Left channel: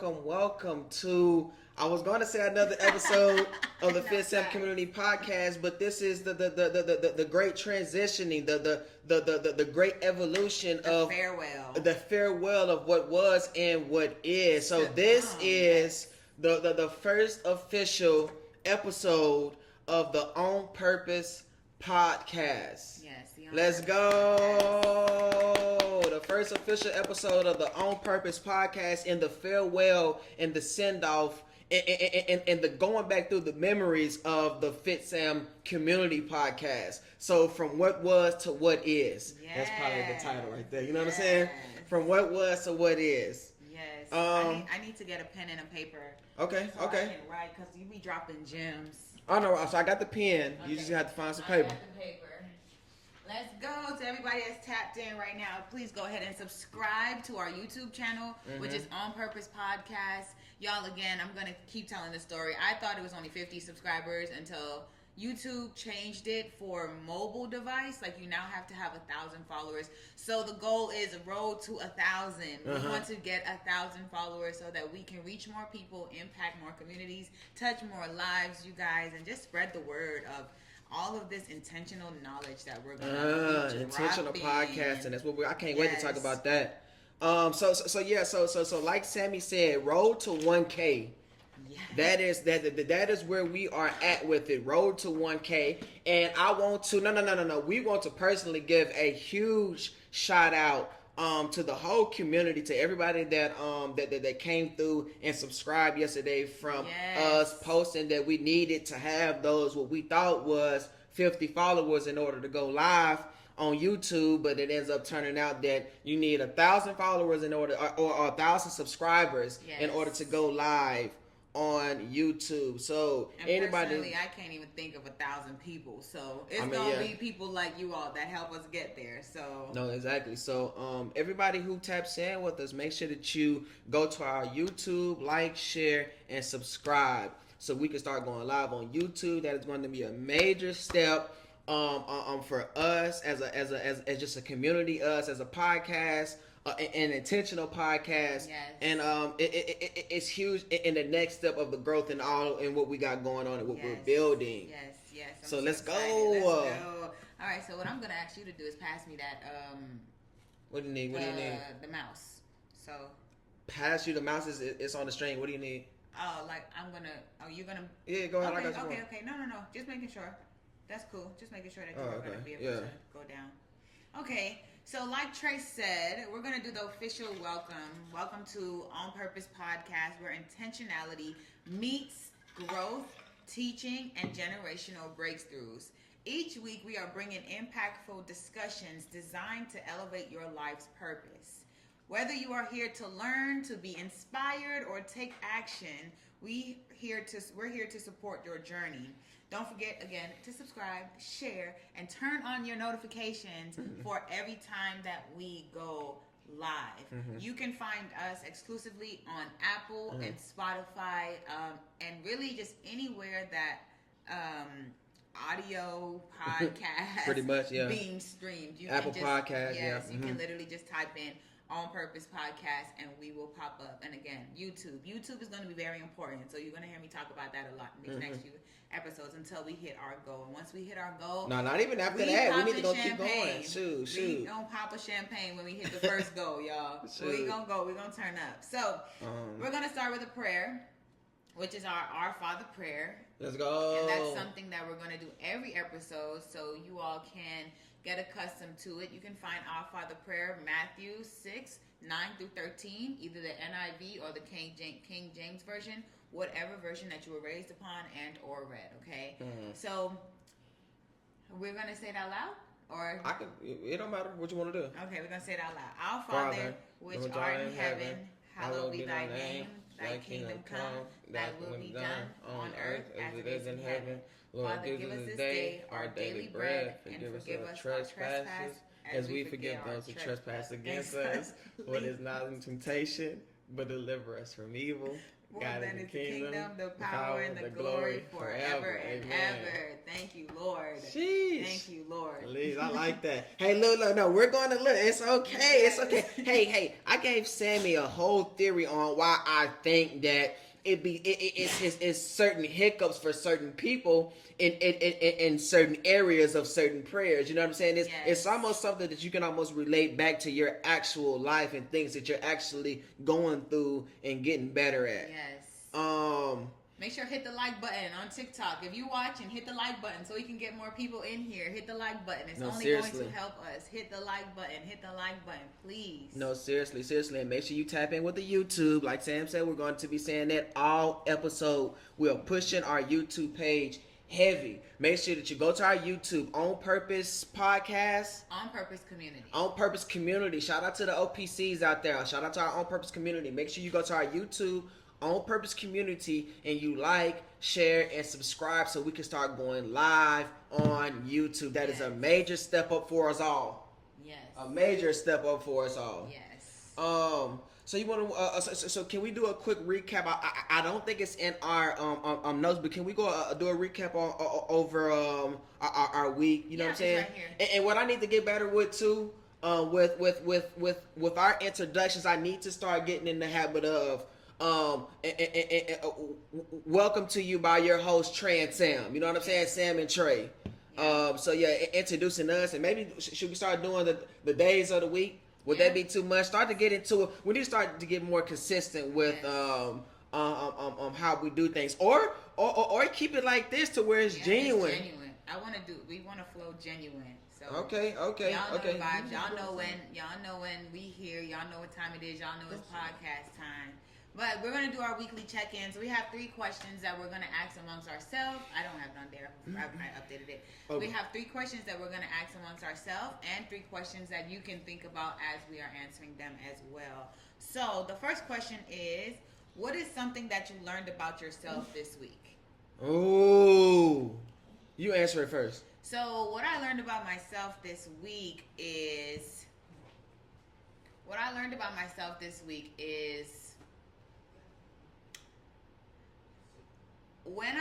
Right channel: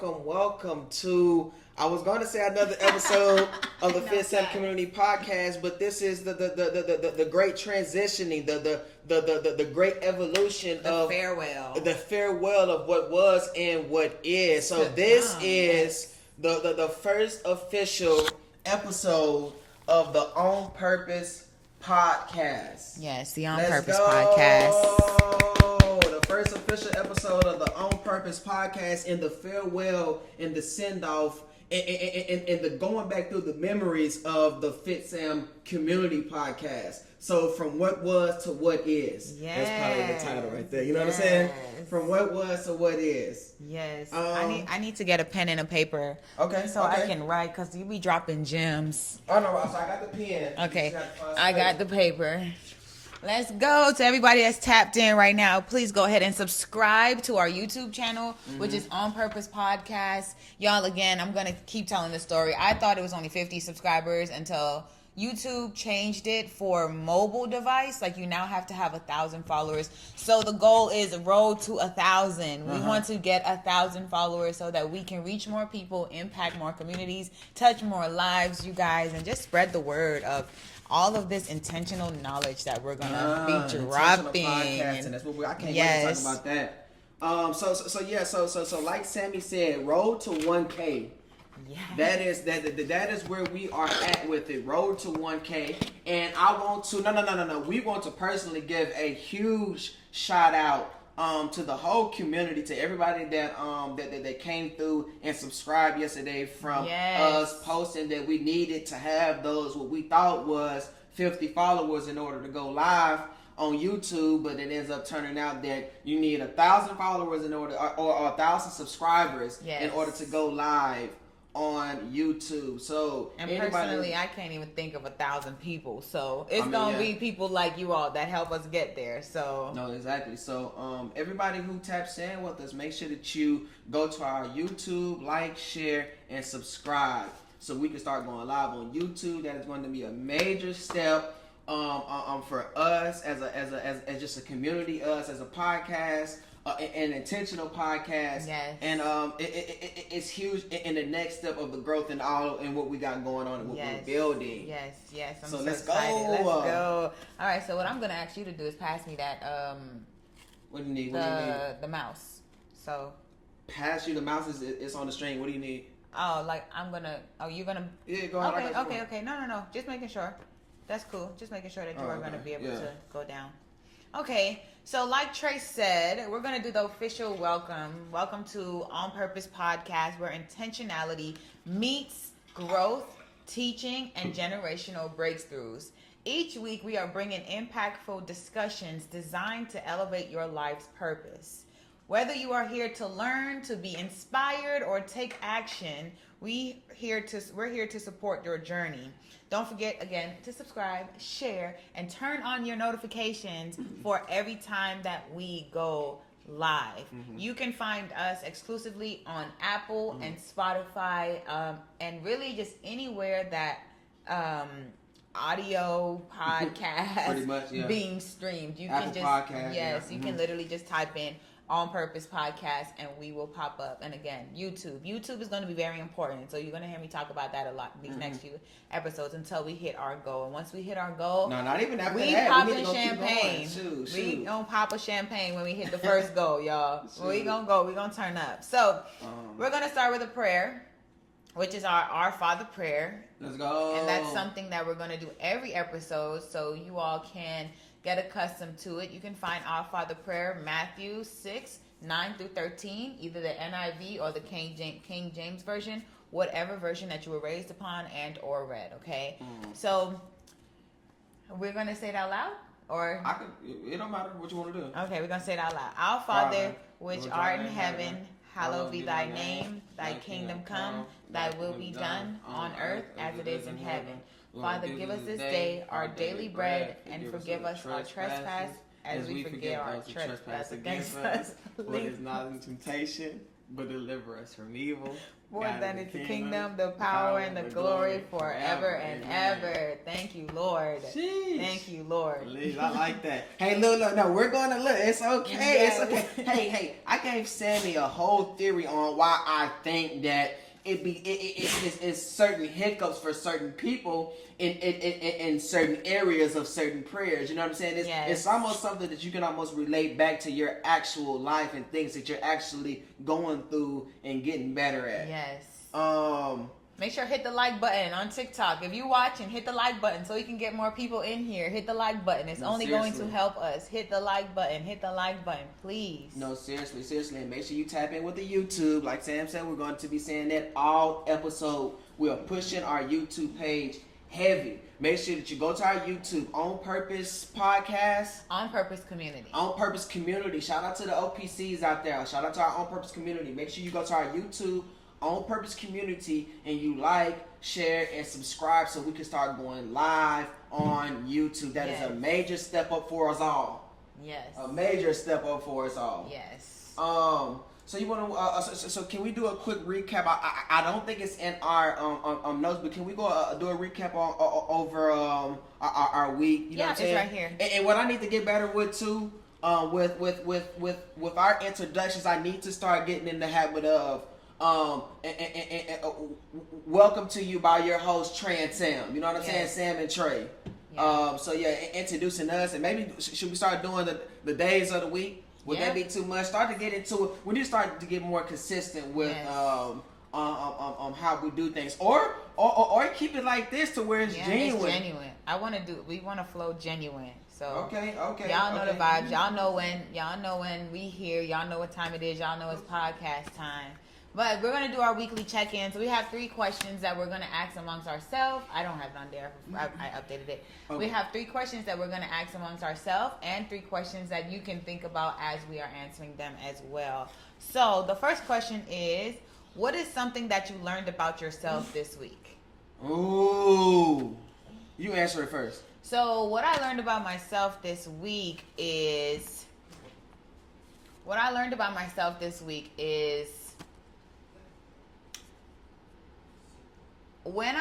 welcome to, I was going to say another episode of the Fitsam Community Podcast, but this is the great transitioning, the great evolution of the farewell of what was and what is. So this is the first official episode of the On Purpose Podcast. Yes, the On Purpose Podcast. The first official episode of the On Purpose Podcast, and the farewell and the send off and the going back through the memories of the Fitsam Community Podcast. So from what was to what is. Yes. That's probably the title right there. You know what I'm saying? From what was to what is. Yes. I need to get a pen and a paper. Okay. So I can write, because you be dropping gems. Oh, no. So I got the pen. Okay. You just have to find some I paper. got the paper. Let's go to everybody that's tapped in right now. Please go ahead and subscribe to our YouTube channel, which is On Purpose Podcast. Y'all, again, I'm going to keep telling the story. I thought it was only 50 subscribers until YouTube changed it for mobile device. Like, you now have to have 1,000 followers. So the goal is road to 1,000. We want to get 1,000 followers so that we can reach more people, impact more communities, touch more lives, you guys, and just spread the word of all of this intentional knowledge that we're gonna be dropping. Podcasting. That's what I can't wait to talk about that. So like Sammy said, road to 1K. Yes. That is where we are at with it. Road to 1K. And I want to no. We want to personally give a huge shout out to the whole community, to everybody that came through and subscribed yesterday from us posting that we needed to have those what we thought was 50 followers in order to go live on YouTube, but it ends up turning out that you need 1,000 followers in order, or 1,000 subscribers in order to go live on YouTube. So, and personally, I can't even think of 1,000 people. So it's gonna be people like you all that help us get there. So no, exactly. So everybody who taps in with us, make sure that you go to our YouTube, like, share, and subscribe, so we can start going live on YouTube. That is going to be a major step for us as just a community, us as a podcast. An intentional podcast, and it's huge in the next step of the growth and all and what we got going on and what we're building. Yes. So let's excited. go. Let's go. All right. So what I'm gonna ask you to do is pass me that. What do you need? The mouse. So. Pass you the mouse. It's on the string. What do you need? Oh, like I'm gonna. Oh, you're gonna. Yeah, go ahead. Okay. No. Just making sure. That's cool. Just making sure that you are gonna be able to go down. Okay. So like Trace said, we're going to do the official welcome. Welcome to On Purpose Podcast, where intentionality meets growth, teaching, and generational breakthroughs. Each week, we are bringing impactful discussions designed to elevate your life's purpose. Whether you are here to learn, to be inspired, or take action, we're here to support your journey. Don't forget, again, to subscribe, share, and turn on your notifications for every time that we go live. You can find us exclusively on Apple and Spotify, and really just anywhere that audio podcast pretty much, being streamed. You Apple can just, Podcast, you can literally just type in On Purpose Podcast and we will pop up. And again, YouTube is going to be very important, so you're going to hear me talk about that a lot these next few episodes until we hit our goal. And once we hit our goal, no, not even after we that, popping we need to champagne. Keep going. Shoot. We gonna pop a champagne when we hit the first goal, y'all. We gonna go. We gonna turn up. So we're gonna start with a prayer, which is our Father prayer. Let's go. And that's something that we're gonna do every episode, so you all can get accustomed to it. You can find our Father prayer, Matthew 6:9-13, either the NIV or the King James version, whatever version that you were raised upon and or read. Okay, so we're gonna say it out loud, or it don't matter what you want to do. Okay, we're gonna say it out loud. Our Father, which art in heaven, hallowed be thy name. Thy kingdom come. Thy will be done on earth as it is in heaven. Father, give us this day our daily bread, and forgive us our trespass as we forgive our trespass against us. Lead us not into temptation, but deliver us from evil. For that is the kingdom, the power, and the glory forever and ever. Thank you, Lord. Sheesh. Thank you, Lord. Please, I like that. Hey, look, no, we're going to look. It's okay. Yes. It's okay. Hey, I gave Sammy a whole theory on why I think that it's certain hiccups for certain people in certain areas of certain prayers. You know what I'm saying? It's almost something that you can almost relate back to your actual life and things that you're actually going through and getting better at. Yes. Make sure hit the like button on TikTok. If you watching, hit the like button so we can get more people in here. Hit the like button. It's only seriously going to help us. Hit the like button. Hit the like button, please. No, seriously. And make sure you tap in with the YouTube. Like Sam said, we're going to be saying that all episode. We are pushing our YouTube page heavy. Make sure that you go to our YouTube On Purpose Podcast. On Purpose Community. On Purpose Community. Shout out to the OPCs out there. Shout out to our On Purpose Community. Make sure you go to our YouTube On Purpose Community and you like, share, and subscribe so we can start going live on YouTube. That is a major step up for us all. Yes. A major step up for us all. Yes. So you want to? So can we do a quick recap? I don't think it's in our notes, but can we go do a recap over our week? You know what I'm saying? It's right here. And what I need to get better with too, with our introductions, I need to start getting in the habit of welcome to you by your host Trey and Sam. You know what I'm saying? Sam and Trey. Introducing us, and maybe should we start doing the days of the week? Would that be too much? Start to get into it. We need to start to get more consistent with how we do things, or keep it like this to where it's genuine. It's genuine. We want to flow genuine. So okay. Y'all know the vibes. Y'all know when we here. Y'all know what time it is. Y'all know it's podcast time. But we're going to do our weekly check-ins. We have 3 questions that we're going to ask amongst ourselves. I don't have it on there. I updated it. Okay. We have 3 questions that we're going to ask amongst ourselves and 3 questions that you can think about as we are answering them as well. So the first question is, what is something that you learned about yourself this week? Ooh. You answer it first. So what I learned about myself this week is... when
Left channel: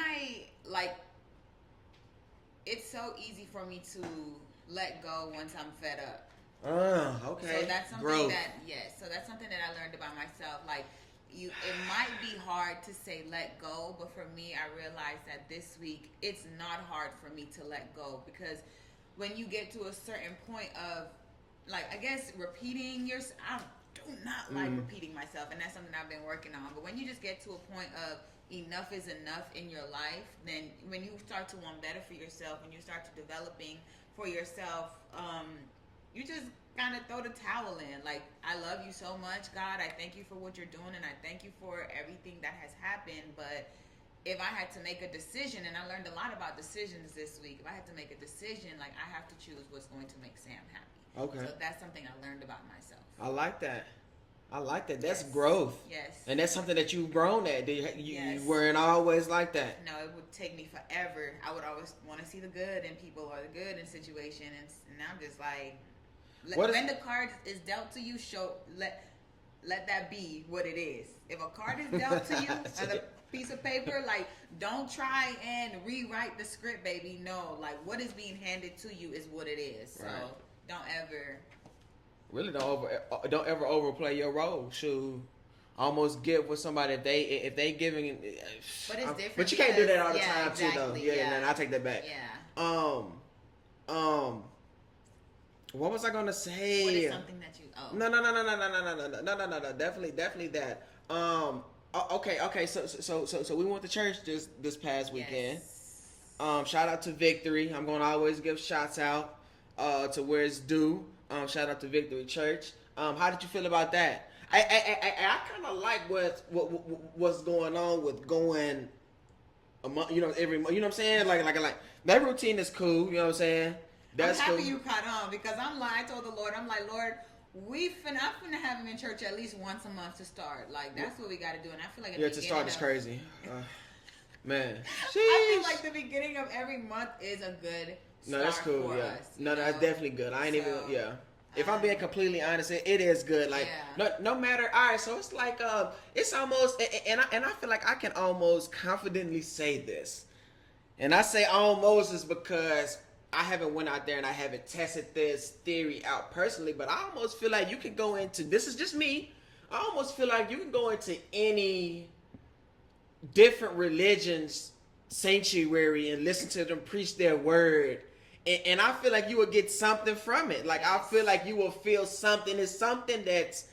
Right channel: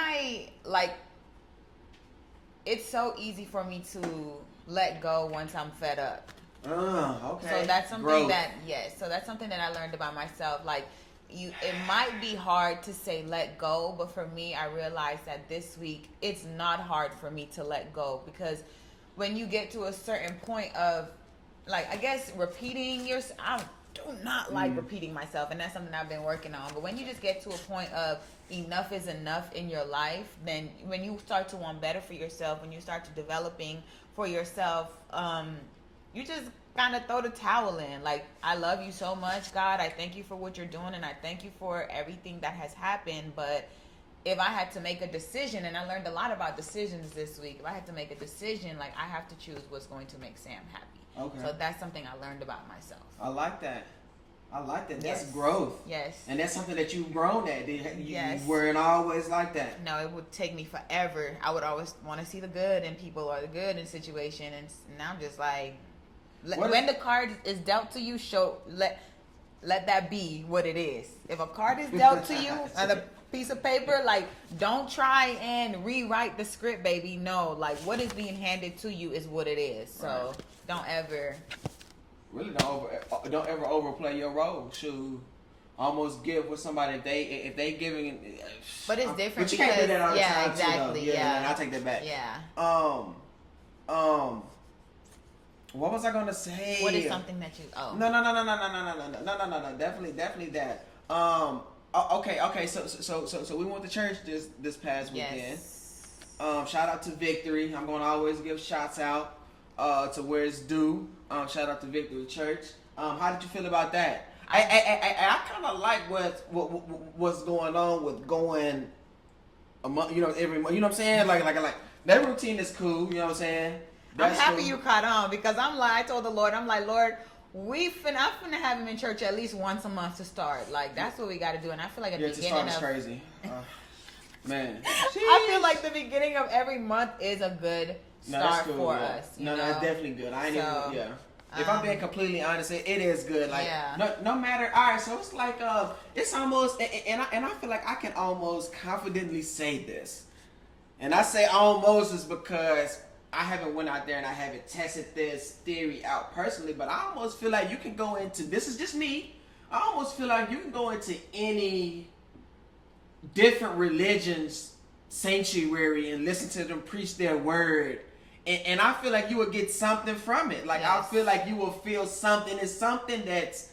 it's so easy for me to let go once I'm fed up. Okay. So that's something that's something that I learned about myself. Like, it might be hard to say let go, but for me, I realized that this week it's not hard for me to let go, because when you get to a certain point of, like, I guess repeating yourself, I do not like repeating myself, and that's something I've been working on. But when you just get to a point of enough is enough in your life, then when you start to want better for yourself, when you start to developing for yourself, you just kind of throw the towel in. Like, I love you so much, God. I thank you for what you're doing, and I thank you for everything that has happened. But if I had to make a decision, and I learned a lot about decisions this week, if I had to make a decision, like, I have to choose what's going to make Sam happy. Okay. So that's something I learned about myself. I like that. That's growth. Yes. And that's something that you've grown at. You weren't always like that. No, it would take me forever. I would always want to see the good in people or the good in situation, and now I'm just like, when the card is dealt to you, let that be what it is. If a card is dealt to you on a piece of paper, like, don't try and rewrite the script, baby. No, like, what is being handed to you is what it is. So don't ever. Really, don't ever overplay your role. Should almost give with somebody if they giving. But it's different. But you can't do that all the time exactly, too, though. Yeah, I take that back. Yeah. What was I gonna say? What is something that you? Oh. No. Definitely that. Okay. So we went to church this past weekend. Shout out to Victory. I'm gonna always give shouts out to where it's due. Shout out to Victory Church. How did you feel about that? I kind of like what's going on with going a month, every month. You know what I'm saying? Like that routine is cool. You know what I'm saying? I'm happy you caught on, because I told the Lord, I'm like, Lord, I'm finna have him in church at least once a month to start. Like, that's what we got to do. And I feel like to start is crazy. Man. I feel like the beginning of every month is a good start for us. No, it's definitely good. I ain't even. If I'm being completely honest, it is good. Like, no matter. All right, so it's like, it's almost, and I feel like I can almost confidently say this, and I say almost is because I haven't went out there and I haven't tested this theory out personally, but I almost feel like you can go into, this is just me, I almost feel like you can go into any different religions sanctuary and listen to them preach their word, and I feel like you will get something from it. Like, I feel like you will feel something. It's something that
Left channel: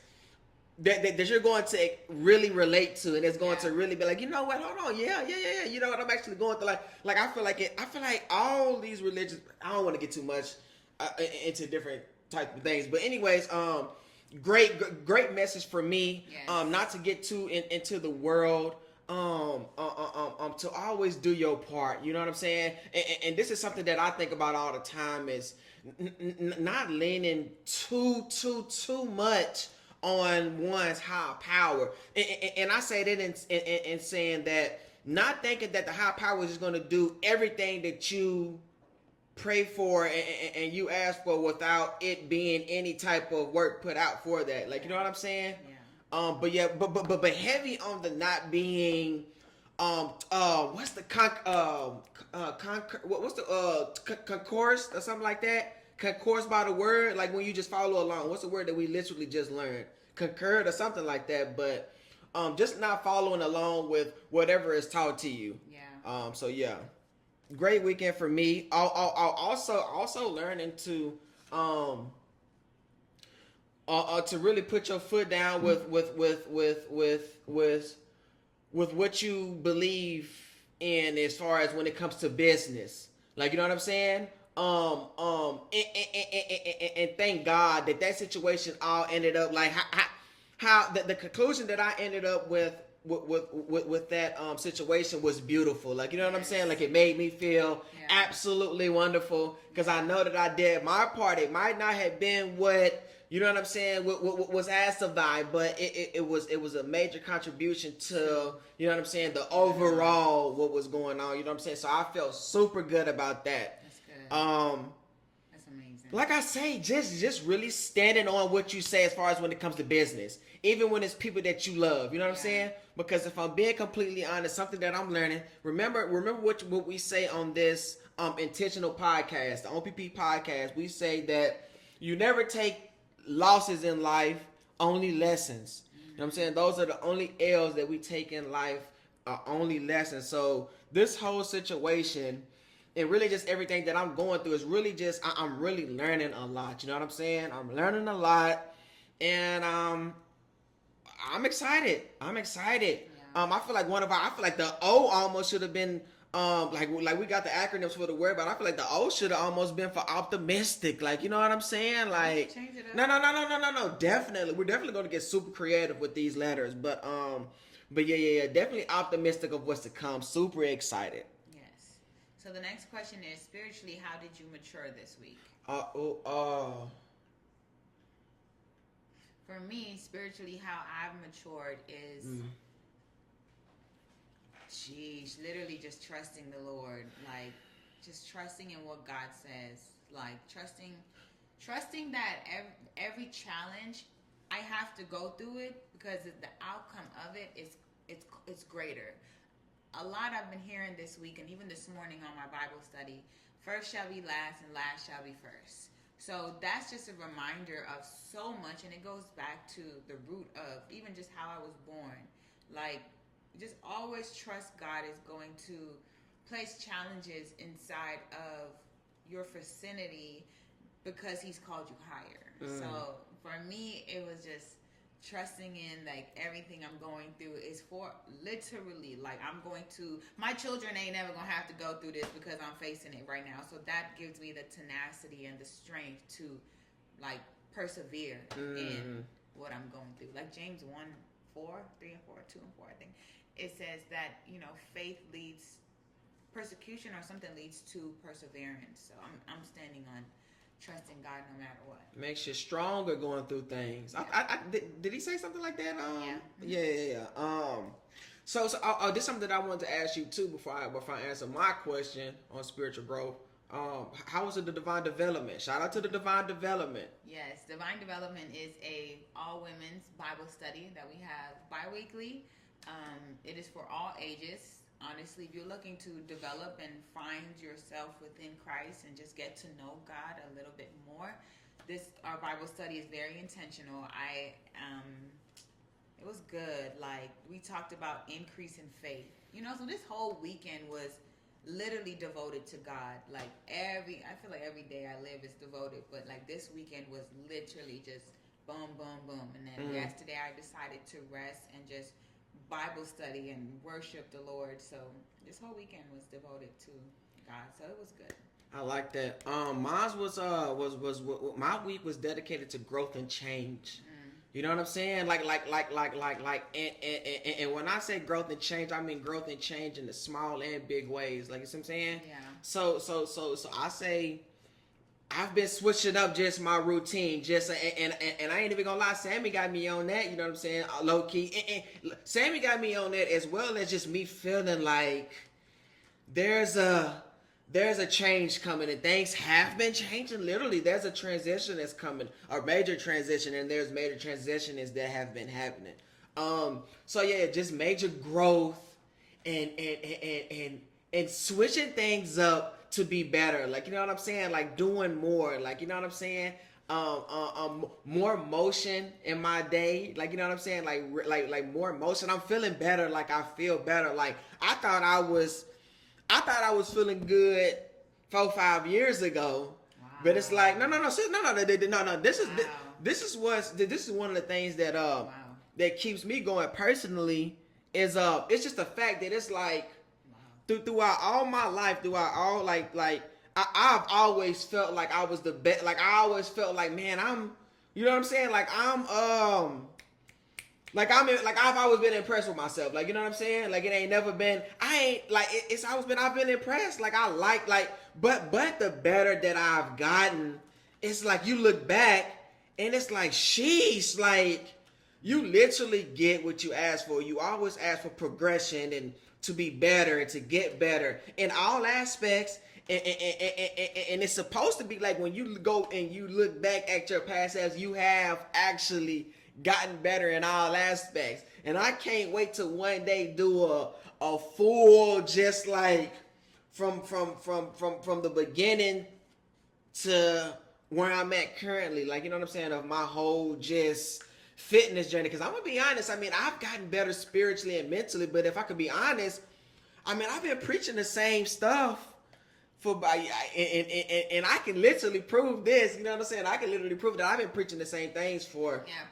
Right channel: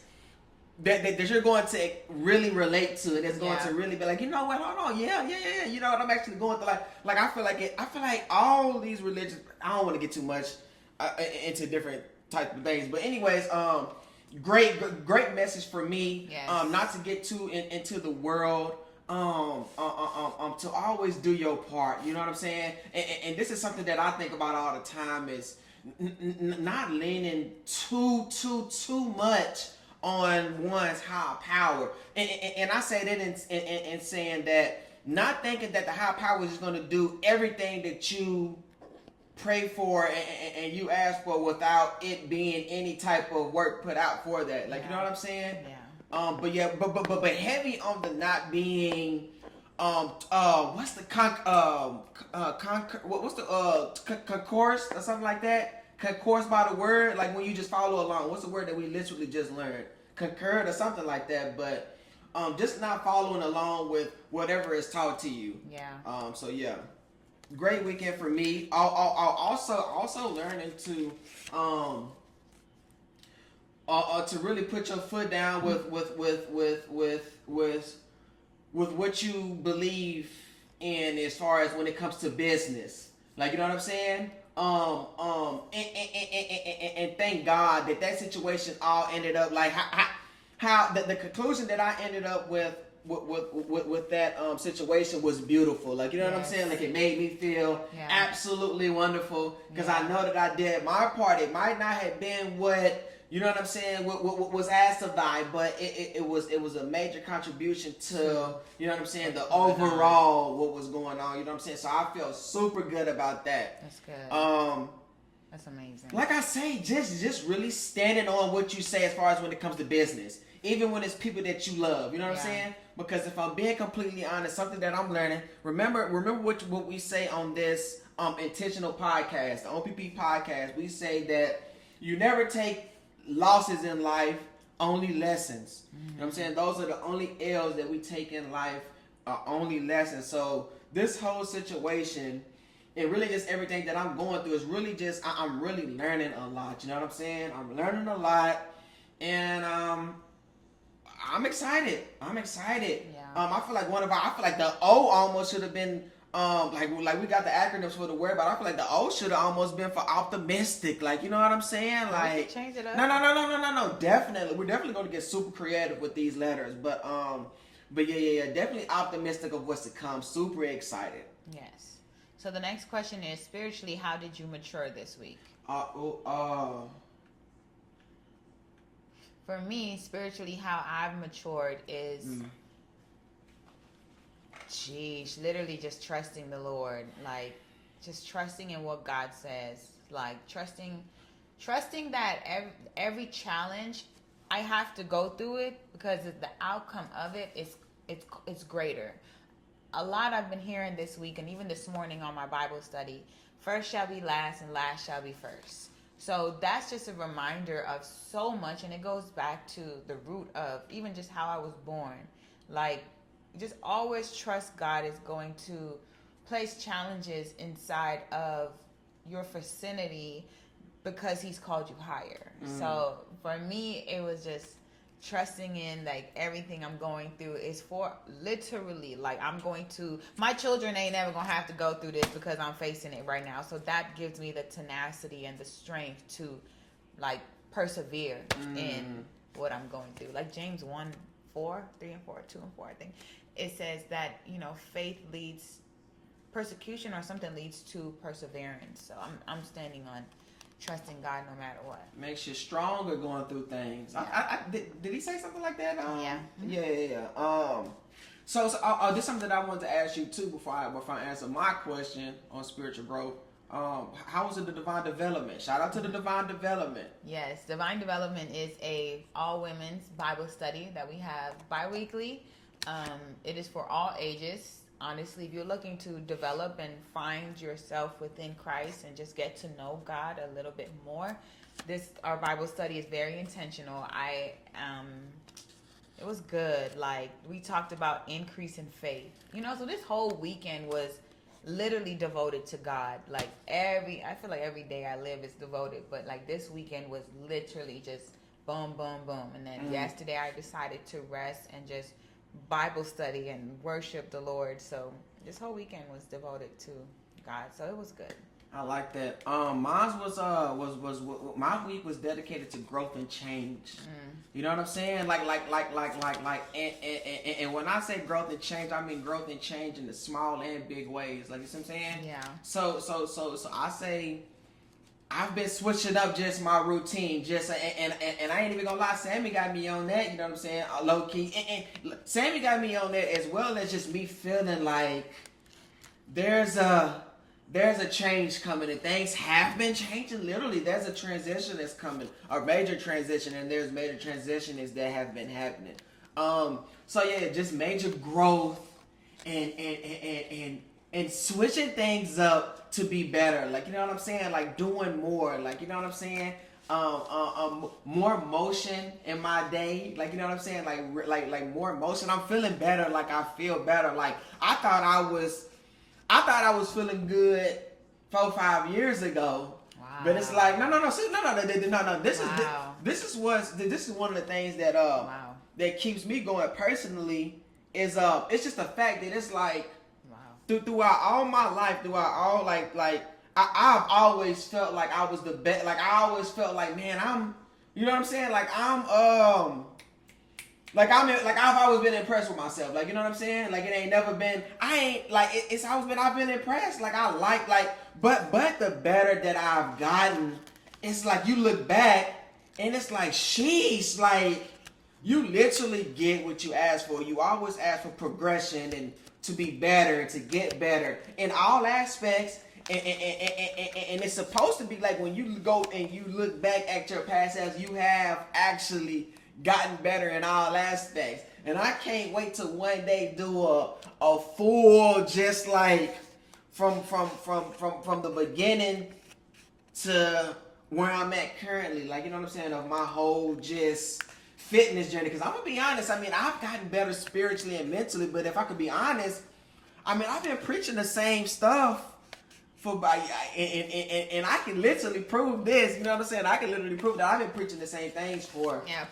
you're going to really relate to. It's going to really be like, you know what? Hold on, yeah. You know what? I'm actually going to like. I feel like all these religions. I don't want to get too much into different type of things, but anyways, great message for me. Yes. Not to get too into the world. To always do your part, you know what I'm saying? And this is something that I think about all the time, is not leaning too much on one's high power. And I say that in saying that, not thinking that the high power is going to do everything that you pray for and you ask for without it being any type of work put out for that. Like, you know what I'm saying? Yeah. But heavy on the not being, what's the concourse or something like that? Concourse by the word, like when you just follow along. What's the word that we literally just learned? Concurred or something like that. But just not following along with whatever is taught to you. Yeah. So yeah, great weekend for me. Also learning to to really put your foot down with what you believe in, as far as when it comes to business. Like, you know what I'm saying? And thank God that situation all ended up like how the conclusion that I ended up with that situation was beautiful. Like, you know what I'm saying? Like, it made me feel absolutely wonderful, because I know that I did my part. It might not have been what, you know what I'm saying, what was asked of I, but it was a major contribution to, you know what I'm saying, the overall what was going on. You know what I'm saying? So I felt super good about that. That's good. That's amazing. Like I say, just really standing on what you say as far as when it comes to business, even when it's people that you love. You know what I'm saying? Because if I'm being completely honest, something that I'm learning. Remember what we say on this intentional podcast, the OPP podcast. We say that you never take losses in life, only lessons. You know what I'm saying? Those are the only L's that we take in life, are only lessons. So this whole situation, and really just everything that I'm going through, is really just, I'm really learning a lot. You know what I'm saying? I'm learning a lot, and I'm excited. Yeah. I feel like the O almost should have been like we got the acronyms for the word, but I feel like the O should have almost been for optimistic. Like, you know what I'm saying? Like, change it up. No. Definitely, we're definitely going to get super creative with these letters, but yeah, definitely optimistic of what's to come. Super excited. Yes. So the next question is, spiritually, how did you mature this week? For me, spiritually, how I've matured is. Literally just trusting the Lord, like just trusting in what God says, like trusting that every challenge I have to go through it, because the outcome of it it's greater. A lot I've been hearing this week, and even this morning on my Bible study, first shall be last and last shall be first. So that's just a reminder of so much, and it goes back to the root of even just how I was born. Like, just always trust God is going to place challenges inside of your vicinity because He's called you higher. So for me, it was just trusting in, like, everything I'm going through is for literally, like, my children ain't never gonna have to go through this because I'm facing it right now. So that gives me the tenacity and the strength to, like, persevere in what I'm going through. Like James 1:4, 3 and 4, 2 and 4, I think. It says that, faith leads persecution, or something leads to perseverance. So I'm standing on trusting God no matter what. Makes you stronger going through things. Yeah. Did he say something like that? Yeah. Yeah. So this is something that I wanted to ask you too before I answer my question on spiritual growth. How was it the Divine Development? Shout out to the Divine Development. Yes, Divine Development is a all women's Bible study that we have bi-weekly. It is for all ages. Honestly, if you're looking to develop and find yourself within Christ and just get to know God a little bit more, our Bible study is very intentional. It was good. Like, we talked about increase in faith. So this whole weekend was literally devoted to God. Like, I feel like every day I live is devoted, but like this weekend was literally just boom, boom, boom. And then yesterday I decided to rest and just Bible study and worship the Lord. So this whole weekend was devoted to God. So it was good. I like that. Mine was my week was dedicated to growth and change. You know what I'm saying? Like, and when I say growth and change, I mean growth and change in the small and big ways. Like, you see what I'm saying? Yeah. So I say I've been switching up just my routine, and I ain't even gonna lie, Sammy got me on that. You know what I'm saying? Low key, and Sammy got me on that as well as just me feeling like there's a change coming, and things have been changing. Literally, there's a transition that's coming, a major transition, and there's major transitions that have been happening. So yeah, just major growth and switching things up to be better. Like, you know what I'm saying? Like, doing more. Like, you know what I'm saying? More motion in my day. Like, you know what I'm saying? Like more motion. I'm feeling better. Like, I feel better. Like, I thought I was feeling good 4-5 years ago. Wow. But it's like no. This is one of the things that that keeps me going personally. Is it's just the fact that it's like throughout all my life, I've always felt like I was the best. Like, I always felt like, man, you know what I'm saying? Like, I've always been impressed with myself. Like, you know what I'm saying? Like, it ain't never been, it's always been, I've been impressed. Like, but the better that I've gotten, it's like you look back and it's like, sheesh, like, you literally get what you ask for. You always ask for progression and to be better and to get better in all aspects. And it's supposed to be like when you go and you look back at your past as you have actually gotten better in all aspects. And I can't wait to one day do a full, just like from the beginning to where I'm at currently. Like, you know what I'm saying? Of my whole just fitness journey. Because I'm going to be honest, I mean, I've gotten better spiritually and mentally. But if I could be honest, I mean, I've been preaching the same stuff and I can literally prove this. You know what I'm saying? I can literally prove that I've been preaching the same things for. Yeah,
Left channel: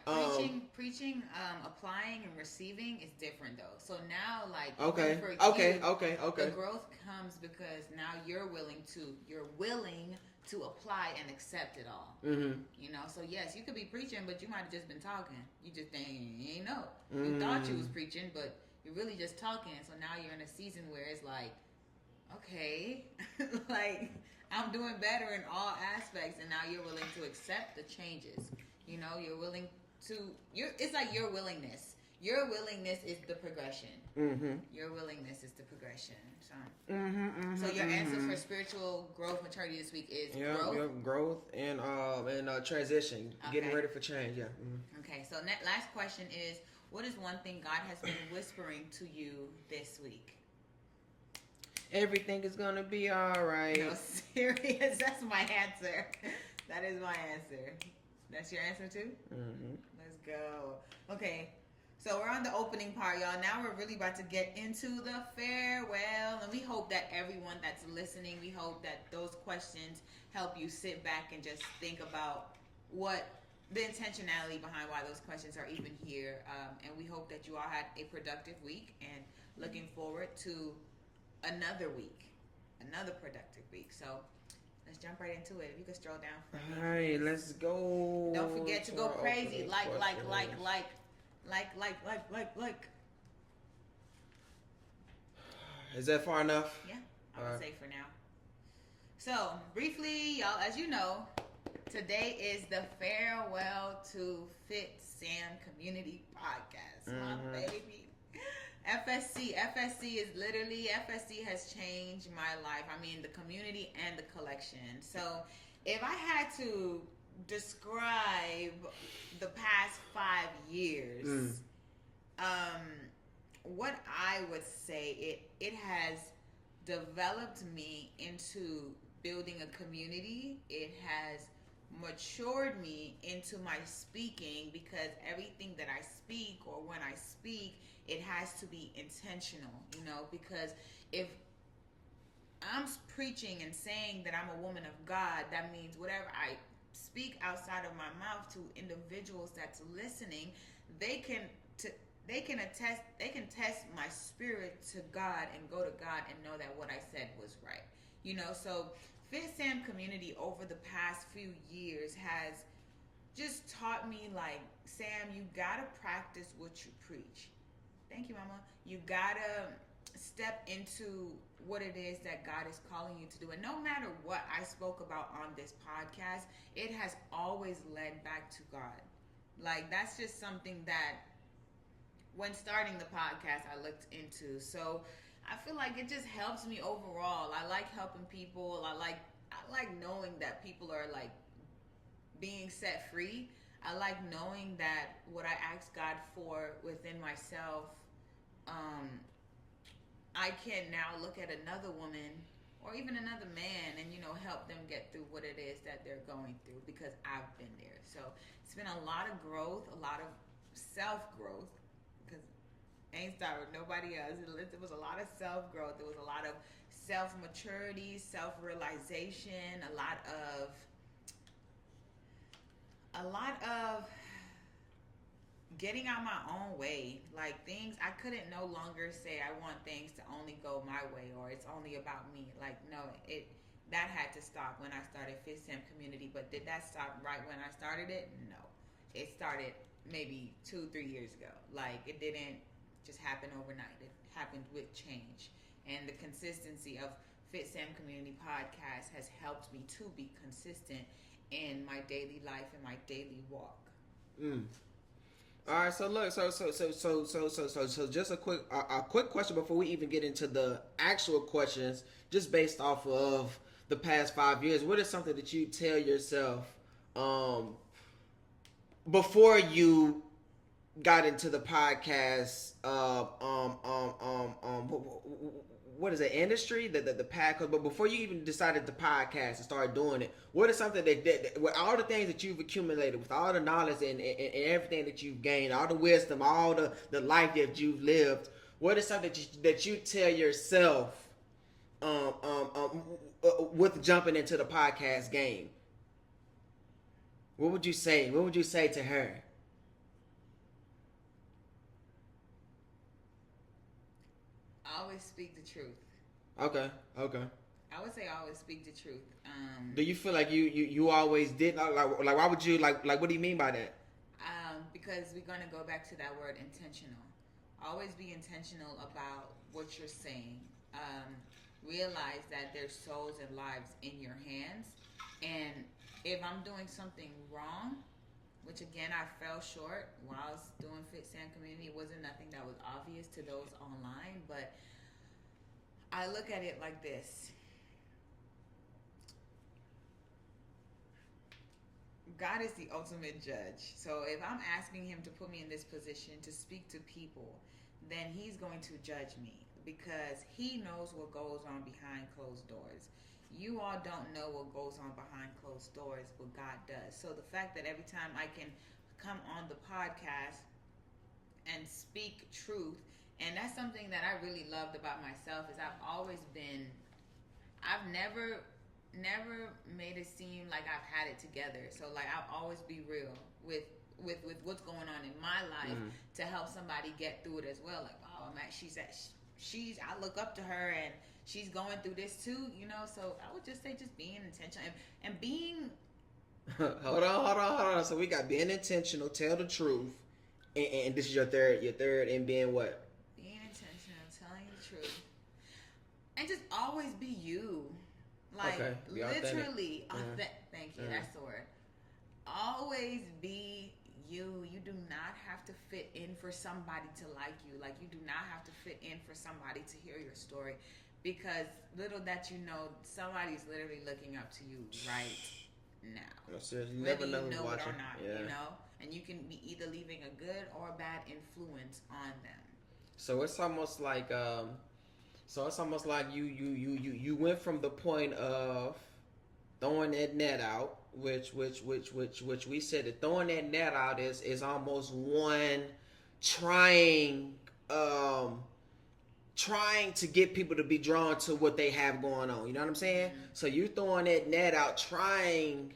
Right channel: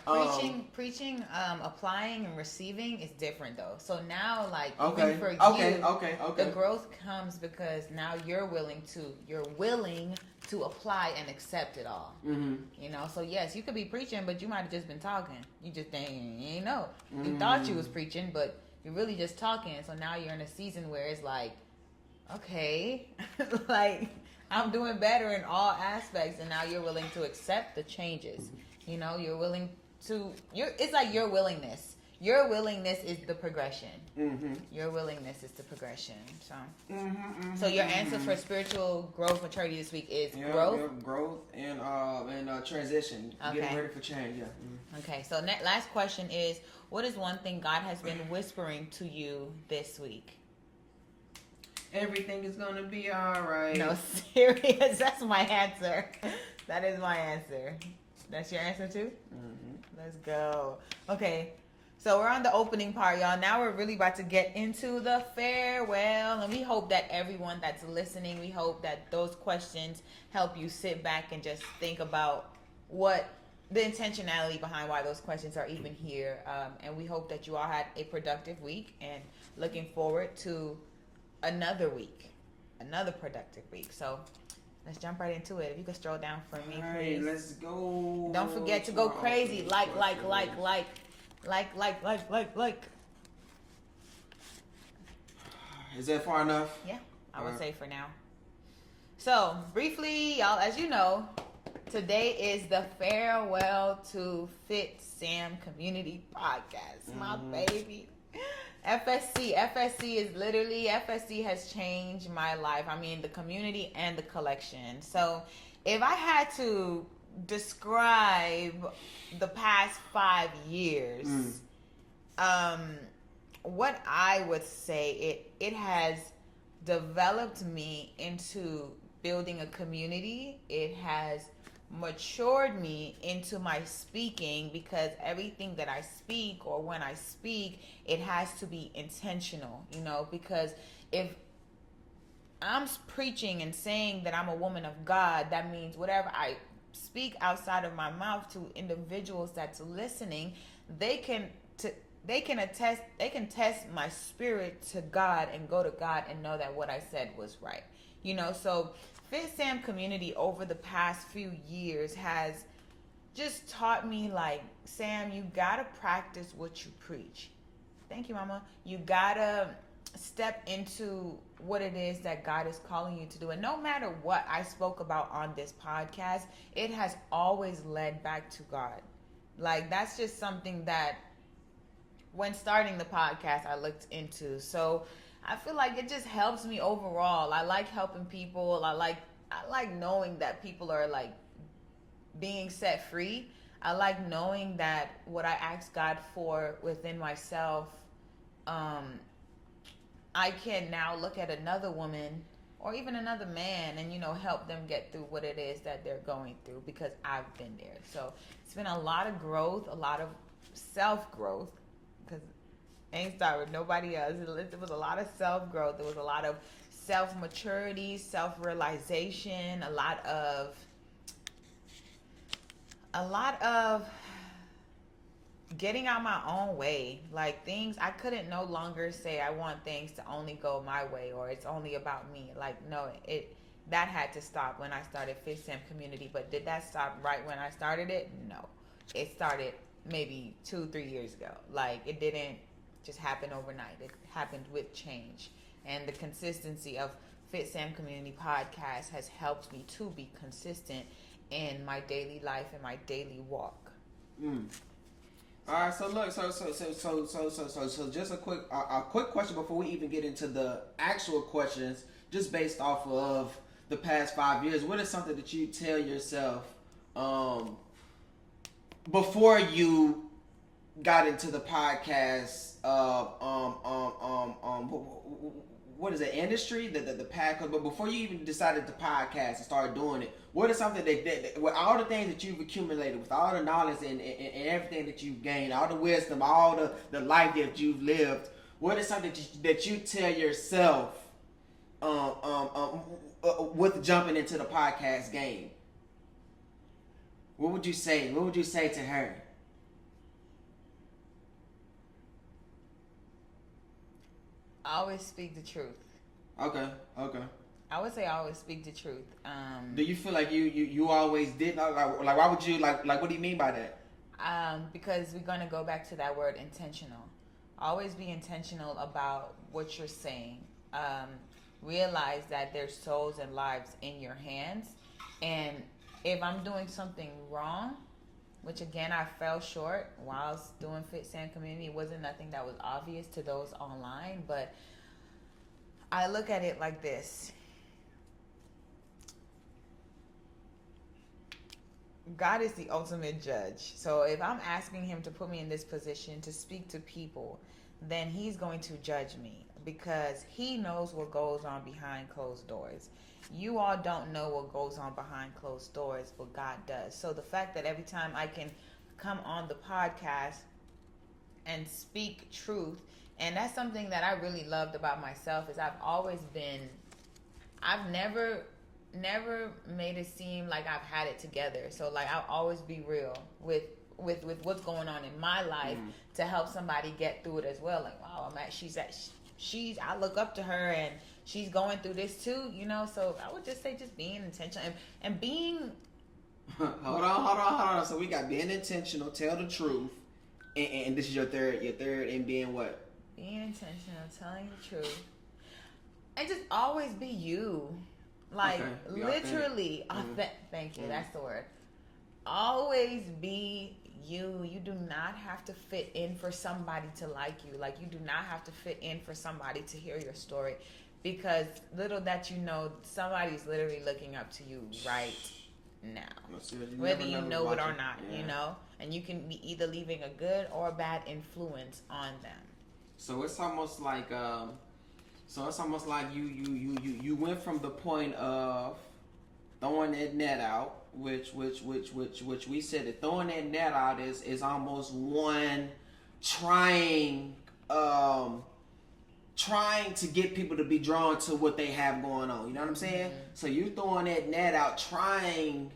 preaching, applying and receiving is different though. So now, like, okay, the growth comes because now you're willing to apply and accept it all. Mm-hmm. You know, so yes, you could be preaching, but you might have just been talking. You just ain't know. You thought you was preaching, but you're really just talking. So now you're in a season where it's like, okay, like, I'm doing better in all aspects, and now you're willing to accept the changes. You know, you're willing to. It's like your willingness. Your willingness is the progression. Mm-hmm. Your willingness is the progression. So, so your answer for spiritual growth maturity this week is growth. Yeah, growth and transition. Okay. Getting ready for change. Yeah. Mm-hmm. Okay. So last question is: what is one thing God has been whispering to you this week? Everything is gonna be all right. No, serious. That's my answer. That is my answer. That's your answer too? Mm-hmm. Let's go. Okay. So we're on the opening part, y'all. Now we're really about to get into the farewell. And we hope that everyone that's listening, we hope that those questions help you sit back and just think about what the intentionality behind why those questions are even here. And we hope that you all had a productive week and looking forward to another week, another productive week. So let's jump right into it. If you could stroll down for me, please. Let's go. Don't forget to go crazy. Like. Is that far enough? Yeah, I would say for now. So briefly, y'all, as you know, today is the farewell to Fitsam Community Podcast, my baby. FSC is literally, FSC has changed my life. I mean, the community and the collection. So if I had to describe the past 5 years, what I would say, it has developed me into building a community. It has matured me into my speaking, because everything that I speak, or when I speak, it has to be intentional, because if I'm preaching and saying that I'm a woman of God, that means whatever I speak outside of my mouth to individuals that's listening, they can test my spirit to God and go to God and know that what I said was right. So Fitsam Community over the past few years has just taught me, like, Sam, you gotta practice what you preach. Thank you, Mama. You gotta step into what it is that God is calling you to do. And no matter what I spoke about on this podcast, it has always led back to God. Like, that's just something that when starting the podcast I looked into. So I feel like it just helps me overall. I like helping people. I like knowing that people are, like, being set free. I like knowing that what I ask God for within myself, I can now look at another woman or even another man and, help them get through what it is that they're going through, because I've been there. So it's been a lot of growth, a lot of self-growth, because I ain't start with nobody else. It was a lot of self-growth. There was a lot of self-maturity, self-realization, a lot of getting out my own way. Like, things I couldn't no longer say I want things to only go my way, or it's only about me. Like, no, that had to stop when I started Fitsam Community. But did that stop right when I started it? No. It started maybe 2-3 years ago. Like, it didn't just happen overnight. It happened with change. And the consistency of Fitsam Community Podcast has helped me to be consistent in my daily life and my daily walk. All right, so look, so just a quick question before we even get into the actual questions, just based off of the past 5 years. What is something that you tell yourself before you got into the podcast? What is the industry, the podcast? But before you even decided to podcast and started doing it, what is something that with all the things that you've accumulated, with all the knowledge and everything that you've gained, all the wisdom, all the life that you've lived, what is something that you tell yourself with jumping into the podcast game? What would you say? What would you say to her? Always speak the truth. Okay. I would say always speak the truth. Do you feel like you always did? Like why would you like what do you mean by that? Because we're going to go back to that word, intentional. Always be intentional about what you're saying. Realize that there's souls and lives in your hands. And if I'm doing something wrong, which again I fell short whilst doing Fitsam Community, it wasn't nothing that was obvious to those online, but I look at it like this. God is the ultimate judge. So if I'm asking him to put me in this position to speak to people, then he's going to judge me, because he knows what goes on behind closed doors. You all don't know what goes on behind closed doors, but God does. So the fact that every time I can come on the podcast and speak truth, and that's something that I really loved about myself, is I've never made it seem like I've had it together. So like I'll always be real with what's going on in my life to help somebody get through it as well. Like, wow, I look up to her and she's going through this too, so I would just say just being intentional and being hold on. So we got being intentional, tell the truth, and this is your third and being what? Being intentional, telling the truth. And just always be you. Like, literally, thank you, that's the word. Always be you do not have to fit in for somebody to like you. Like, you do not have to fit in for somebody to hear your story, because little that you know, somebody's literally looking up to you right now. No, seriously, whether you know it or not, you know, and you can be either leaving a good or a bad influence on them. So it's almost like you went from the point of throwing that net out, which we said that throwing that net out is almost one trying to get people to be drawn to what they have going on. You know what I'm saying? Mm-hmm. So you throwing that net out, trying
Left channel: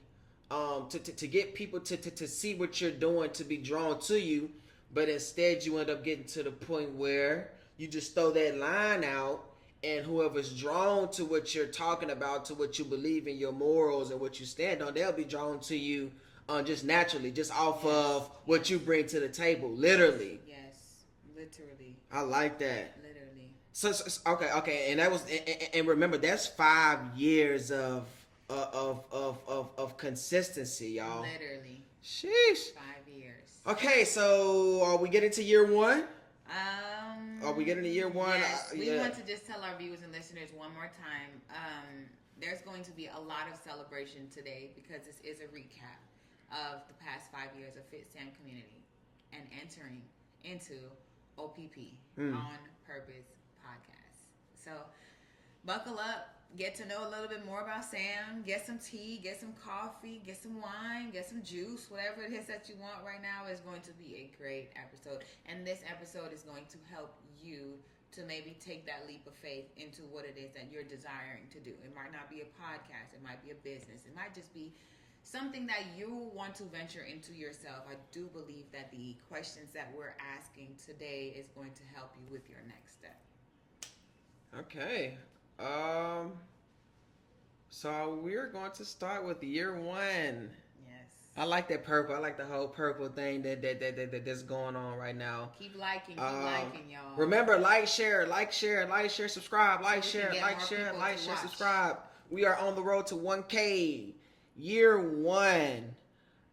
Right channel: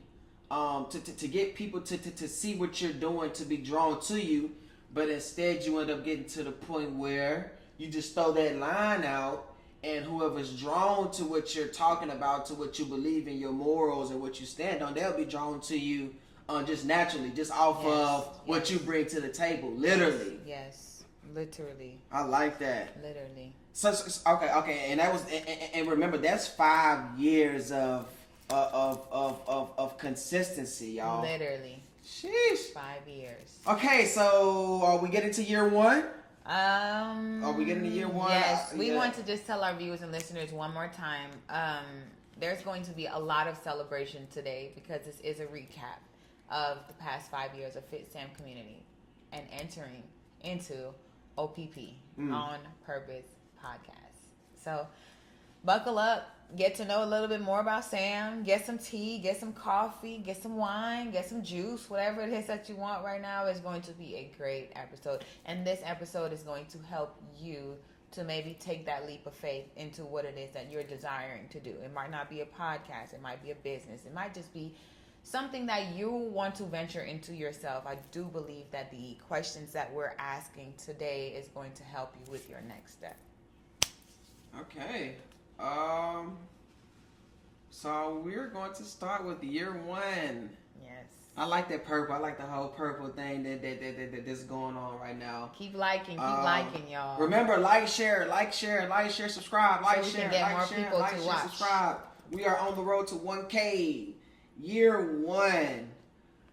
to get people to see what you're doing, to be drawn to you, but instead you end up getting to the point where you just throw that line out, and whoever's drawn to what you're talking about, to what you believe in, your morals and what you stand on, they'll be drawn to you just naturally, just off of what you bring to the table, literally. Yes, literally. I like that. Literally. So okay, and that was, and remember, that's 5 years of consistency, y'all. Literally. Sheesh. 5 years. Okay, so are we getting to year one? Are we getting to year one? Yes, we want to just tell our viewers and listeners one more time. There's going to be a lot of celebration today, because this is a recap of the past 5 years of Fitsam Community and entering into OPP, On Purpose Podcast. So buckle up, get to know a little bit more about Sam, get some tea, get some coffee, get some wine, get some juice, whatever it is that you want right now. Is going to be a great episode. And this episode is going to help you to maybe take that leap of faith into what it is that you're desiring to do. It might not be a podcast, it might be a business, it might just be something that you want to venture into yourself. I do believe that the questions that we're asking today is going to help you with your next step. Okay. So we're going to start with year one. Yes. I like that purple. I like the whole purple thing that's going on right now. Keep liking, y'all. Remember, like, share, subscribe, subscribe. We are on the road to 1K. Year one.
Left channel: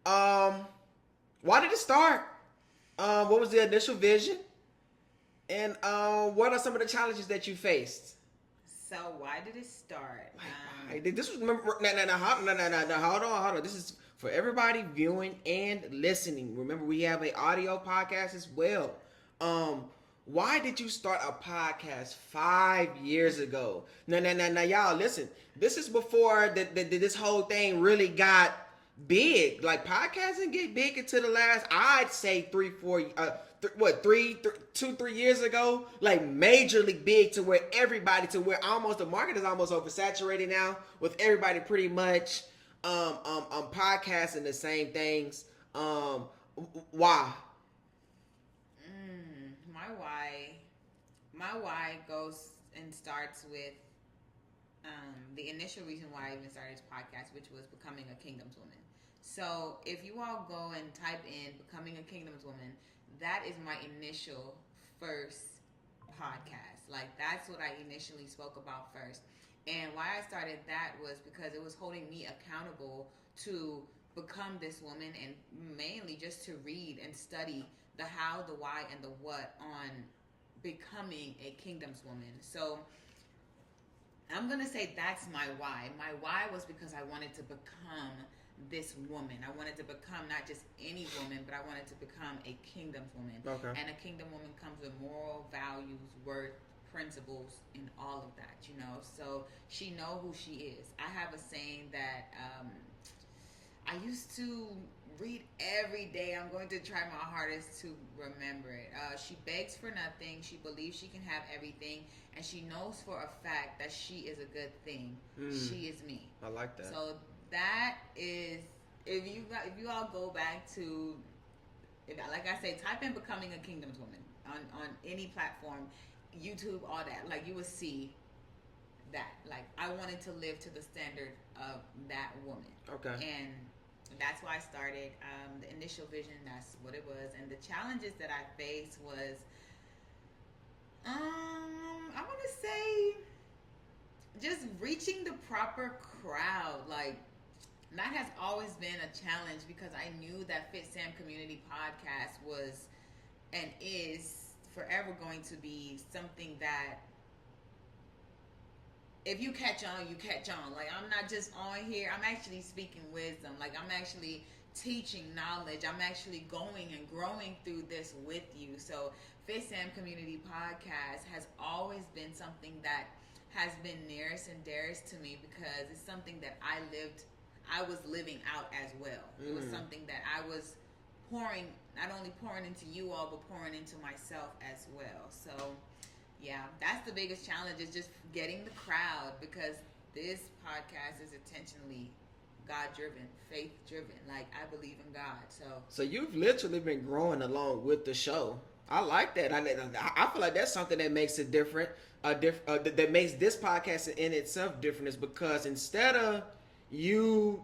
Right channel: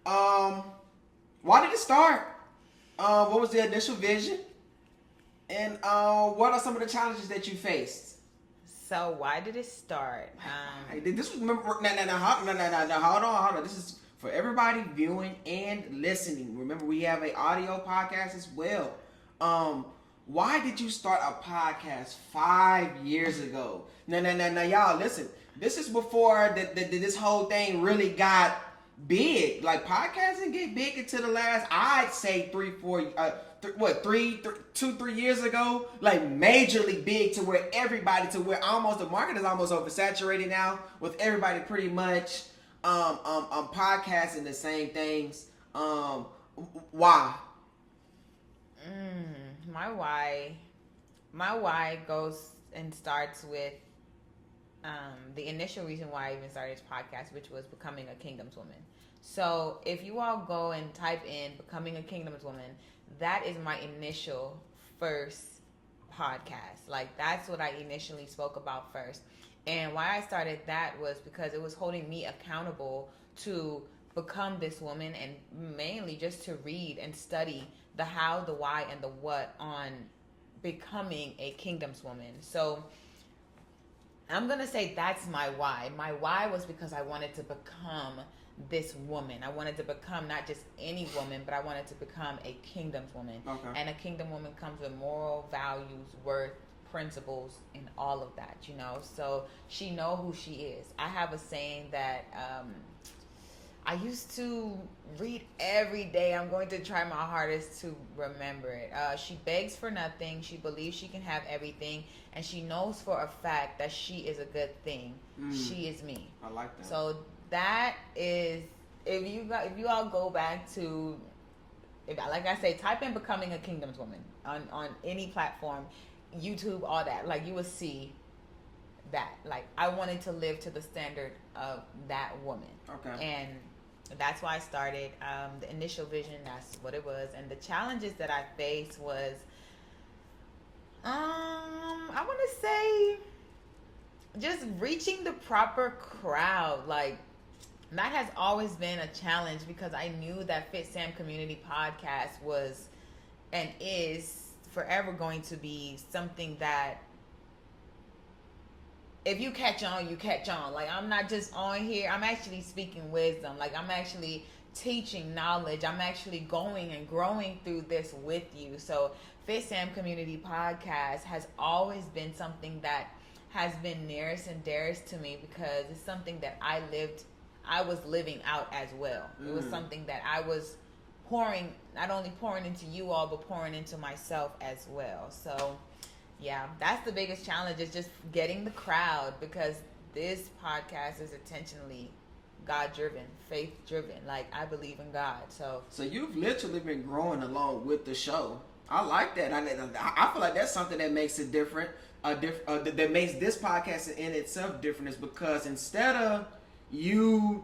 Why did it start? What was the initial vision? And what are some of the challenges that you faced? So why did it start? This was, remember, hold on. This is for everybody viewing and listening. Remember, we have an audio podcast as well. Why did you start a podcast 5 years ago? Now, y'all, listen. This is before this whole thing really got big. Like, podcasts didn't get big until the last, I'd say 3 years ago. Like, majorly big, to where the market is almost oversaturated now, with everybody pretty much podcasting the same things. Why? My why goes and starts with the initial reason why I even started this podcast, which was becoming a Kingdom's Woman. So if you all go and type in becoming a Kingdom's Woman, that is my initial first podcast. Like, that's what I initially spoke about first. And why I started that was because it was holding me accountable to become this woman, and mainly just to read and study the how, the why, and the what on becoming a Kingdom's Woman. So I'm going to say that's my why. My why was because I wanted to become this woman. I wanted to become not just any woman, but I wanted to become a Kingdom's Woman. Okay. And a Kingdom Woman comes with moral values, worth, principles, and all of that, you know. So she know who she is. I have a saying that I used to read every day. I'm going to try my hardest to remember it. She begs for nothing. She believes she can have everything, and she knows for a fact that she is a good thing. She is me. I like that. So that is, if you all go back to, like I say, type in becoming a Kingdom's Woman on any platform, YouTube, all that, like, you will see that. Like, I wanted to live to the standard of that woman. Okay. And that's why I started. The initial vision, that's what it was. And the challenges that I faced was, I want to say, just reaching the proper crowd. Like, That has always been a challenge because I knew that Fitsam Community Podcast was and is forever going to be something that if you catch on, you catch on. Like, I'm not just on here. I'm actually speaking wisdom. Like, I'm actually teaching knowledge. I'm actually going and growing through this with you. So, Fitsam Community Podcast has always been something that has been nearest and dearest to me because it's something that I was living out as well. It was something that I was not only pouring into you all, but pouring into myself as well. So, yeah, that's the biggest challenge, is just getting the crowd, because this podcast is intentionally God-driven, faith-driven. Like, I believe in God. So you've literally been growing along with the show. I like that. I feel like that's something that makes it different. That makes this podcast in itself different, is because instead of you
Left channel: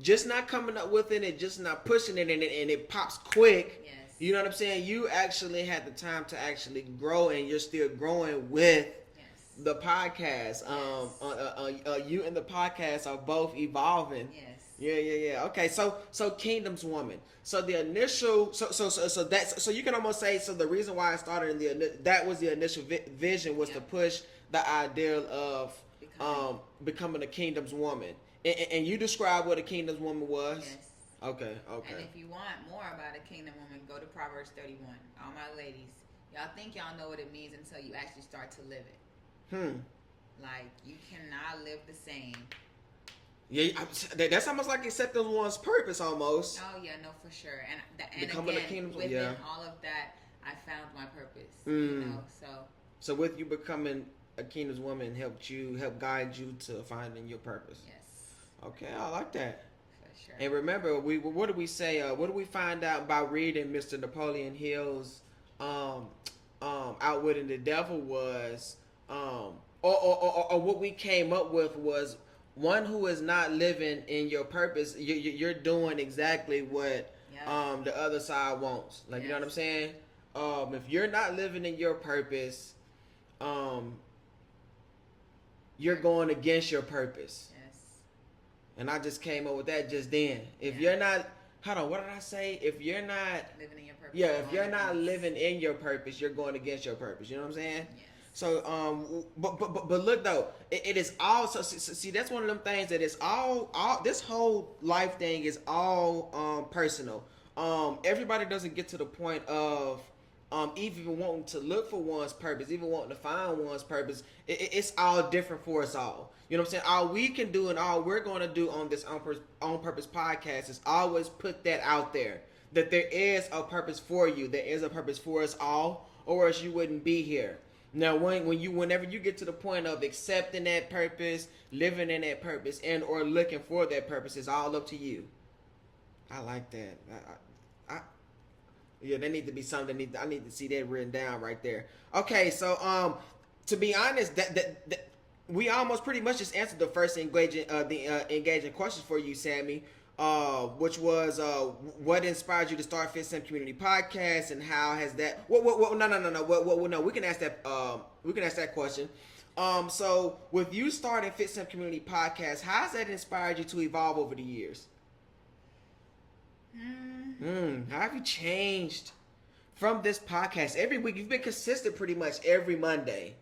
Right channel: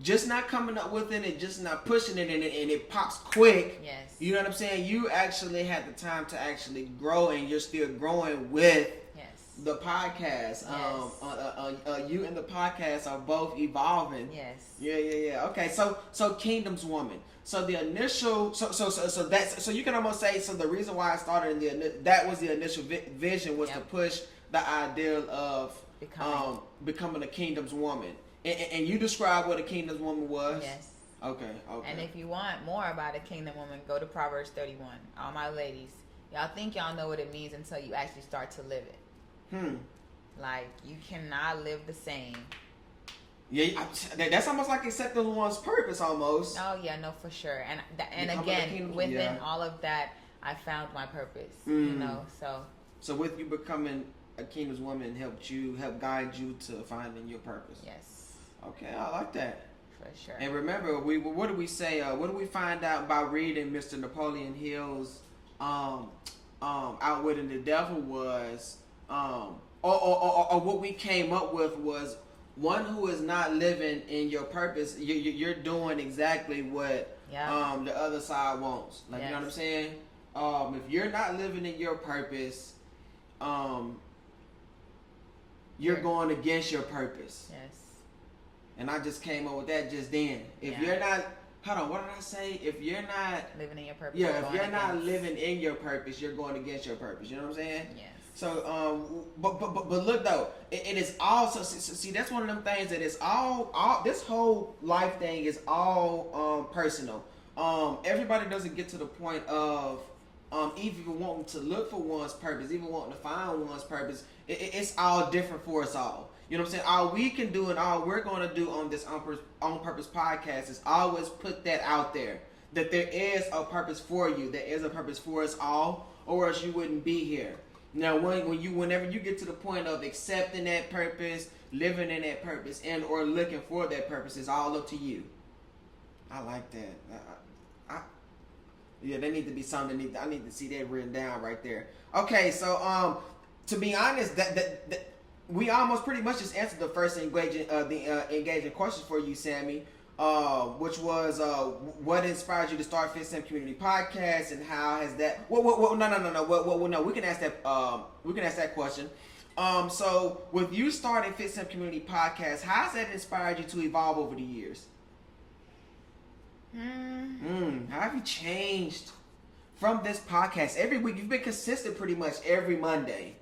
just not coming up with it and just not pushing it and it pops quick. Yes. You know what I'm saying? You actually had the time to actually grow, and you're still growing with the podcast. Yes. You and the podcast are both evolving. Yes. Yeah. Okay, so Kingdom's Woman. So the initial, so you can almost say, so the reason why I started that was the initial vision, was to push the idea of becoming a Kingdom's Woman. And you described what a Kingdom's Woman was? Yes. Okay. And if you want more about a Kingdom Woman, go to Proverbs 31. All my ladies, y'all think y'all know what it means until you actually start to live it. Like, you cannot live the same. Yeah, that's almost like accepting one's purpose, almost. Oh yeah, no, for sure. And again, within all of that, I found my purpose. You know, so with you becoming a Kingdom's Woman, help guide you to finding your purpose. Yes. Okay, I like that. For sure. And remember, what did we say? What did we find out by reading Mr. Napoleon Hill's Outwitting the Devil was, or what we came up with was, one who is not living in your purpose, you're doing exactly what the other side wants. Like, you know what I'm saying? If you're not living in your purpose, you're going against your purpose. Yes. And I just came up with that just then. If you're not, hold on, what did I say? If you're not living in your purpose, if you're not living in your purpose, you're going against your purpose. You know what I'm saying? Yes. So, but look though, it is also, see, that's one of them things that is all this whole life thing is all personal. Everybody doesn't get to the point of even wanting to look for one's purpose, even wanting to find one's purpose. It's all different for us all. You know what I'm saying? All we can do and all we're going to do on this On Purpose podcast is always put that out there, that there is a purpose for you, there is a purpose for us all, or else you wouldn't be here. Now, whenever you get to the point of accepting that purpose, living in that purpose, and or looking for that purpose, it's all up to you. I like that. Yeah, there need to be something. I need to see that written down right there. Okay, so to be honest, that we almost pretty much just answered the first engaging questions for you, Sammy. Which was what inspired you to start Fitsam Community Podcast, and how has that? No. We can ask that. We can ask that question. So with you starting Fitsam Community Podcast, how has that inspired you to evolve over the years? How have you changed from this podcast? Every week you've been consistent, pretty much every Monday.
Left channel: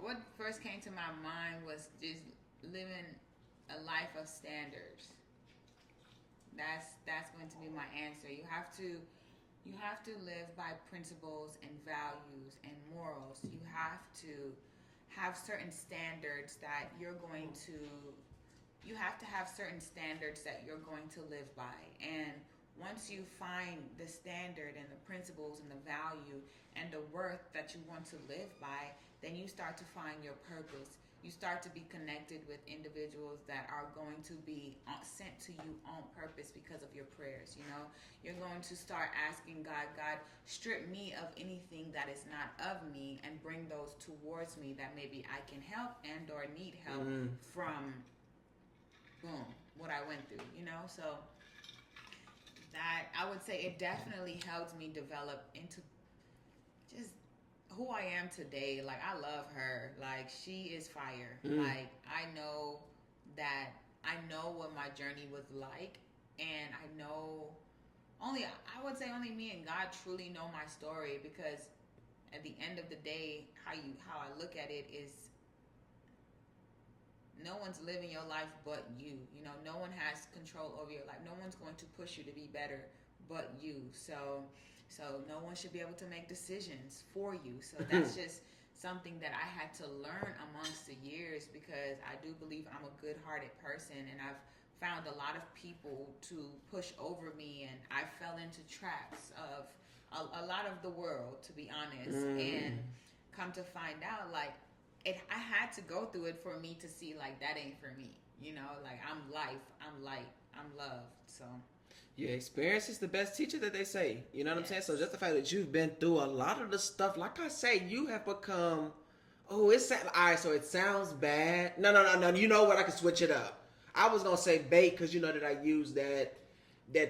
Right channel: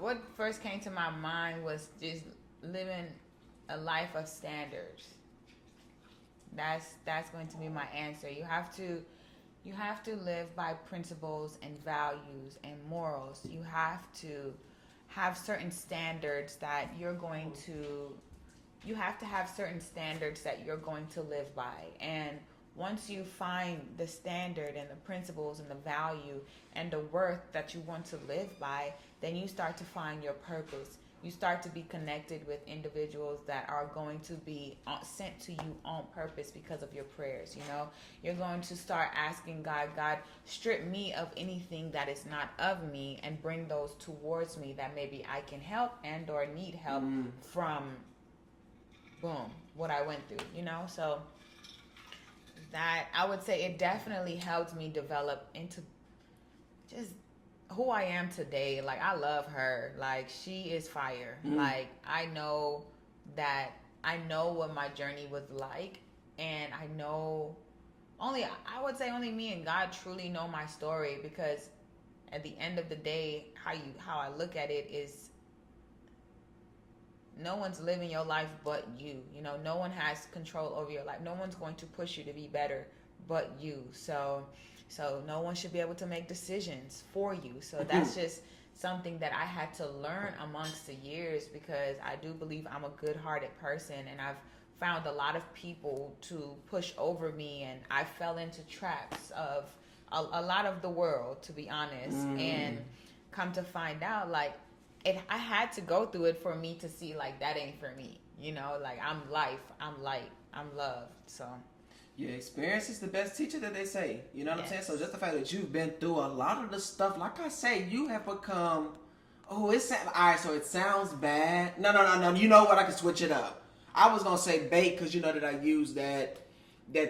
What first came to my mind was just living a life of standards. That's going to be my answer. You have to live by principles and values and morals. You have to have certain standards that you're going to live by. And once you find the standard and the principles and the value and the worth that you want to live by, then you start to find your purpose. You start to be connected with individuals that are going to be sent to you on purpose because of your prayers. You know, you're going to start asking God, strip me of anything that is not of me and bring those towards me that maybe I can help and or need help from, what I went through, you know? So that, I would say it definitely helped me develop into just who I am today, like, I love her. Like, she is fire. Like, I know what my journey was like, and I would say only me and God truly know my story, because at the end of the day, how I look at it is, no one's living your life but you. You know, no one has control over your life. No one's going to push you to be better but you. So no one should be able to make decisions for you. So that's just something that I had to learn amongst the years, because I do believe I'm a good-hearted person, and I've found a lot of people to push over me, and I fell into traps of a lot of the world, to be honest. And come to find out, like, I had to go through it for me to see, like, that ain't for me. You know, like, I'm life, I'm light, I'm love. So yeah, experience is the best teacher, that they say. You know what I'm saying? So just the fact that you've been through a lot of the stuff, like I say, you have become. Oh, alright. So it sounds bad. No. You know what? I can switch it up. I was gonna say bait, because you know that I use that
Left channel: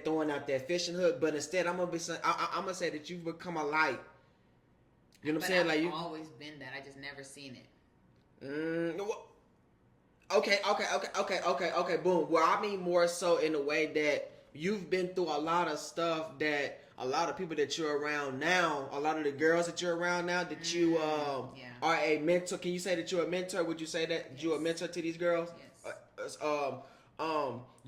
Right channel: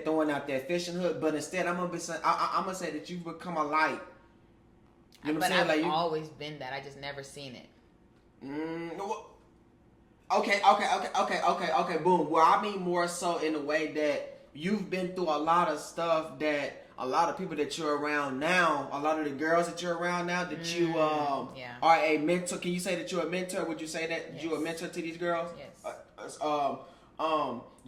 throwing out that fishing hook, but instead I'm gonna say that you've become a light. You know what I'm saying? I've always been that. I just never seen it. Okay. Boom. Well, I mean more so in a way that you've been through a lot of stuff that a lot of people that you're around now, a lot of the girls that you're around now, that you are a mentor. Can you say that you're a mentor? Would you say that you're a mentor to these girls? Yes.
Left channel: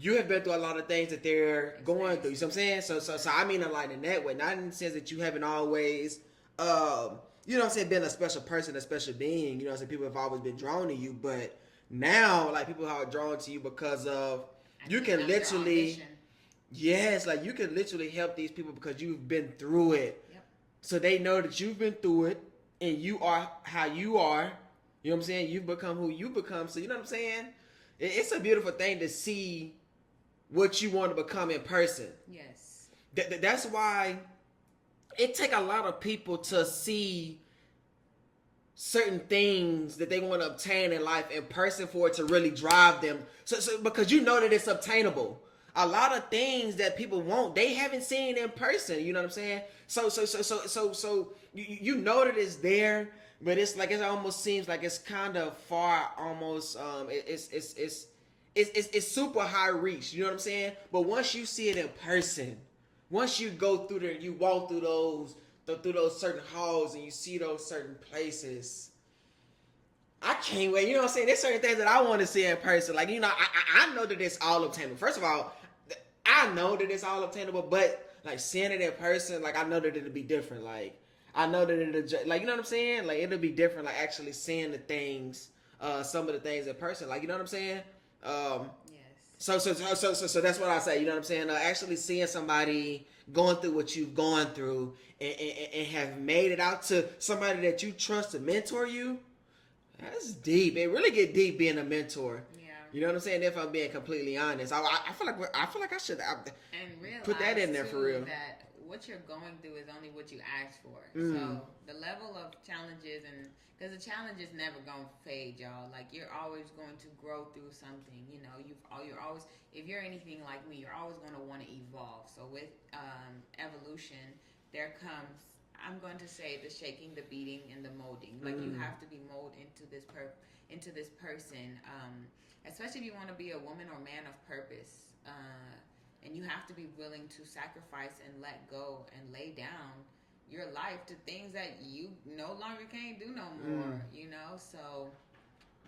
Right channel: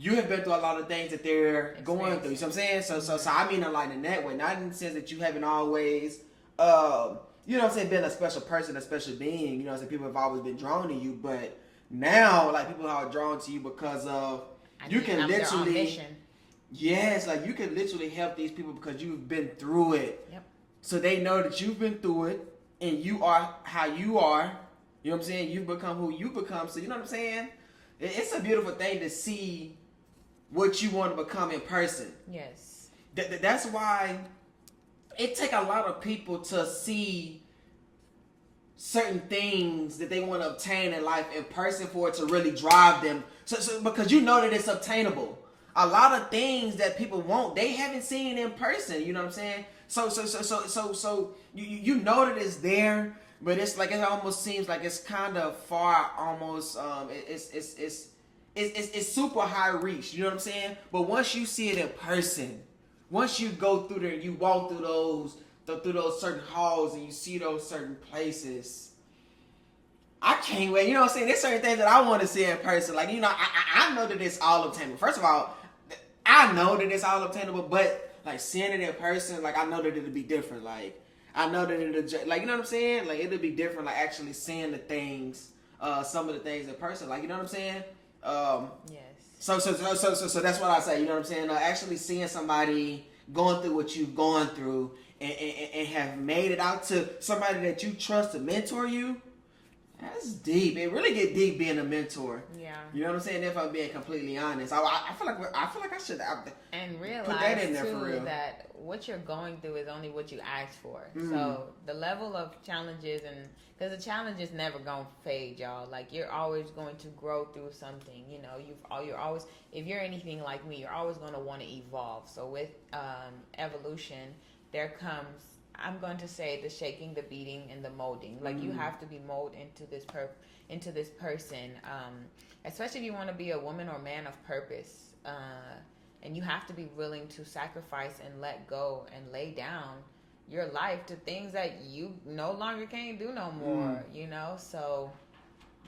You have been through a lot of things that they're going through. You know what I'm saying? So I mean a lot in that way. Not in the sense that you haven't always, you know what I'm saying, been a special person, a special being. You know what I'm saying? People have always been drawn to you, but now, like, people are drawn to you because of you can literally. Yes, like, you can literally help these people because you've been through it. Yep. So they know that you've been through it, and you are how you are. You know what I'm saying? You've become who you become. So you know what I'm saying? It's a beautiful thing to see what you want to become in person. Yes. That's why it take a lot of people to see certain things that they want to obtain in life in person for it to really drive them. So because you know that it's obtainable. A lot of things that people want, they haven't seen in person. You know what I'm saying? So you know that it's there, but it's like, it almost seems like it's kind of far. Almost it's super high reach. You know what I'm saying? But once you see it in person, once you go through there, you walk through those certain halls, and you see those certain places. I can't wait. You know what I'm saying? There's certain things that I want to see in person. Like, you know, I know that it's all obtainable. First of all, I know that it's all obtainable, but, like, seeing it in person, like, I know that it'll be different. Like, I know that it'll, like, you know what I'm saying? Like, it'll be different, like, actually seeing the things, some of the things in person. Like, you know what I'm saying? Yes. So that's what I say. You know what I'm saying? Actually seeing somebody going through what you've gone through and have made it out to somebody that you trust to mentor you. That's deep. It really get deep being a mentor. Yeah. You know what I'm saying? If I'm being completely honest, I feel like I should realize put that in there too, for real. that what you're going through is only what you asked for. So the level of challenges, and because the challenges never gonna fade, y'all. Like, you're always going to grow through something. You know, you're always, if you're anything like me, you're always going to want to evolve. So with evolution, there comes, I'm going to say, the shaking, the beating, and the molding. Like, you have to be molded into this person, especially if you want to be a woman or man of purpose. And you have to be willing to sacrifice and let go and lay down your life to things that you no longer can't do no more. You know, so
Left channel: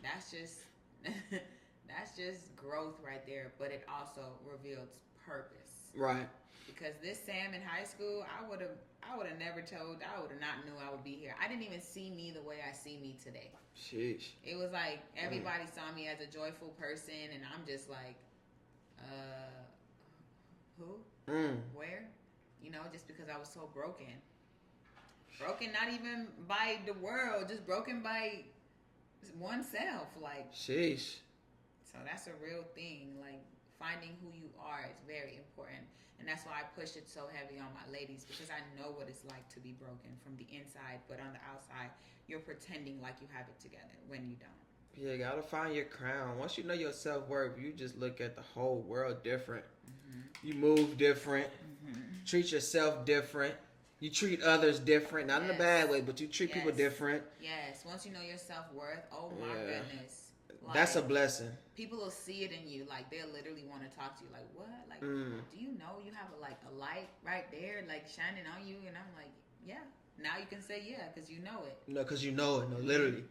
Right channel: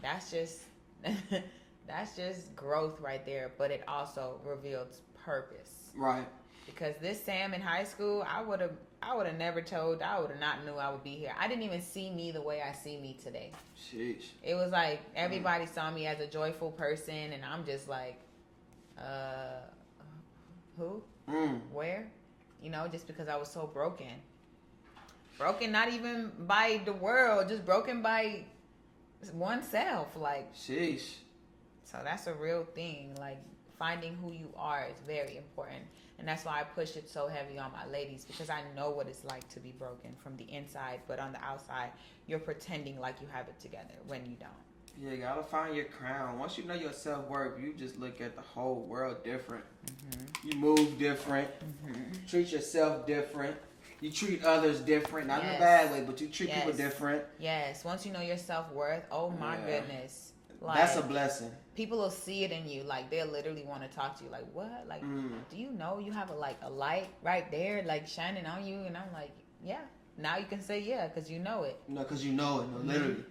that's just that's just growth right there. But it also reveals purpose, right? Because this Sam in high school, I would have never told. I would have not knew I would be here. I didn't even see me the way I see me today. Sheesh. It was like everybody saw me as a joyful person, and I'm just like, who? Where? You know, just because I was so broken. Broken not even by the world, just broken by oneself. Like, sheesh. So that's a real thing. Like, finding who you are is very important. And that's why I push it so heavy on my ladies, because I know what it's like to be broken from the inside, but on the outside, you're pretending like you have it together when you don't. Yeah, you gotta find your crown. Once you know your self-worth, you just look at the whole world different. You move different. Treat yourself different. You treat others different, not in a bad way, but you treat people different. Yes. Once you know your self-worth, oh my goodness. Like, that's a blessing. People will see it in you. Like, they'll literally want to talk to you. Like, what? Like, do you know you have a light right there, like, shining on you? And I'm like, yeah. Now you can say yeah, because you know it. No, because you know it. No, literally.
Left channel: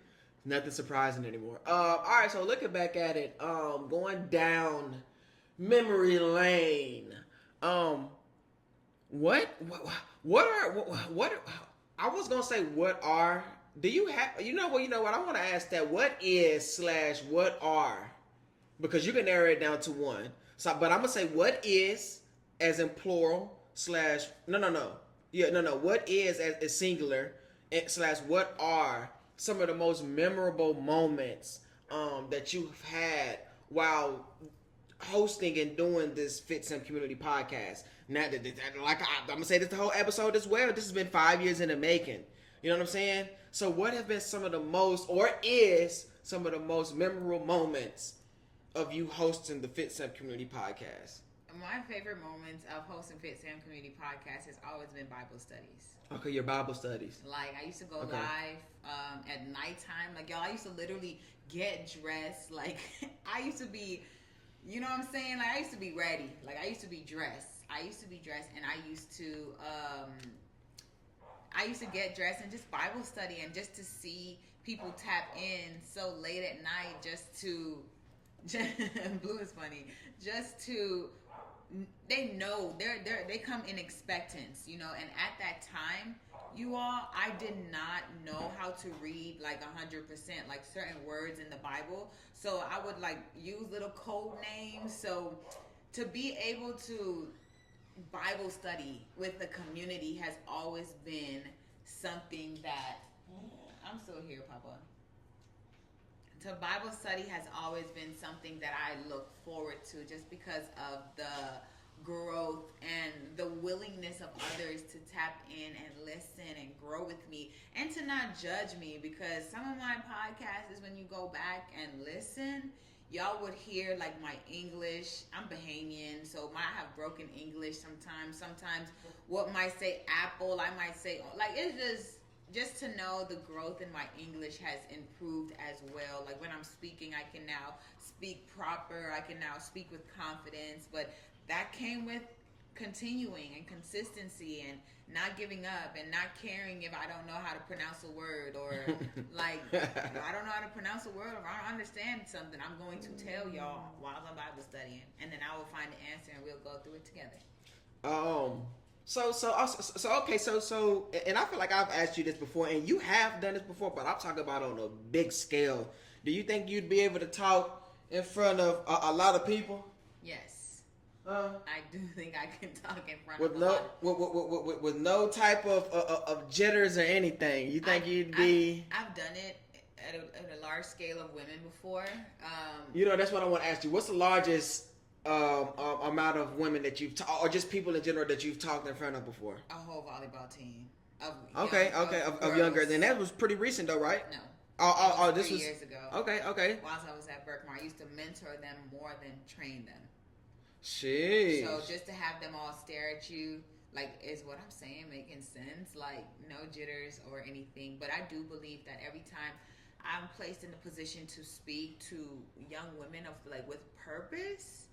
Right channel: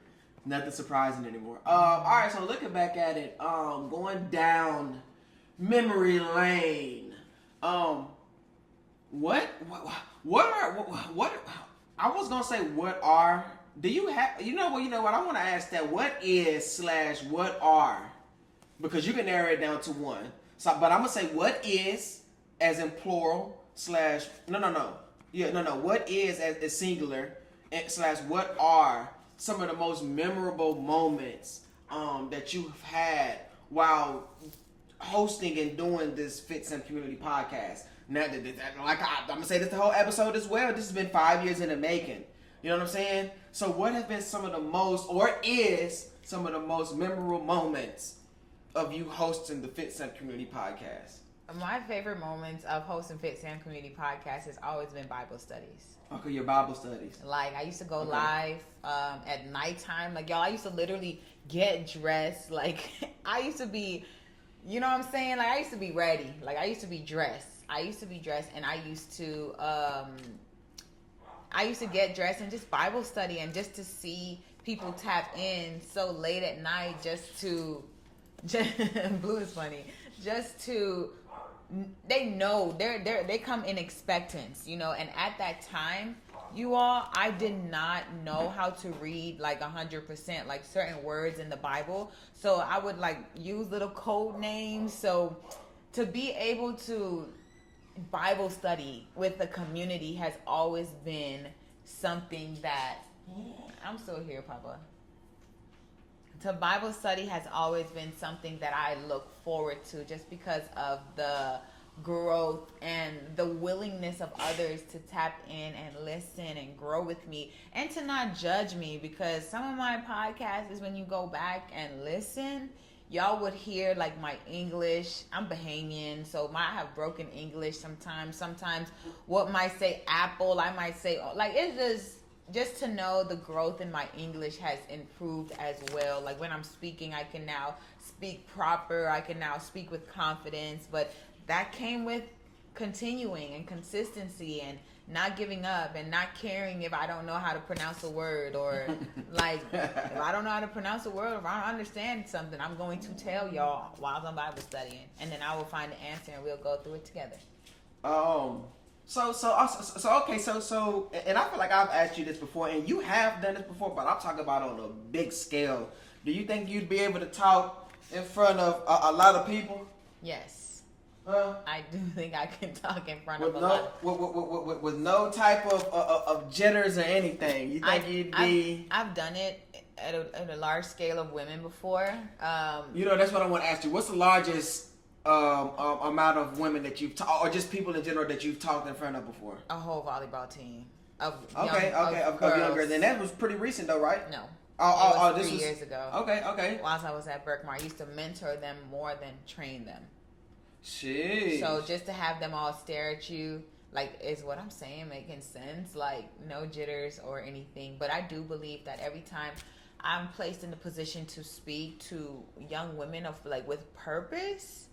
Nothing surprising anymore. All right, so looking back at it, going down memory lane. What I was gonna say, do you have, you know what, I want to ask that, what is / what are, because you can narrow it down to one, so, but I'm gonna say what is as in plural / what is as singular / what are some of the most memorable moments that you've had while hosting and doing this Fitsam Community Podcast. Now, like I'm gonna say this the whole episode as well. This has been 5 years in the making. You know what I'm saying? So, what have been some of the most, or is some of the most memorable moments of you hosting the Fitsam Community Podcast? My favorite moments of hosting Fitsam Community Podcast has always been Bible studies. Okay, your Bible studies. Like, I used to go live at nighttime. Like, y'all, I used to literally get dressed. Like, I used to be, you know what I'm saying? Like, I used to be ready. Like, I used to be dressed. And I used to get dressed and just Bible study and just to see people tap in so late at night Blue is funny. Just to, they know, they come in expectance, you know, and at that time, you all, I did not know how to read like 100%, like certain words in the Bible. So I would like use little code names. So to be able to Bible study with the community has always been something that, I'm still here, Papa. To Bible study has always been something that I look forward to just because of the growth and the willingness of others to tap in and listen and grow with me and to not judge me, because some of my podcasts is when you go back and listen, y'all would hear like my English. I'm Bahamian, so I have broken English sometimes. Sometimes what might say apple, I might say, like, it's just to know the growth in my English has improved as well. Like when I'm speaking, I can now speak proper. I can now speak with confidence. But that came with continuing and consistency and not giving up and not caring if I don't know how to pronounce a word, or like if I don't know how to pronounce a word, or if I don't understand something, I'm going to tell y'all while I'm Bible studying, and then I will find the answer and we'll go through it together. So, and I feel like I've asked you this before, and you have done this before, but I'm talking about on a big scale. Do you think you'd be able to talk in front of a lot of people? Yes. I do think I can talk in front of a lot. With no type of jitters or anything. You think you'd be... I've done it at a large scale of women before. You know, that's what I want to ask you. What's the largest amount of women that you've talked, or just people in general that you've talked in front of before? A whole volleyball team of younger. And that was pretty recent though, right? No. This was 3 years ago. Okay. Whilst I was at Berkmar, I used to mentor them more than train them. Sheesh. So just to have them all stare at you, like, is what I'm saying making sense? Like, no jitters or anything. But I do believe that every time I'm placed in the position to speak to young women of like with purpose,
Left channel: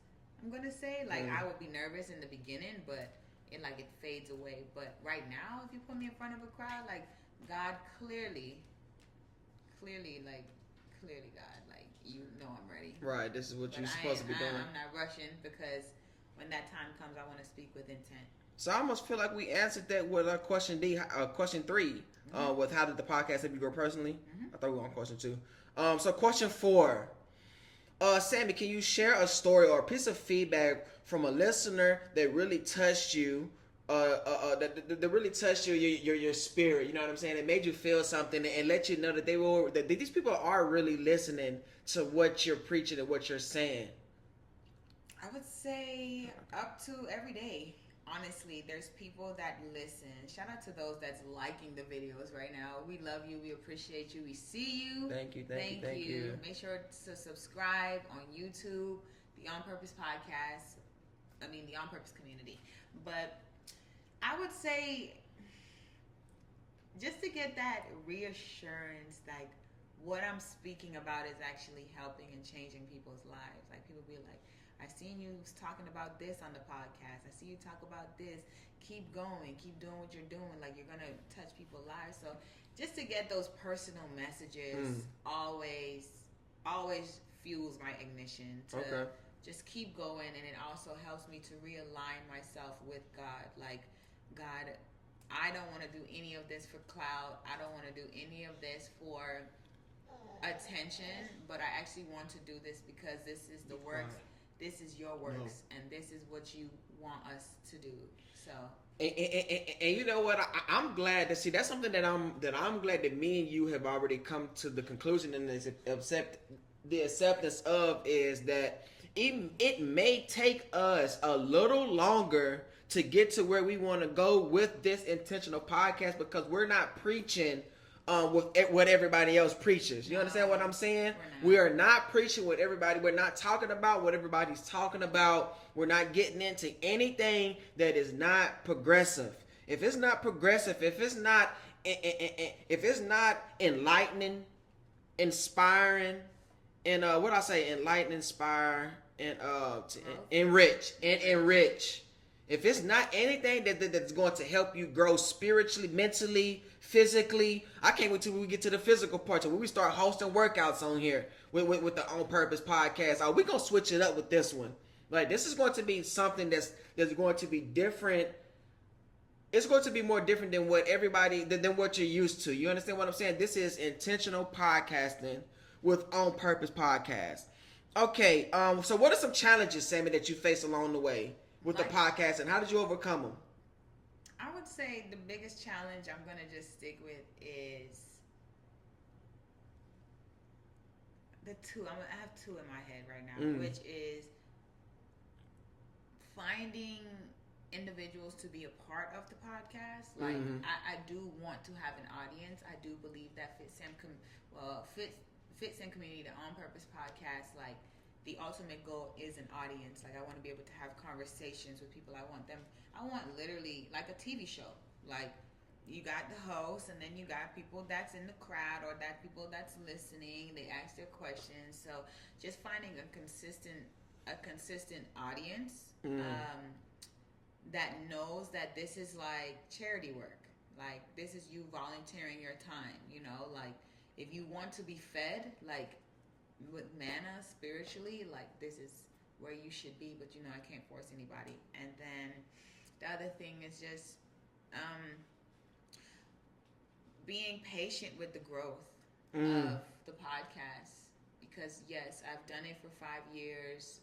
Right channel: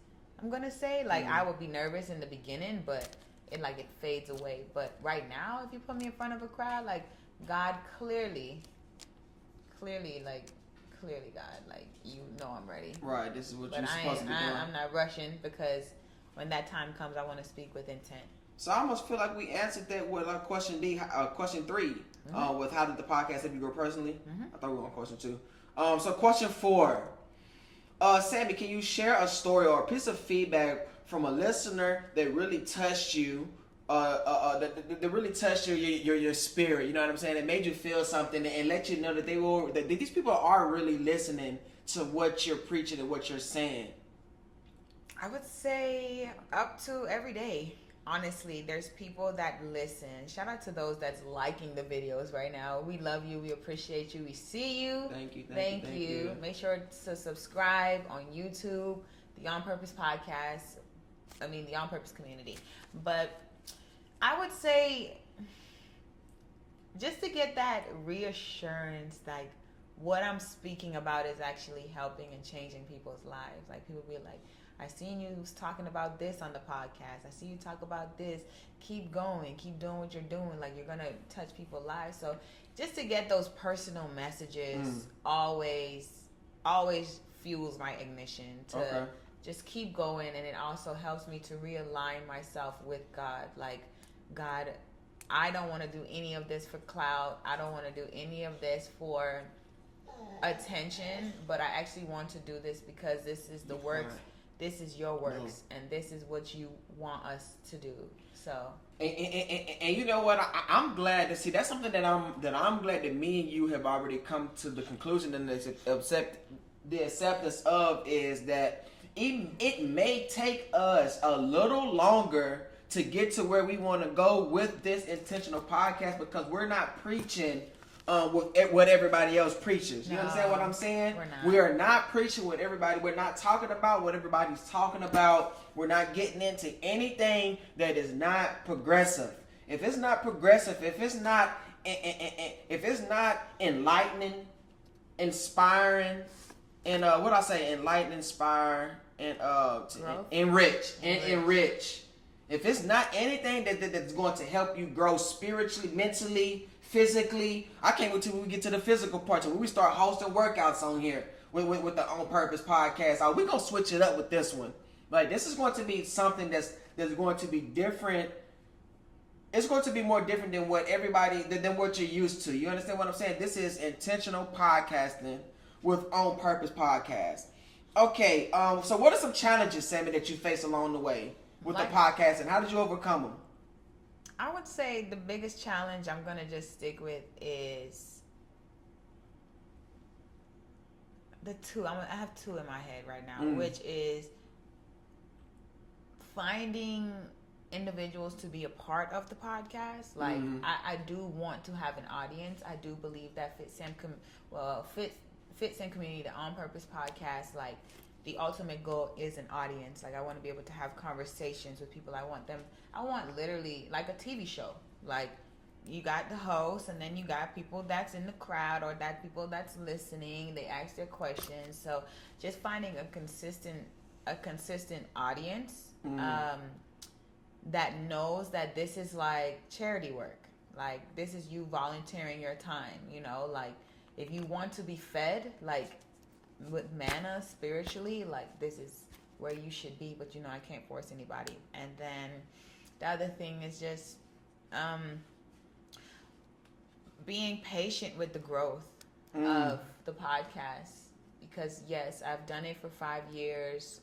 I'm gonna say, like, I would be nervous in the beginning, but it fades away. But right now, if you put me in front of a crowd, like, God clearly, God, like, you know I'm ready. Right, this is what you're supposed to be doing. I'm not rushing, because when that time comes, I want to speak with intent. So I almost feel like we answered that with question 3, with how did the podcast help you grow personally? I thought we were on question 2. So question 4. Sammy, can you share a story or a piece of feedback from a listener that really touched you, that really touched your spirit? You know what I'm saying? That made you feel something and let you know that these people are really listening to what you're preaching and what you're saying. I would say up to every day. Honestly, there's people that listen. Shout out to those that's liking the videos right now. We love you. We appreciate you. We see you. Thank you. Make sure to subscribe on YouTube, the On Purpose Podcast. The On Purpose Community. But I would say just to get that reassurance, like what I'm speaking about is actually helping and changing people's lives. Like people be like, I seen you talking about this on the podcast. I see you talk about this. Keep going. Keep doing what you're doing. Like you're gonna touch people's lives. So just to get those personal messages always fuels my ignition to just keep going, and it also helps me to realign myself with God. Like, God, I don't want to do any of this for clout. I don't want to do any of this for attention, but I actually want to do this because this is the works. This is your works, and this is what you want us to do. So, and you know what? I'm glad to see. That's something that I'm glad that me and you have already come to the conclusion and the acceptance of is that it may take us a little longer to get to where we want to go with this intentional podcast because we're not preaching with what everybody else preaches. You understand what I'm saying? We are not preaching what everybody. We're not talking about what everybody's talking about. We're not getting into anything that is not progressive. If it's not progressive, if it's not enlightening, inspiring, and enlighten, inspire, and enrich. If it's not anything that's going to help you grow spiritually, mentally, physically, I can't wait till we get to the physical part, when we start hosting workouts on here with the On Purpose podcast. We're gonna switch it up with this one. Like, this is going to be something that's going to be different. It's going to be more different than what you're used to. You understand what I'm saying? This is intentional podcasting with On Purpose podcast. Okay, so what are some challenges, Sammy, that you face along the way with the podcast, and how did you overcome them? I would say the biggest challenge I'm going to just stick with is the two. I have two in my head right now, which is finding individuals to be a part of the podcast. Like, I do want to have an audience. I do believe that Fitsam Community, the On Purpose podcast, like, the ultimate goal is an audience. Like, I want to be able to have conversations with people. I want literally like a TV show. Like, you got the host, and then you got people that's in the crowd, or that people that's listening. They ask their questions. So just finding a consistent audience that knows that this is like charity work. Like, this is you volunteering your time. You know, like, if you want to be fed, like, with manna spiritually, like, this is where you should be, but I can't force anybody. And then the other thing is just being patient with the growth of the podcast, because yes, I've done it for 5 years,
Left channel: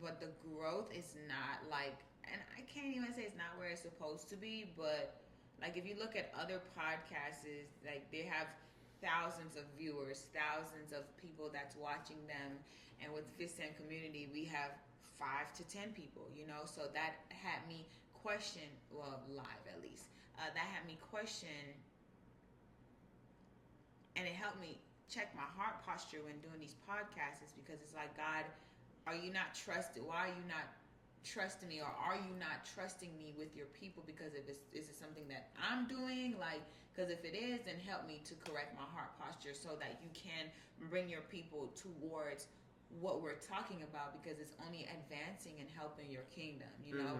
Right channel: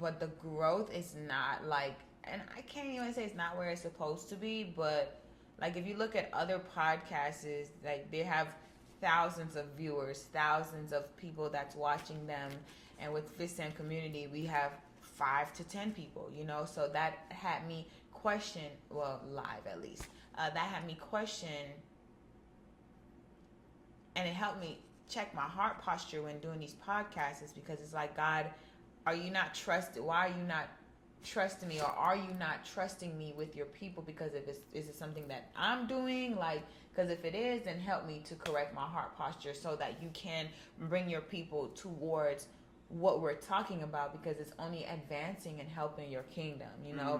but the growth is not like, and I can't even say it's not where it's supposed to be, but like, if you look at other podcasts, like, they have thousands of viewers, thousands of people that's watching them. And with Fitsam Community, we have 5 to 10 people, so that had me question, well, live at least, that had me question, and it helped me check my heart posture when doing these podcasts, is because it's like, God, are you not trusted? Why are you not trusting me, or are you not trusting me with your people? Because is it something that I'm doing? Like, because if it is, then help me to correct my heart posture so that you can bring your people towards what we're talking about, because it's only advancing and helping your kingdom,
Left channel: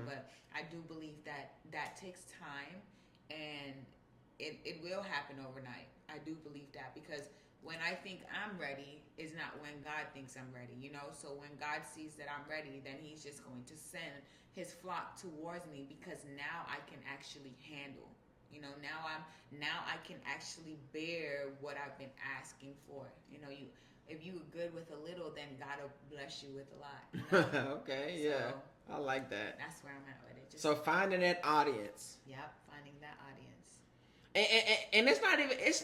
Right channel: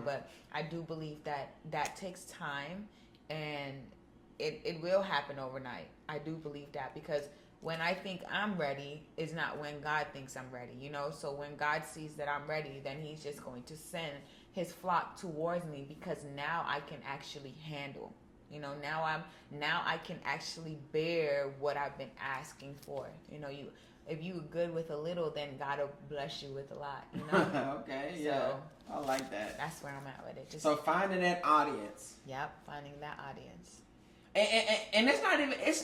But I do believe that takes time, and it will happen overnight. I do believe that, because when I think I'm ready is not when God thinks I'm ready, So when God sees that I'm ready, then he's just going to send his flock towards me, because now I can actually handle. Now I can actually bear what I've been asking for. If you were good with a little, then God will bless you with a lot. Okay, yeah, so, I like that. That's where I'm at with it. So finding that audience. Yep, finding that audience. And it's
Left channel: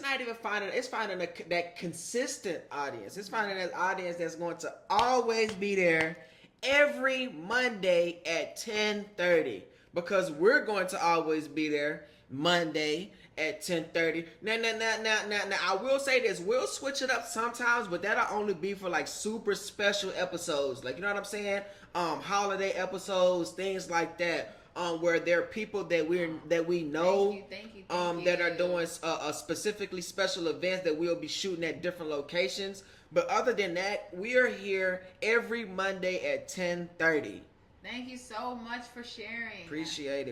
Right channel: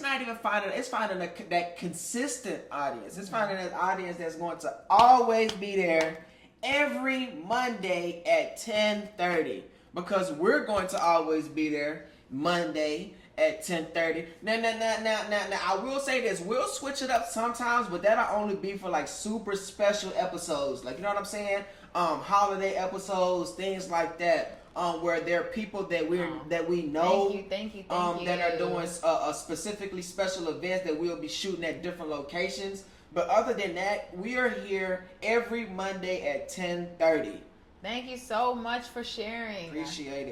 not even finding. It's finding that consistent audience. It's finding that audience that's going to always be there every Monday at 10:30, because we're going to always be there Monday at 10:30. Now, I will say this: we'll switch it up sometimes, but that'll only be for like super special episodes, like, you know what I'm saying? Holiday episodes, things like that. where there are people that we know thank you. that are doing specifically special events that we'll be shooting at different locations. But other than that, we are here every Monday at 10:30. Thank you so much for sharing. Appreciate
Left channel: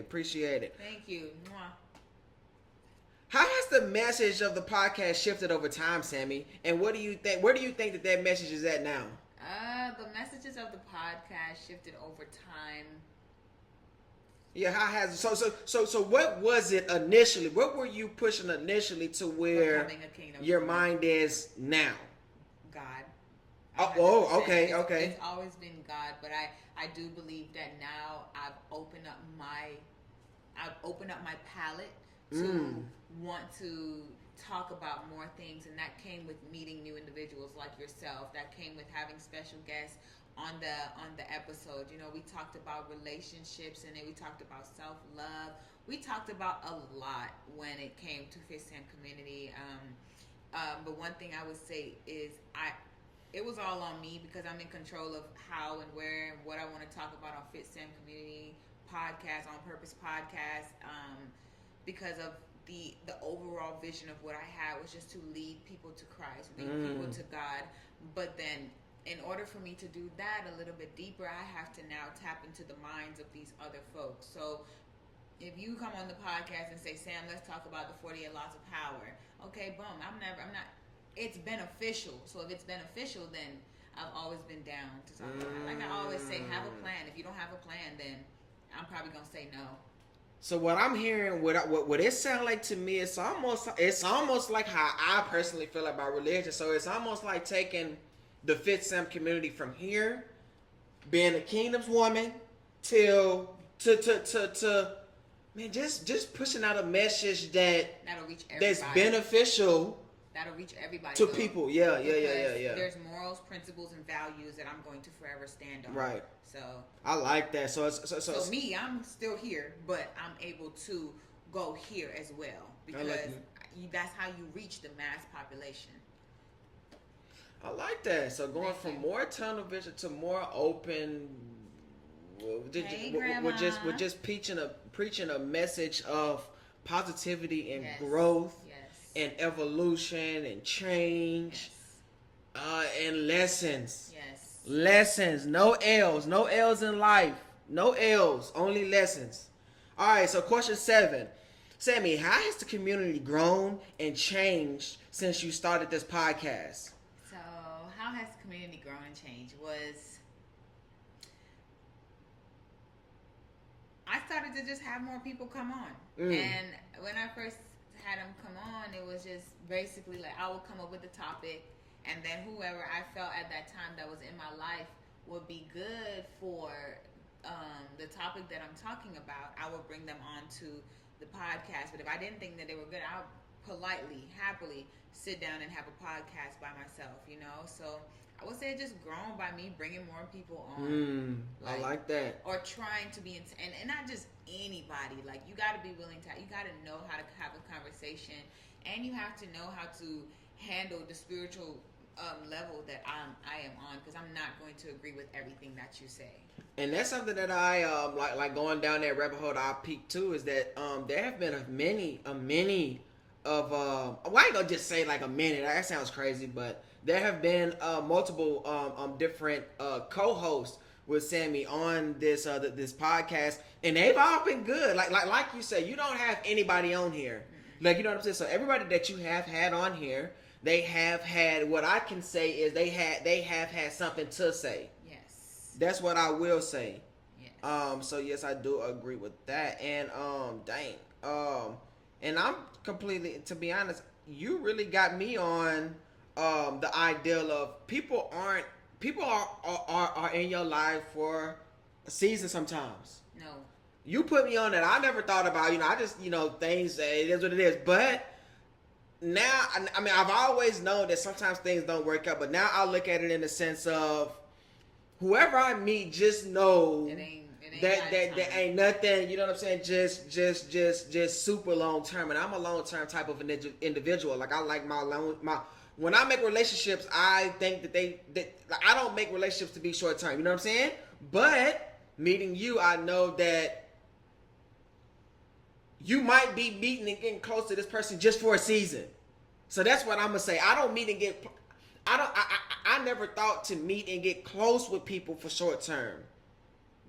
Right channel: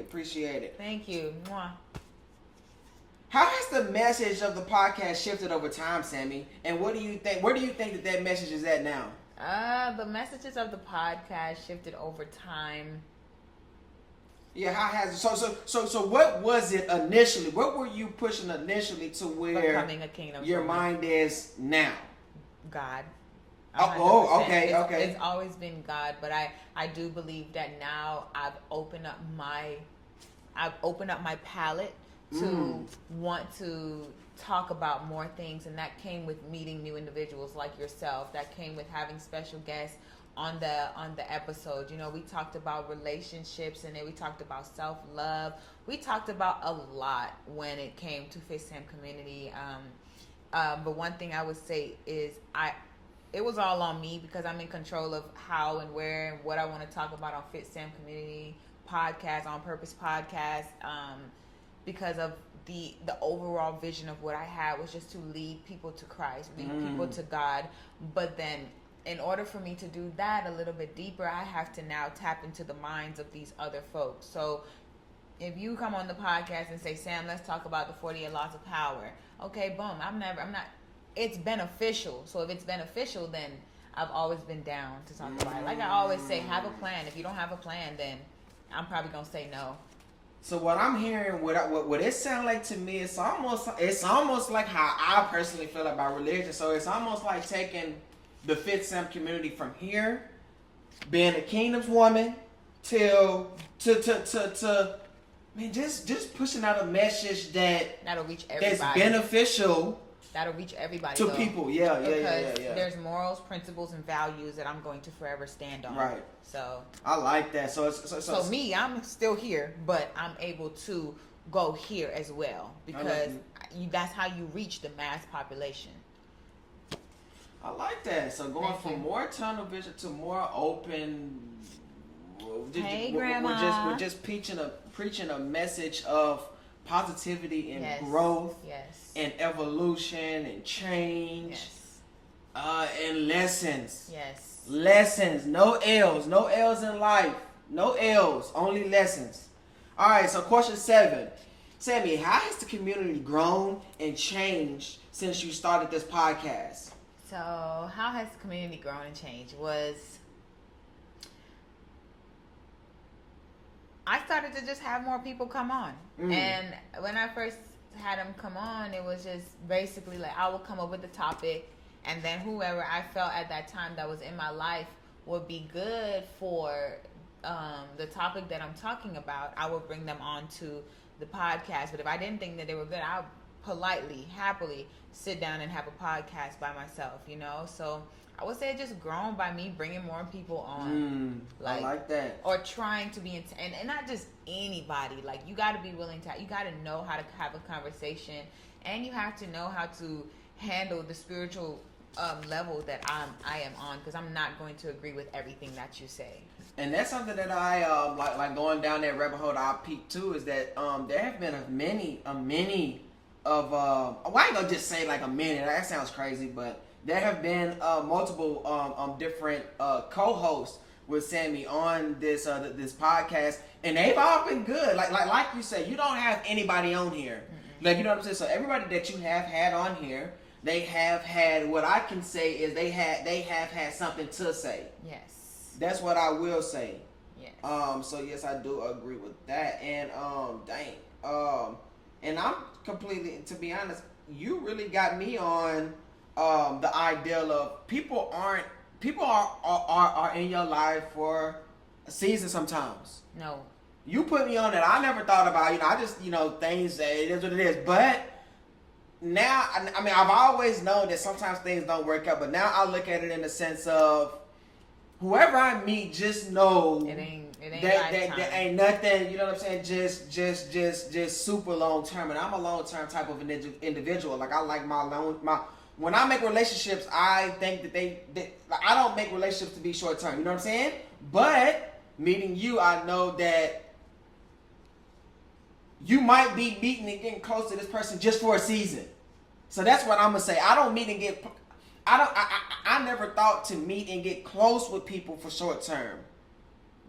it. Thank you. Mwah. How has the message of the podcast shifted over time, Sammy? And what do you think? Where do you think that message is at now? The messages of the podcast shifted over time. Yeah, how has it? So what was it initially? What were you pushing initially to where Becoming a kingdom your woman. mind is now? God. Oh, okay. It's always been God, but I do believe that now I've opened up my palette to want to talk about more things, and that came with meeting new individuals like yourself. That came with having special guests on the episode. You know, we talked about relationships, and then we talked about self-love. We talked about a lot when it came to Fitsam Community. But one thing I would say is it was all on me, because I'm in control of how and where and what I want to talk about on Fitsam Community Podcast, On Purpose Podcast, because of the overall vision of what I had was just to lead people to Christ, lead people to God. But then in order for me to do that a little bit deeper, I have to now tap into the minds of these other folks. So if you come on the podcast and say, Sam, let's talk about the 48 laws of power. Okay, boom. I'm not, it's beneficial. So if it's beneficial, then I've always been down to talk about it. Like I always say, have a plan. If you don't have a plan, then I'm probably going to say no. So what I'm hearing, what it sounds like to me, it's almost like how I personally feel about religion. So it's almost like taking the Fitsam community from here, being a kingdom's woman, till man, just pushing out a message that'll reach everybody. That's beneficial. That'll reach everybody to people. Yeah. There's morals, principles, and values that I'm going to forever stand on. Right. So I like that. So me, I'm still here, but I'm able to go here as well, because that's how you reach the mass population. I like that. So going from more tunnel vision to more open. Hey, Grandma. We're just preaching a message of positivity and growth, and evolution and change, and lessons. Yes. Lessons. No L's. No L's in life. No L's. Only lessons. All right. So question 7, Sammy, how has the community grown and changed since you started this podcast? So how has the community grown and changed I started to just have more people come on. And when I first had them come on, it was just basically like I would come up with the topic, and then whoever I felt at that time that was in my life would be good for the topic that I'm talking about, I would bring them on to the podcast. But if I didn't think that they were good, I would politely, happily sit down and have a podcast by myself, you know? So I would say it just grown by me bringing more people on. I like that. Or trying to be, and not just anybody. Like, you got to be willing to, you got to know how to have a conversation, and you have to know how to handle the spiritual level that I am on, because I'm not going to agree with everything that you say. And that's something that I like going down that rabbit hole that I peeked too, is that there have been a many of well, I ain't gonna just say like a many, that sounds crazy, but there have been multiple different co-hosts with Sammy on this podcast, and they've all been good. Like you said, you don't have anybody on here. Like, you know what I'm saying? So everybody that you have had on here, they have had, what I can say is they have had something to say. Yes. That's what I will say. Yes. So yes, I do agree with that. And and I'm completely, to be honest, you really got me on the ideal of people are in your life for a season sometimes. No. You put me on that. I never thought about, I just, things, it is what it is. But now, I mean, I've always known that sometimes things don't work out, but now I look at it in the sense of whoever I meet, just know it ain't that ain't nothing, you know what I'm saying? Just super long term. And I'm a long term type of individual. Like, I like when I make relationships, I think that I don't make relationships to be short term. You know what I'm saying? But meeting you, I know that you might be meeting and getting close to this person just for a season. So that's what I'm gonna say. I don't meet and get. I never thought to meet and get close with people for short term,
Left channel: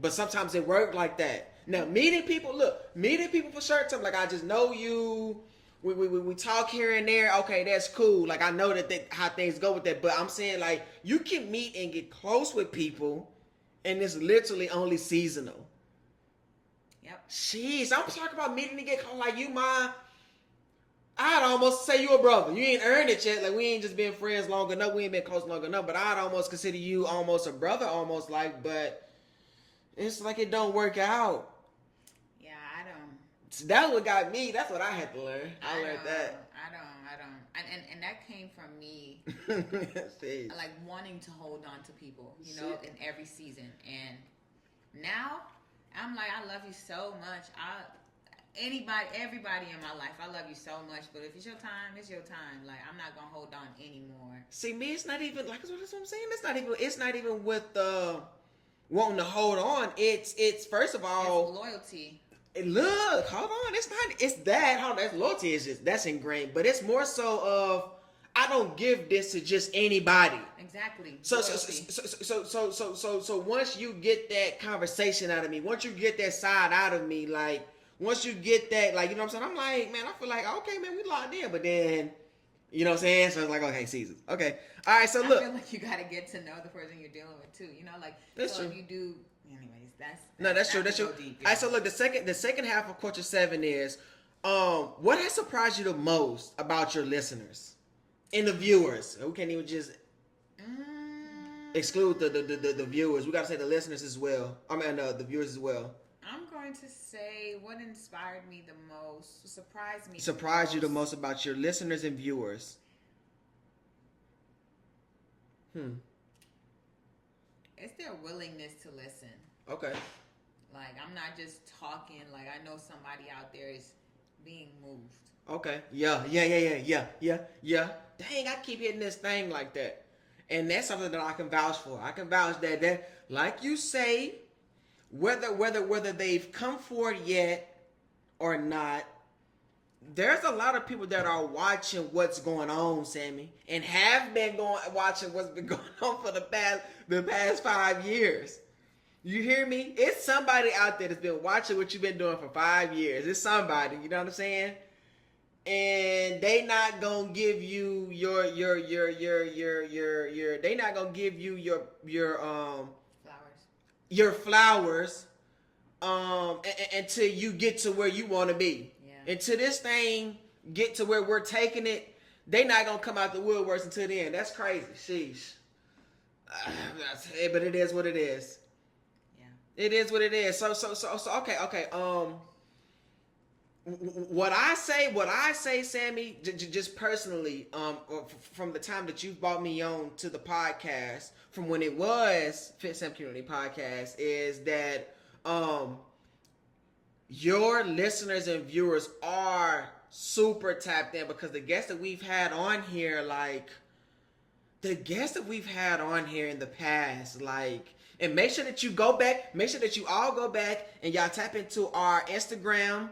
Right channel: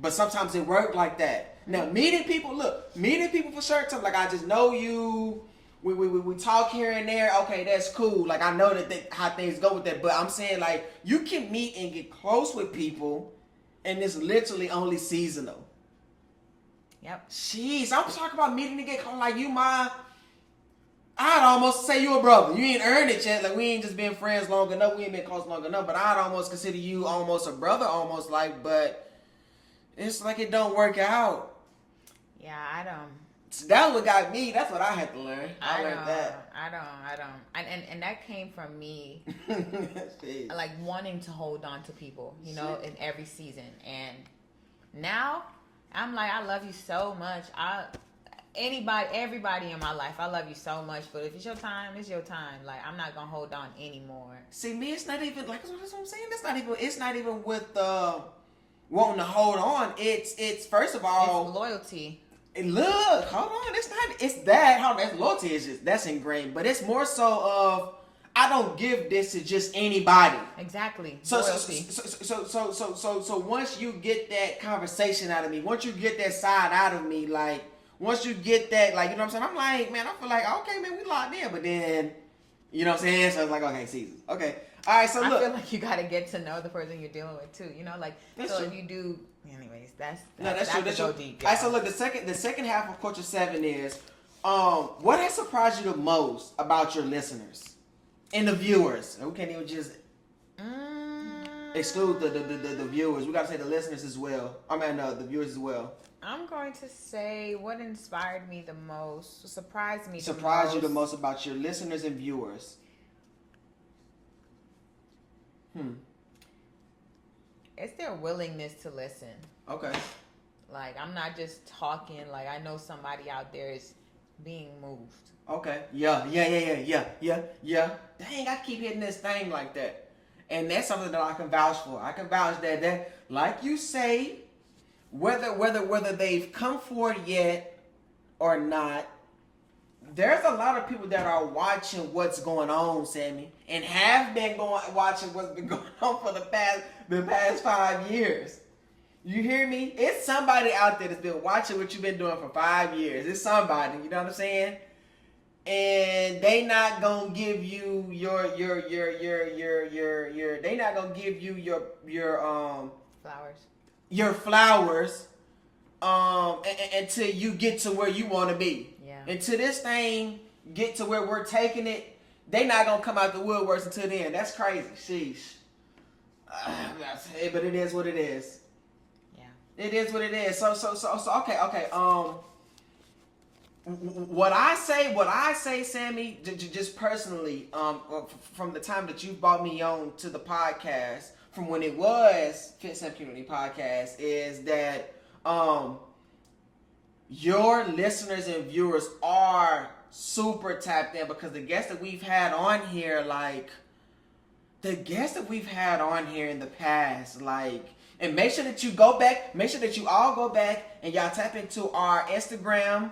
but sometimes it worked like that. Now meeting people for short term, like I just know you. We talk here and there. Okay, that's cool. Like I know how things go with that. But I'm saying like you can meet and get close with people, and it's literally only seasonal. Yep. Jeez, I'm talking about meeting to get close. Like I'd almost say you a brother. You ain't earned it yet. Like we ain't just been friends long enough. We ain't been close long enough. But I'd almost consider you almost a brother, almost like. But it's like it don't work out. Yeah, I don't. So that what got me. That's what I had to learn. I learned that. I don't. And that came from me, like wanting to hold on to people, you know, in every season. And now I'm like, I love you so much. Everybody in my life, I love you so much. But if it's your time, it's your time. Like I'm not gonna hold on anymore. See, me, it's not even like that's what I'm saying. It's not even with wanting to hold on. It's first of all, it's loyalty. And look, hold on. It's that. That's loyalty that's ingrained. But it's more so of I don't give this to just anybody. Exactly. So once you get that conversation out of me, once you get that side out of me, like once you get that, like you know what I'm saying, I'm like, man, I feel like okay, man, we locked in. But then, you know what I'm saying? So it's like, okay, seasons. Okay, all right. So look, I feel like you gotta get to know the person you're dealing with too. You know, like that's so true. if you do. Anyways, that's true. That's true. Deep, all right, so look, the second half of Culture 7 is, what has surprised you the most about your listeners and the viewers? We can't even just exclude the viewers. We gotta say the listeners as well. I mean, the viewers as well. I'm going to say what inspired me the most, surprised you the most about your listeners and viewers. It's their willingness to listen. Okay. Like, I'm not just talking. Like, I know somebody out there is being moved. Okay. Yeah. Dang, I keep hitting this thing like that. And that's something that I can vouch for. I can vouch that like you say, whether they've come forward yet or not, there's a lot of people that are watching what's going on, Sammy, and have been watching what's been going on for the past 5 years. You hear me? It's somebody out there that's been watching what you've been doing for 5 years. It's somebody, you know what I'm saying? And they not gonna give you they not gonna give you your flowers until you get to where you want to be. Yeah. Until this thing get to where we're taking it, they not gonna come out the woodworks until then. That's crazy. Sheesh. But it is what it is. Yeah. It is what it is. So okay. What I say, Sammy, just personally, from the time that you brought me on to the podcast, from when it was Fitsam Community Podcast, is that your listeners and viewers are super tapped in, because the guests that we've had on here, in the past, and make sure that you all go back and y'all tap into our Instagram,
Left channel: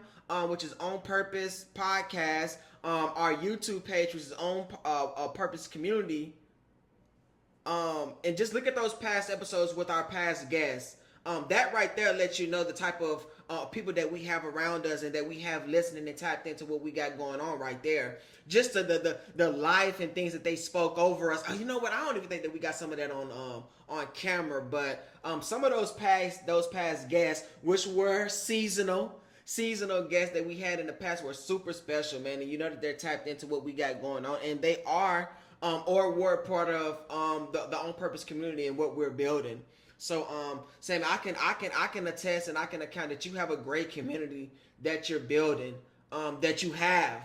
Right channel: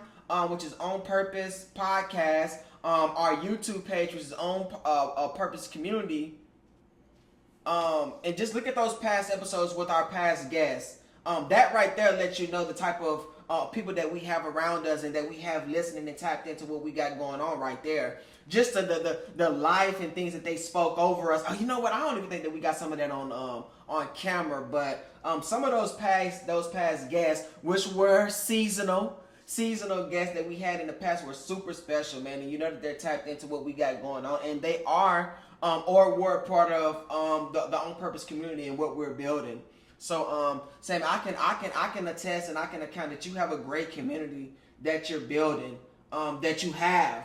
which is On Purpose Podcast, our YouTube page, which is On Purpose Community, and just look at those past episodes with our past guests. That right there lets you know the type of people that we have around us and that we have listening and tapped into what we got going on right there. Just the life and things that they spoke over us. Oh, you know what? I don't even think that we got some of that on camera, but some of those past guests, which were seasonal guests that we had in the past, were super special, man. And you know that they're tapped into what we got going on, and they are or were part of the On Purpose community and what we're building. So, Sam, I can attest and I can account that you have a great community that you're building, that you have.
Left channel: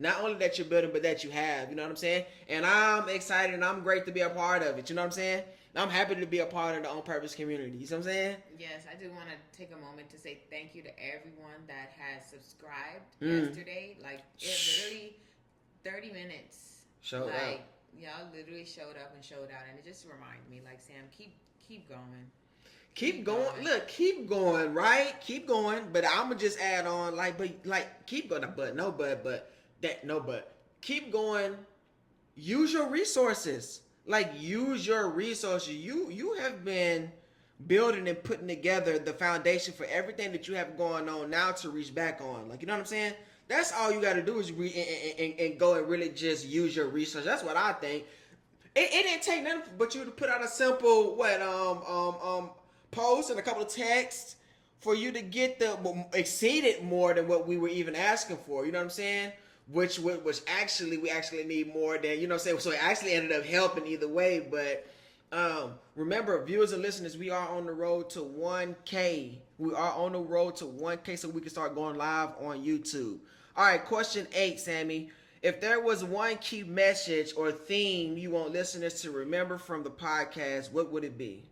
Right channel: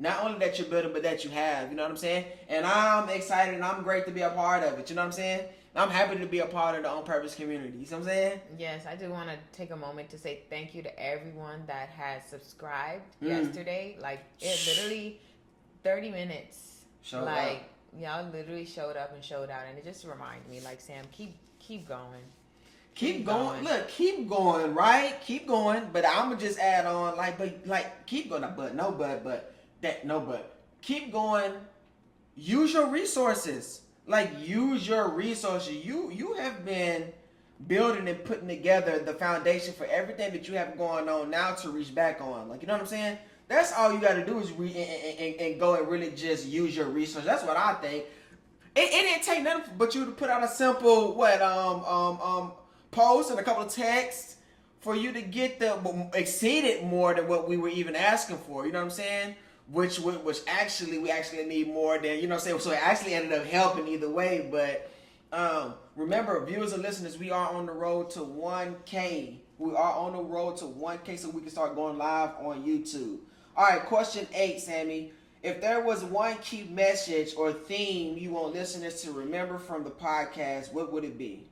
Not only that you're building, but that you have. You know what I'm saying? And I'm excited and I'm great to be a part of it. You know what I'm saying? I'm happy to be a part of the On Purpose community. You see what I'm saying? Yes, I do want to take a moment to say thank you to everyone that has subscribed yesterday. Like, it literally 30 minutes. Showed up. Y'all literally showed up and showed out. And it just reminded me, like, Sam, keep going. Keep going. Look, keep going, right? Keep going. But I'm gonna just add on, keep going. But keep going. Use your resources. Use your resources. You have been building and putting together the foundation for everything that you have going on now to reach back on. You know what I'm saying? That's all you got to do is and go and really just use your resources. That's what I think. It didn't take nothing but you to put out a simple post and a couple of texts for you to get exceeded more than what we were even asking for. You know what I'm saying? Which actually we actually need more than, you know what I'm saying? So it actually ended up helping either way. But remember, viewers and listeners, we are on the road to 1K. We are on the road to 1K so we can start going live on YouTube. All right, question 8, Sammy. If there was one key message or theme you want listeners to remember from the podcast, what would it be?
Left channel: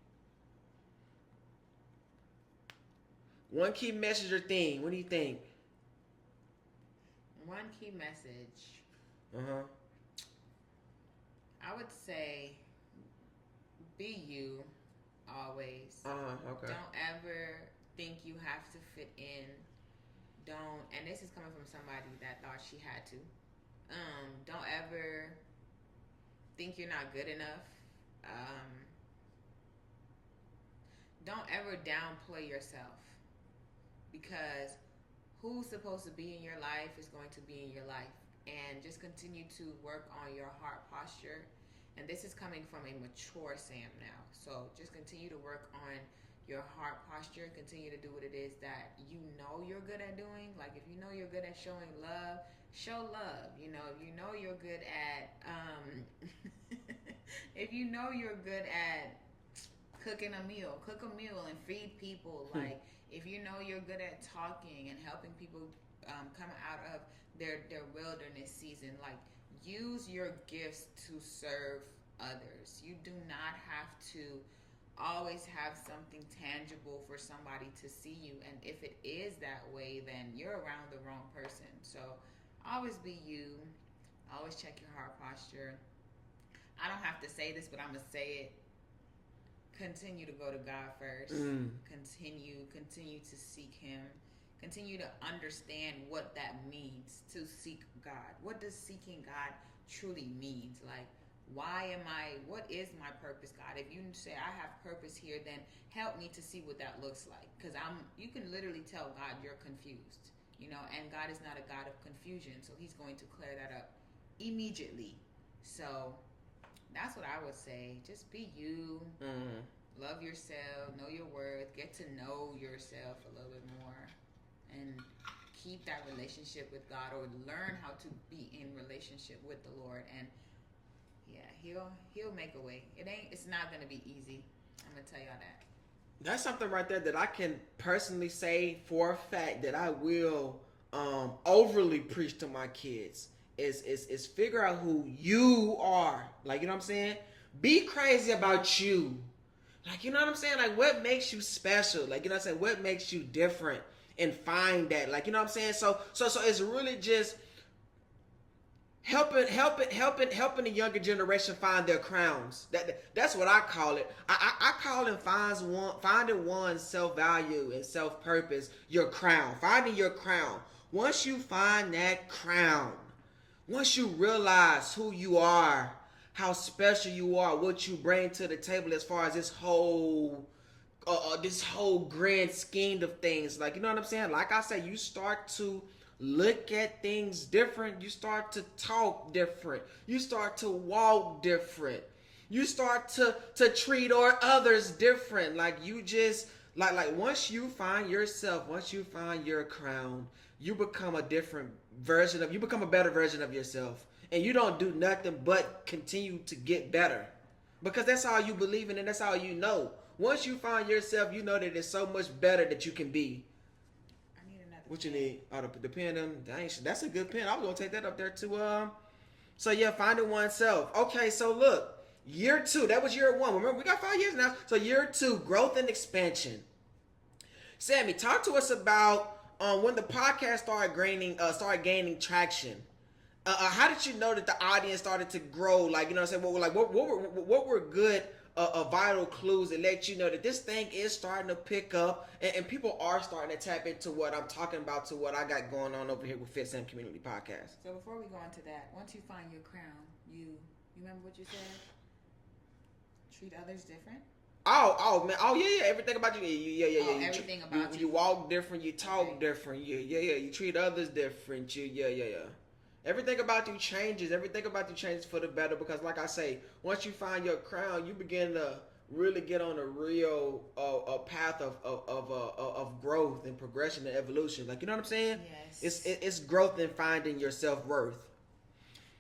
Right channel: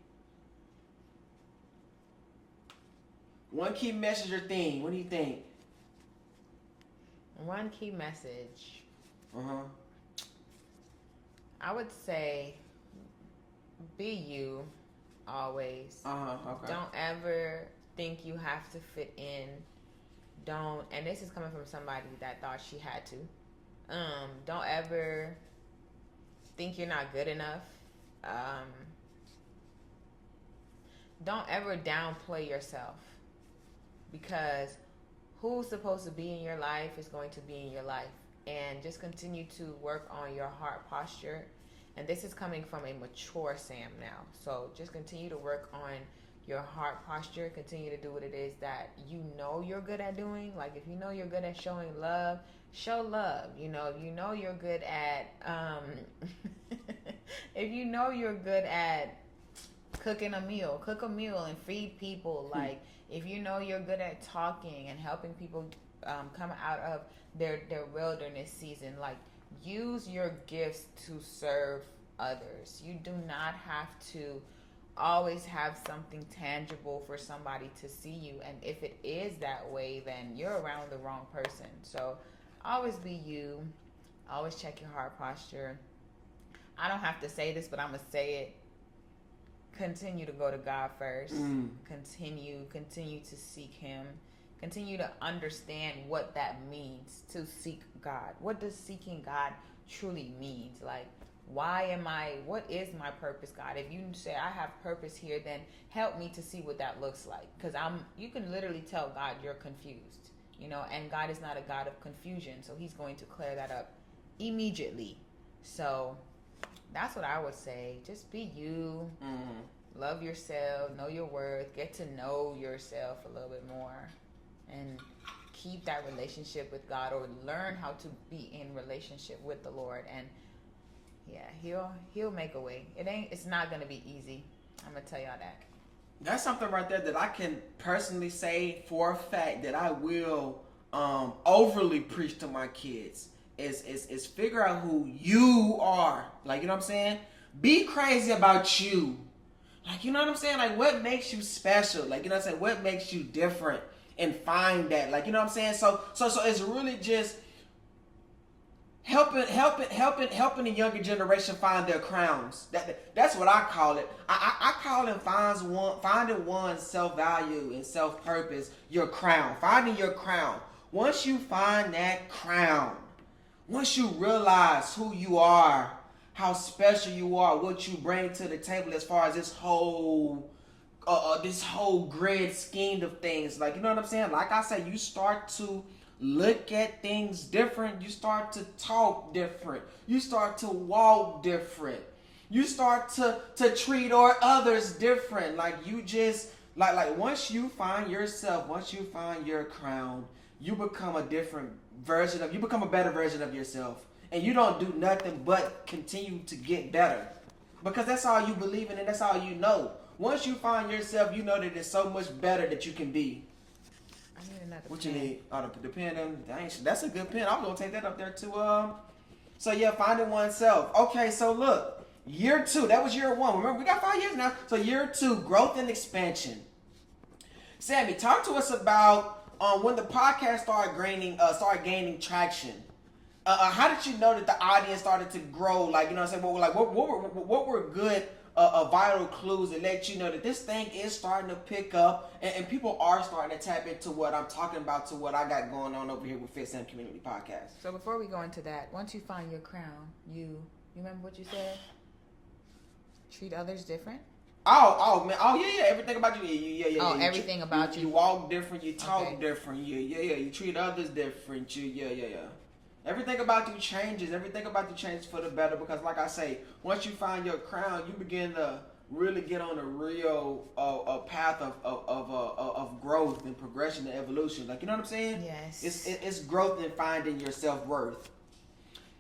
One key message or theme. What do you think? One key message. I would say, be you always. Okay. Don't ever think you have to fit in. And this is coming from somebody that thought she had to. Don't ever think you're not good enough. Don't ever downplay yourself, because who's supposed to be in your life is going to be in your life. And just continue to work on your heart posture. And this is coming from a mature Sam now. So just continue to work on your heart posture. Continue to do what it is that you know you're good at doing. If you know you're good at showing love, show love. If you know you're good at if you know you're good at cooking a meal, cook a meal and feed people. If you know you're good at talking and helping people come out of their wilderness season, use your gifts to serve others. You do not have to always have something tangible for somebody to see you, and if it is that way, then you're around the wrong person. So always be you. Always check your heart posture. I don't have to say this, but I'm gonna say it. Continue to go to God first. Continue to seek Him. Continue to understand what that means to seek God. What does seeking God truly means? What is my purpose, God? If you say I have purpose here, then help me to see what that looks like. Because you can literally tell God you're confused, and God is not a God of confusion. So He's going to clear that up immediately. So that's what I would say. Just be you. Love yourself. Know your worth. Get to know yourself a little bit more. And keep that relationship with God, or learn how to be in relationship with the Lord. And yeah, he'll make a way. It's not gonna be easy. I'm gonna tell y'all that. That's something right there that I can personally say for a fact that I will overly preach to my kids is figure out who you are. You know what I'm saying? Be crazy about you. You know what I'm saying? What makes you special? You know what I'm saying? What makes you different? And find that. You know what I'm saying? So it's really just helping the younger generation find their crowns. That's what I call it. I call it finding one's self-value and self-purpose, your crown. Finding your crown. Once you find that crown, once you realize who you are, how special you are, what you bring to the table as far as this whole grand scheme of things, you know what I'm saying? Like I said, you start to look at things different. You start to talk different. You start to walk different. You start to treat others different. You just once you find yourself, once you find your crown, you become a better version of yourself. And you don't do nothing but continue to get better. Because that's all you believe in and that's all you know. Once you find yourself, you know that it's so much better that you can be. I need another What pen. you need? Oh, the pen. That's a good pen. I was going to take that up there too. So yeah, finding oneself. Okay, so look. Year 2. That was year 1. Remember, we got 5 years now. So year 2, growth and expansion. Sammy, talk to us about when the podcast started gaining traction. How did you know that the audience started to grow? You know what I'm saying? What were good vital clues that let you know that this thing is starting to pick up, and people are starting to tap into what I'm talking about, to what I got going on over here with Fitsam Community Podcast. So before we go into that, once you find your crown, you remember what you said? Treat others different? Oh man, yeah, everything about you, yeah. Everything about you. You walk different, you talk different, yeah. You treat others different, yeah. Everything about you changes. Everything about you changes for the better, because, like I say, once you find your crown, you begin to really get on a real path of growth and progression and evolution. Like, you know what I'm saying? Yes. It's growth in finding your self-worth.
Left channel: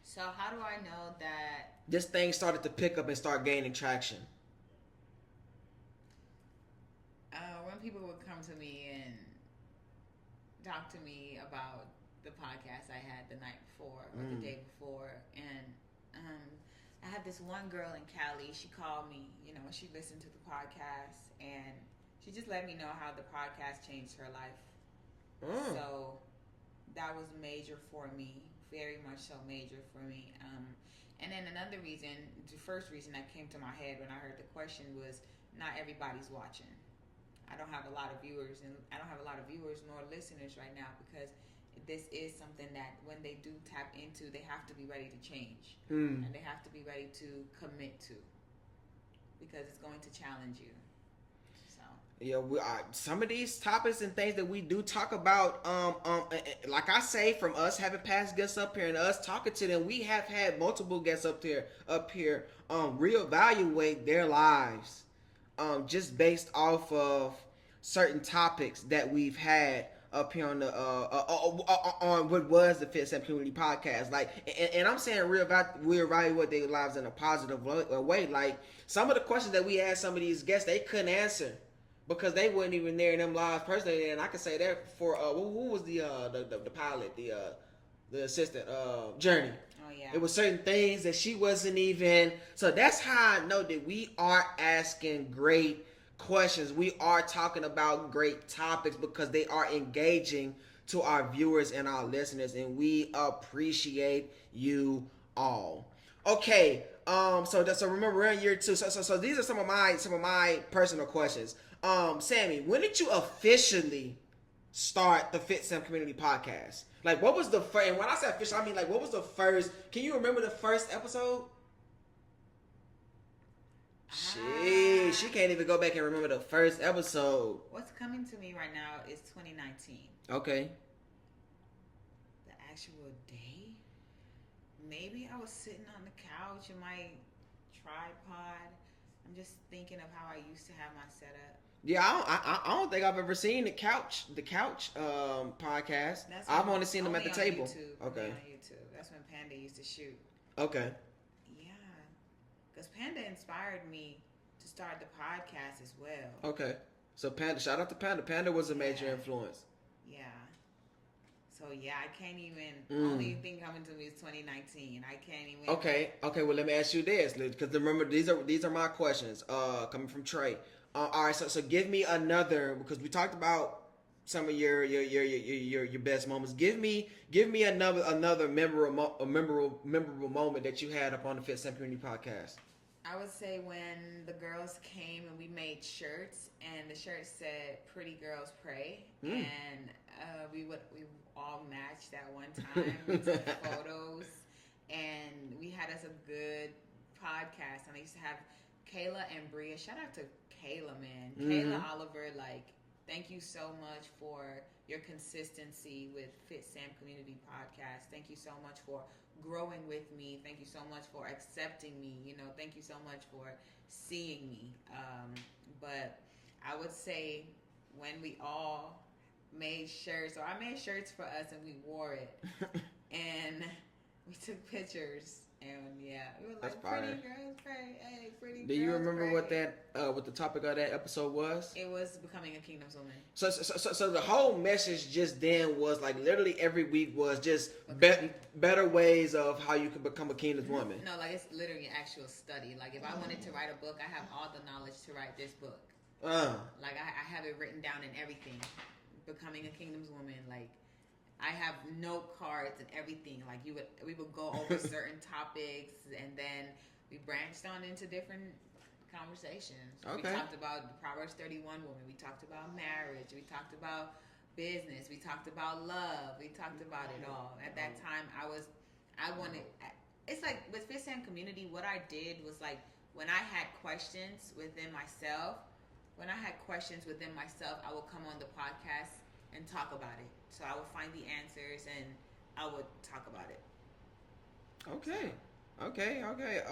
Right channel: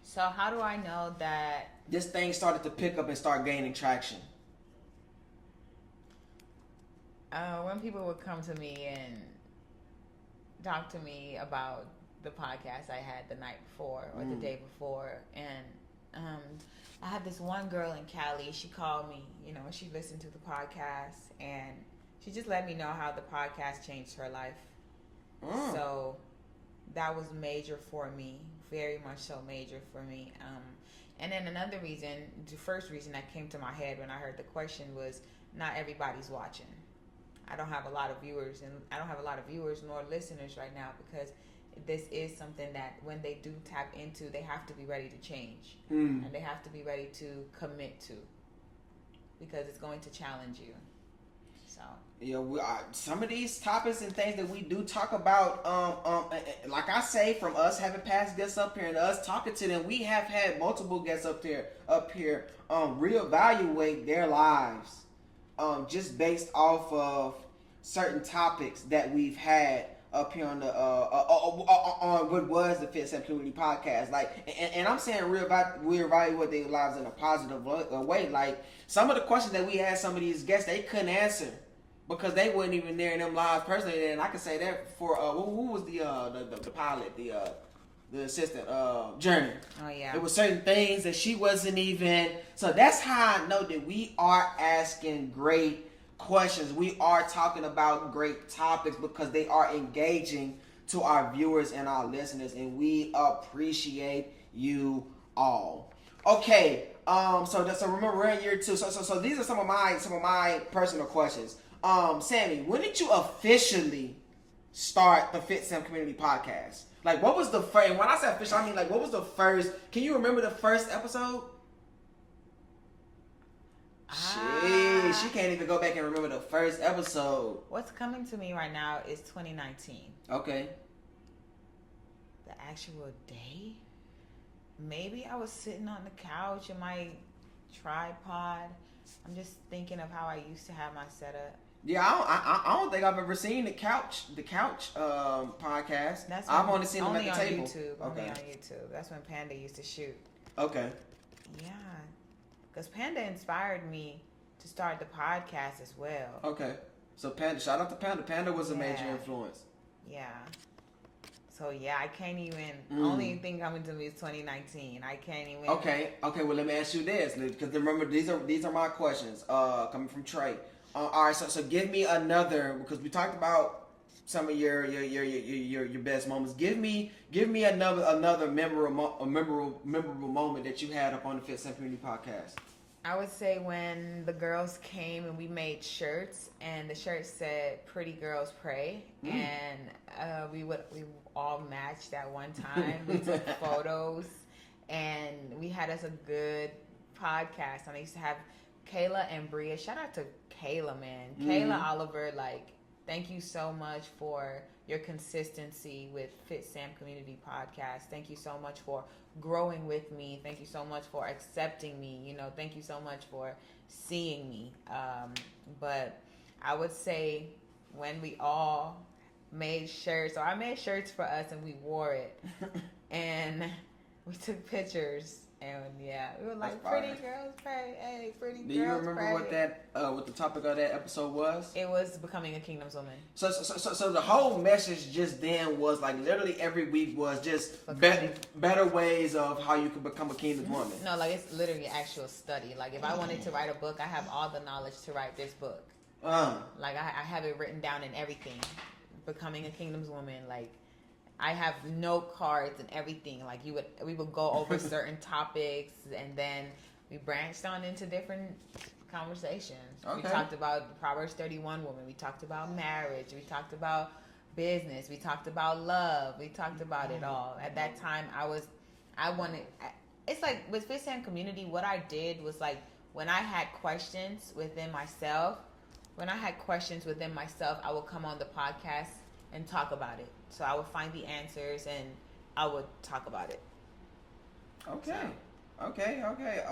So how do I know that this thing started to pick up and start gaining traction? When people would come to me and talk to me about the podcast I had the night before or the day before, and I had this one girl in Cali. She called me, she listened to the podcast, and she just let me know how the podcast changed her life. So that was major for me, very much so major for me. And then another reason, the first reason that came to my head when I heard the question was, not everybody's watching. I don't have a lot of viewers nor listeners right now, because this is something that when they do tap into, they have to be ready to change, and they have to be ready to commit to, because it's going to challenge you. So yeah, some of these topics and things that we do talk about, like I say, from us having past guests up here and us talking to them, we have had multiple guests up here, reevaluate their lives, just based off of certain topics that we've had up here on the on what was the Fitsam Community Podcast. Like, and I'm saying we evaluate their lives in a positive way. Like, some of the questions that we asked some of these guests, they couldn't answer because they weren't even there in them lives personally. And I can say that for who was the pilot, the assistant, Journey. Oh yeah. It was certain things that she wasn't even. So that's how I know that we are asking great questions. We are talking about great topics because they are engaging to our viewers and our listeners, and we appreciate you all. Okay, so remember, we're in year 2. So these are some of my personal questions. Sammy, when did you officially start the Fitsam Community Podcast? Like, what was the first? And when I say official, I mean, like, what was the first? Can you remember the first episode? She can't even go back and remember the first episode. What's coming to me right now is 2019. Okay. The actual day? Maybe I was sitting on the couch in my tripod. I'm just thinking of how I used to have my setup. Yeah, I don't think I've ever seen the couch podcast. I've only seen them at the table. Only on YouTube. That's when Panda used to shoot. Okay. Yeah, because Panda inspired me to start the podcast as well. Okay, so Panda, shout out to Panda. Panda was a major influence. Yeah. So yeah, I can't even. Only thing coming to me is 2019. I can't even. Okay. Well, let me ask you this, because remember, these are my questions. Coming from Trey. All right, so give me another, because we talked about some of your best moments. Give me another memorable moment that you had up on the Fitsam Community Podcast. I would say when the girls came and we made shirts, and the shirt said "Pretty Girls Pray," and we all matched at one time. We took photos, and we had us a good podcast. And I used to have Kayla and Bria. Shout out to Kayla, man. Kayla Oliver, like, thank you so much for your consistency with Fitsam Community Podcast. Thank you so much for growing with me. Thank you so much for accepting me. Thank you so much for seeing me. But I would say when we all made shirts, or I made shirts for us and we wore it, and we took pictures. And yeah, we were like, "Pretty girls pray, hey, pretty girls pray." Do you remember what the topic of that episode was? It was becoming a kingdom's woman. So the whole message just then was like, literally every week was just better ways of how you can become a kingdom's woman. No, like, it's literally actual study. Like, if I wanted to write a book, I have all the knowledge to write this book. Like, I have it written down in everything. Becoming a kingdom's woman, like, I have note cards and everything. Like, we would go over certain topics, and then we branched on into different conversations. Okay. We talked about the Proverbs 31 woman. We talked about marriage. We talked about business. We talked about love. We talked about it all. At that time, it's like with Fitsam Community, what I did was like when I had questions within myself, I would come on the podcast and talk about it. So I would find the answers and I would talk about it. Okay. So. Okay.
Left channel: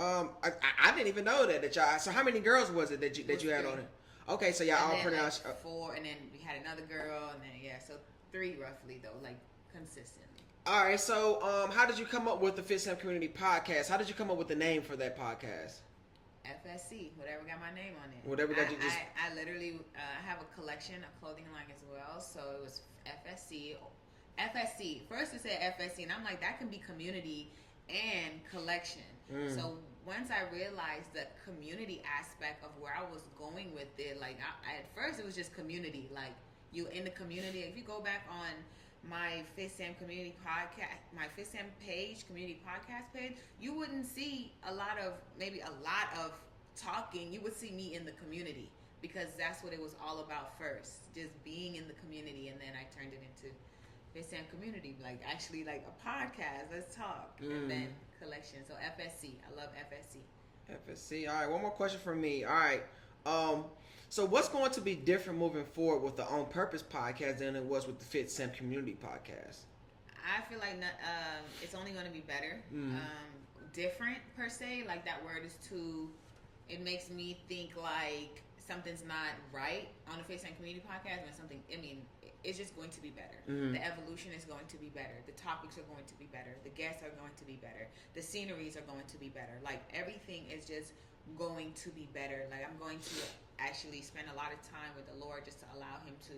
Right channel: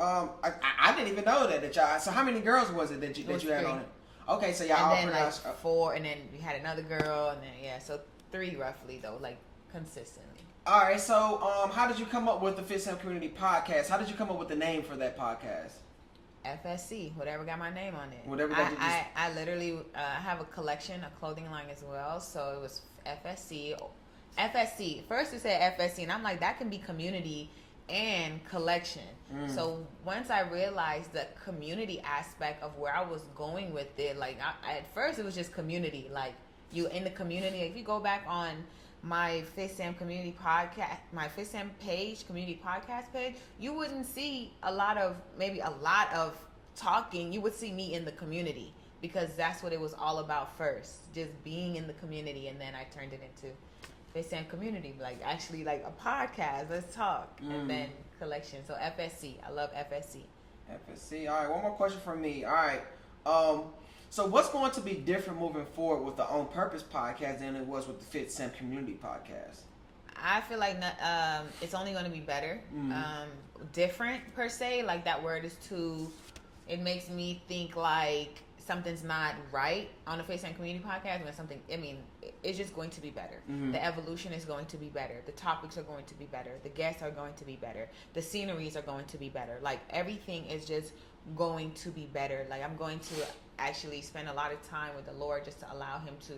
I didn't even know that y'all. So how many girls was it that you had on it? Okay, so y'all all pronounced 4, and then we had another girl, and then so 3 roughly though, like consistently. All right, so how did you come up with the Fitsam Community Podcast? How did you come up with the name for that podcast? FSC, whatever got my name on it. Whatever got you just... I literally have a collection, a clothing line as well, so it was FSC. First it said FSC, and I'm like, that can be community and collection. So once I realized the community aspect of where I was going with it, like at first it was just community, like you in the community. If you go back on my Fitsam Community Podcast, my Fitsam page, community podcast page, you wouldn't see a lot of talking. You would see me in the community because that's what it was all about first, just being in the community, and then I turned it into Fitsam Community, like actually like a podcast. Let's talk, and then collection. So FSC, I love FSC. FSC. All right, one more question from me. All right, so what's going to be different moving forward with the On Purpose podcast than it was with the Fitsam Community Podcast? I feel like it's only going to be better. Different per se, like that word is too. It makes me think like something's not right on the Fitsam Community Podcast. It's just going to be better. The evolution is going to be better. The topics are going to be better. The guests are going to be better. The sceneries are going to be better. Like everything is just going to be better. Like I'm going to actually spend a lot of time with the Lord just to allow Him to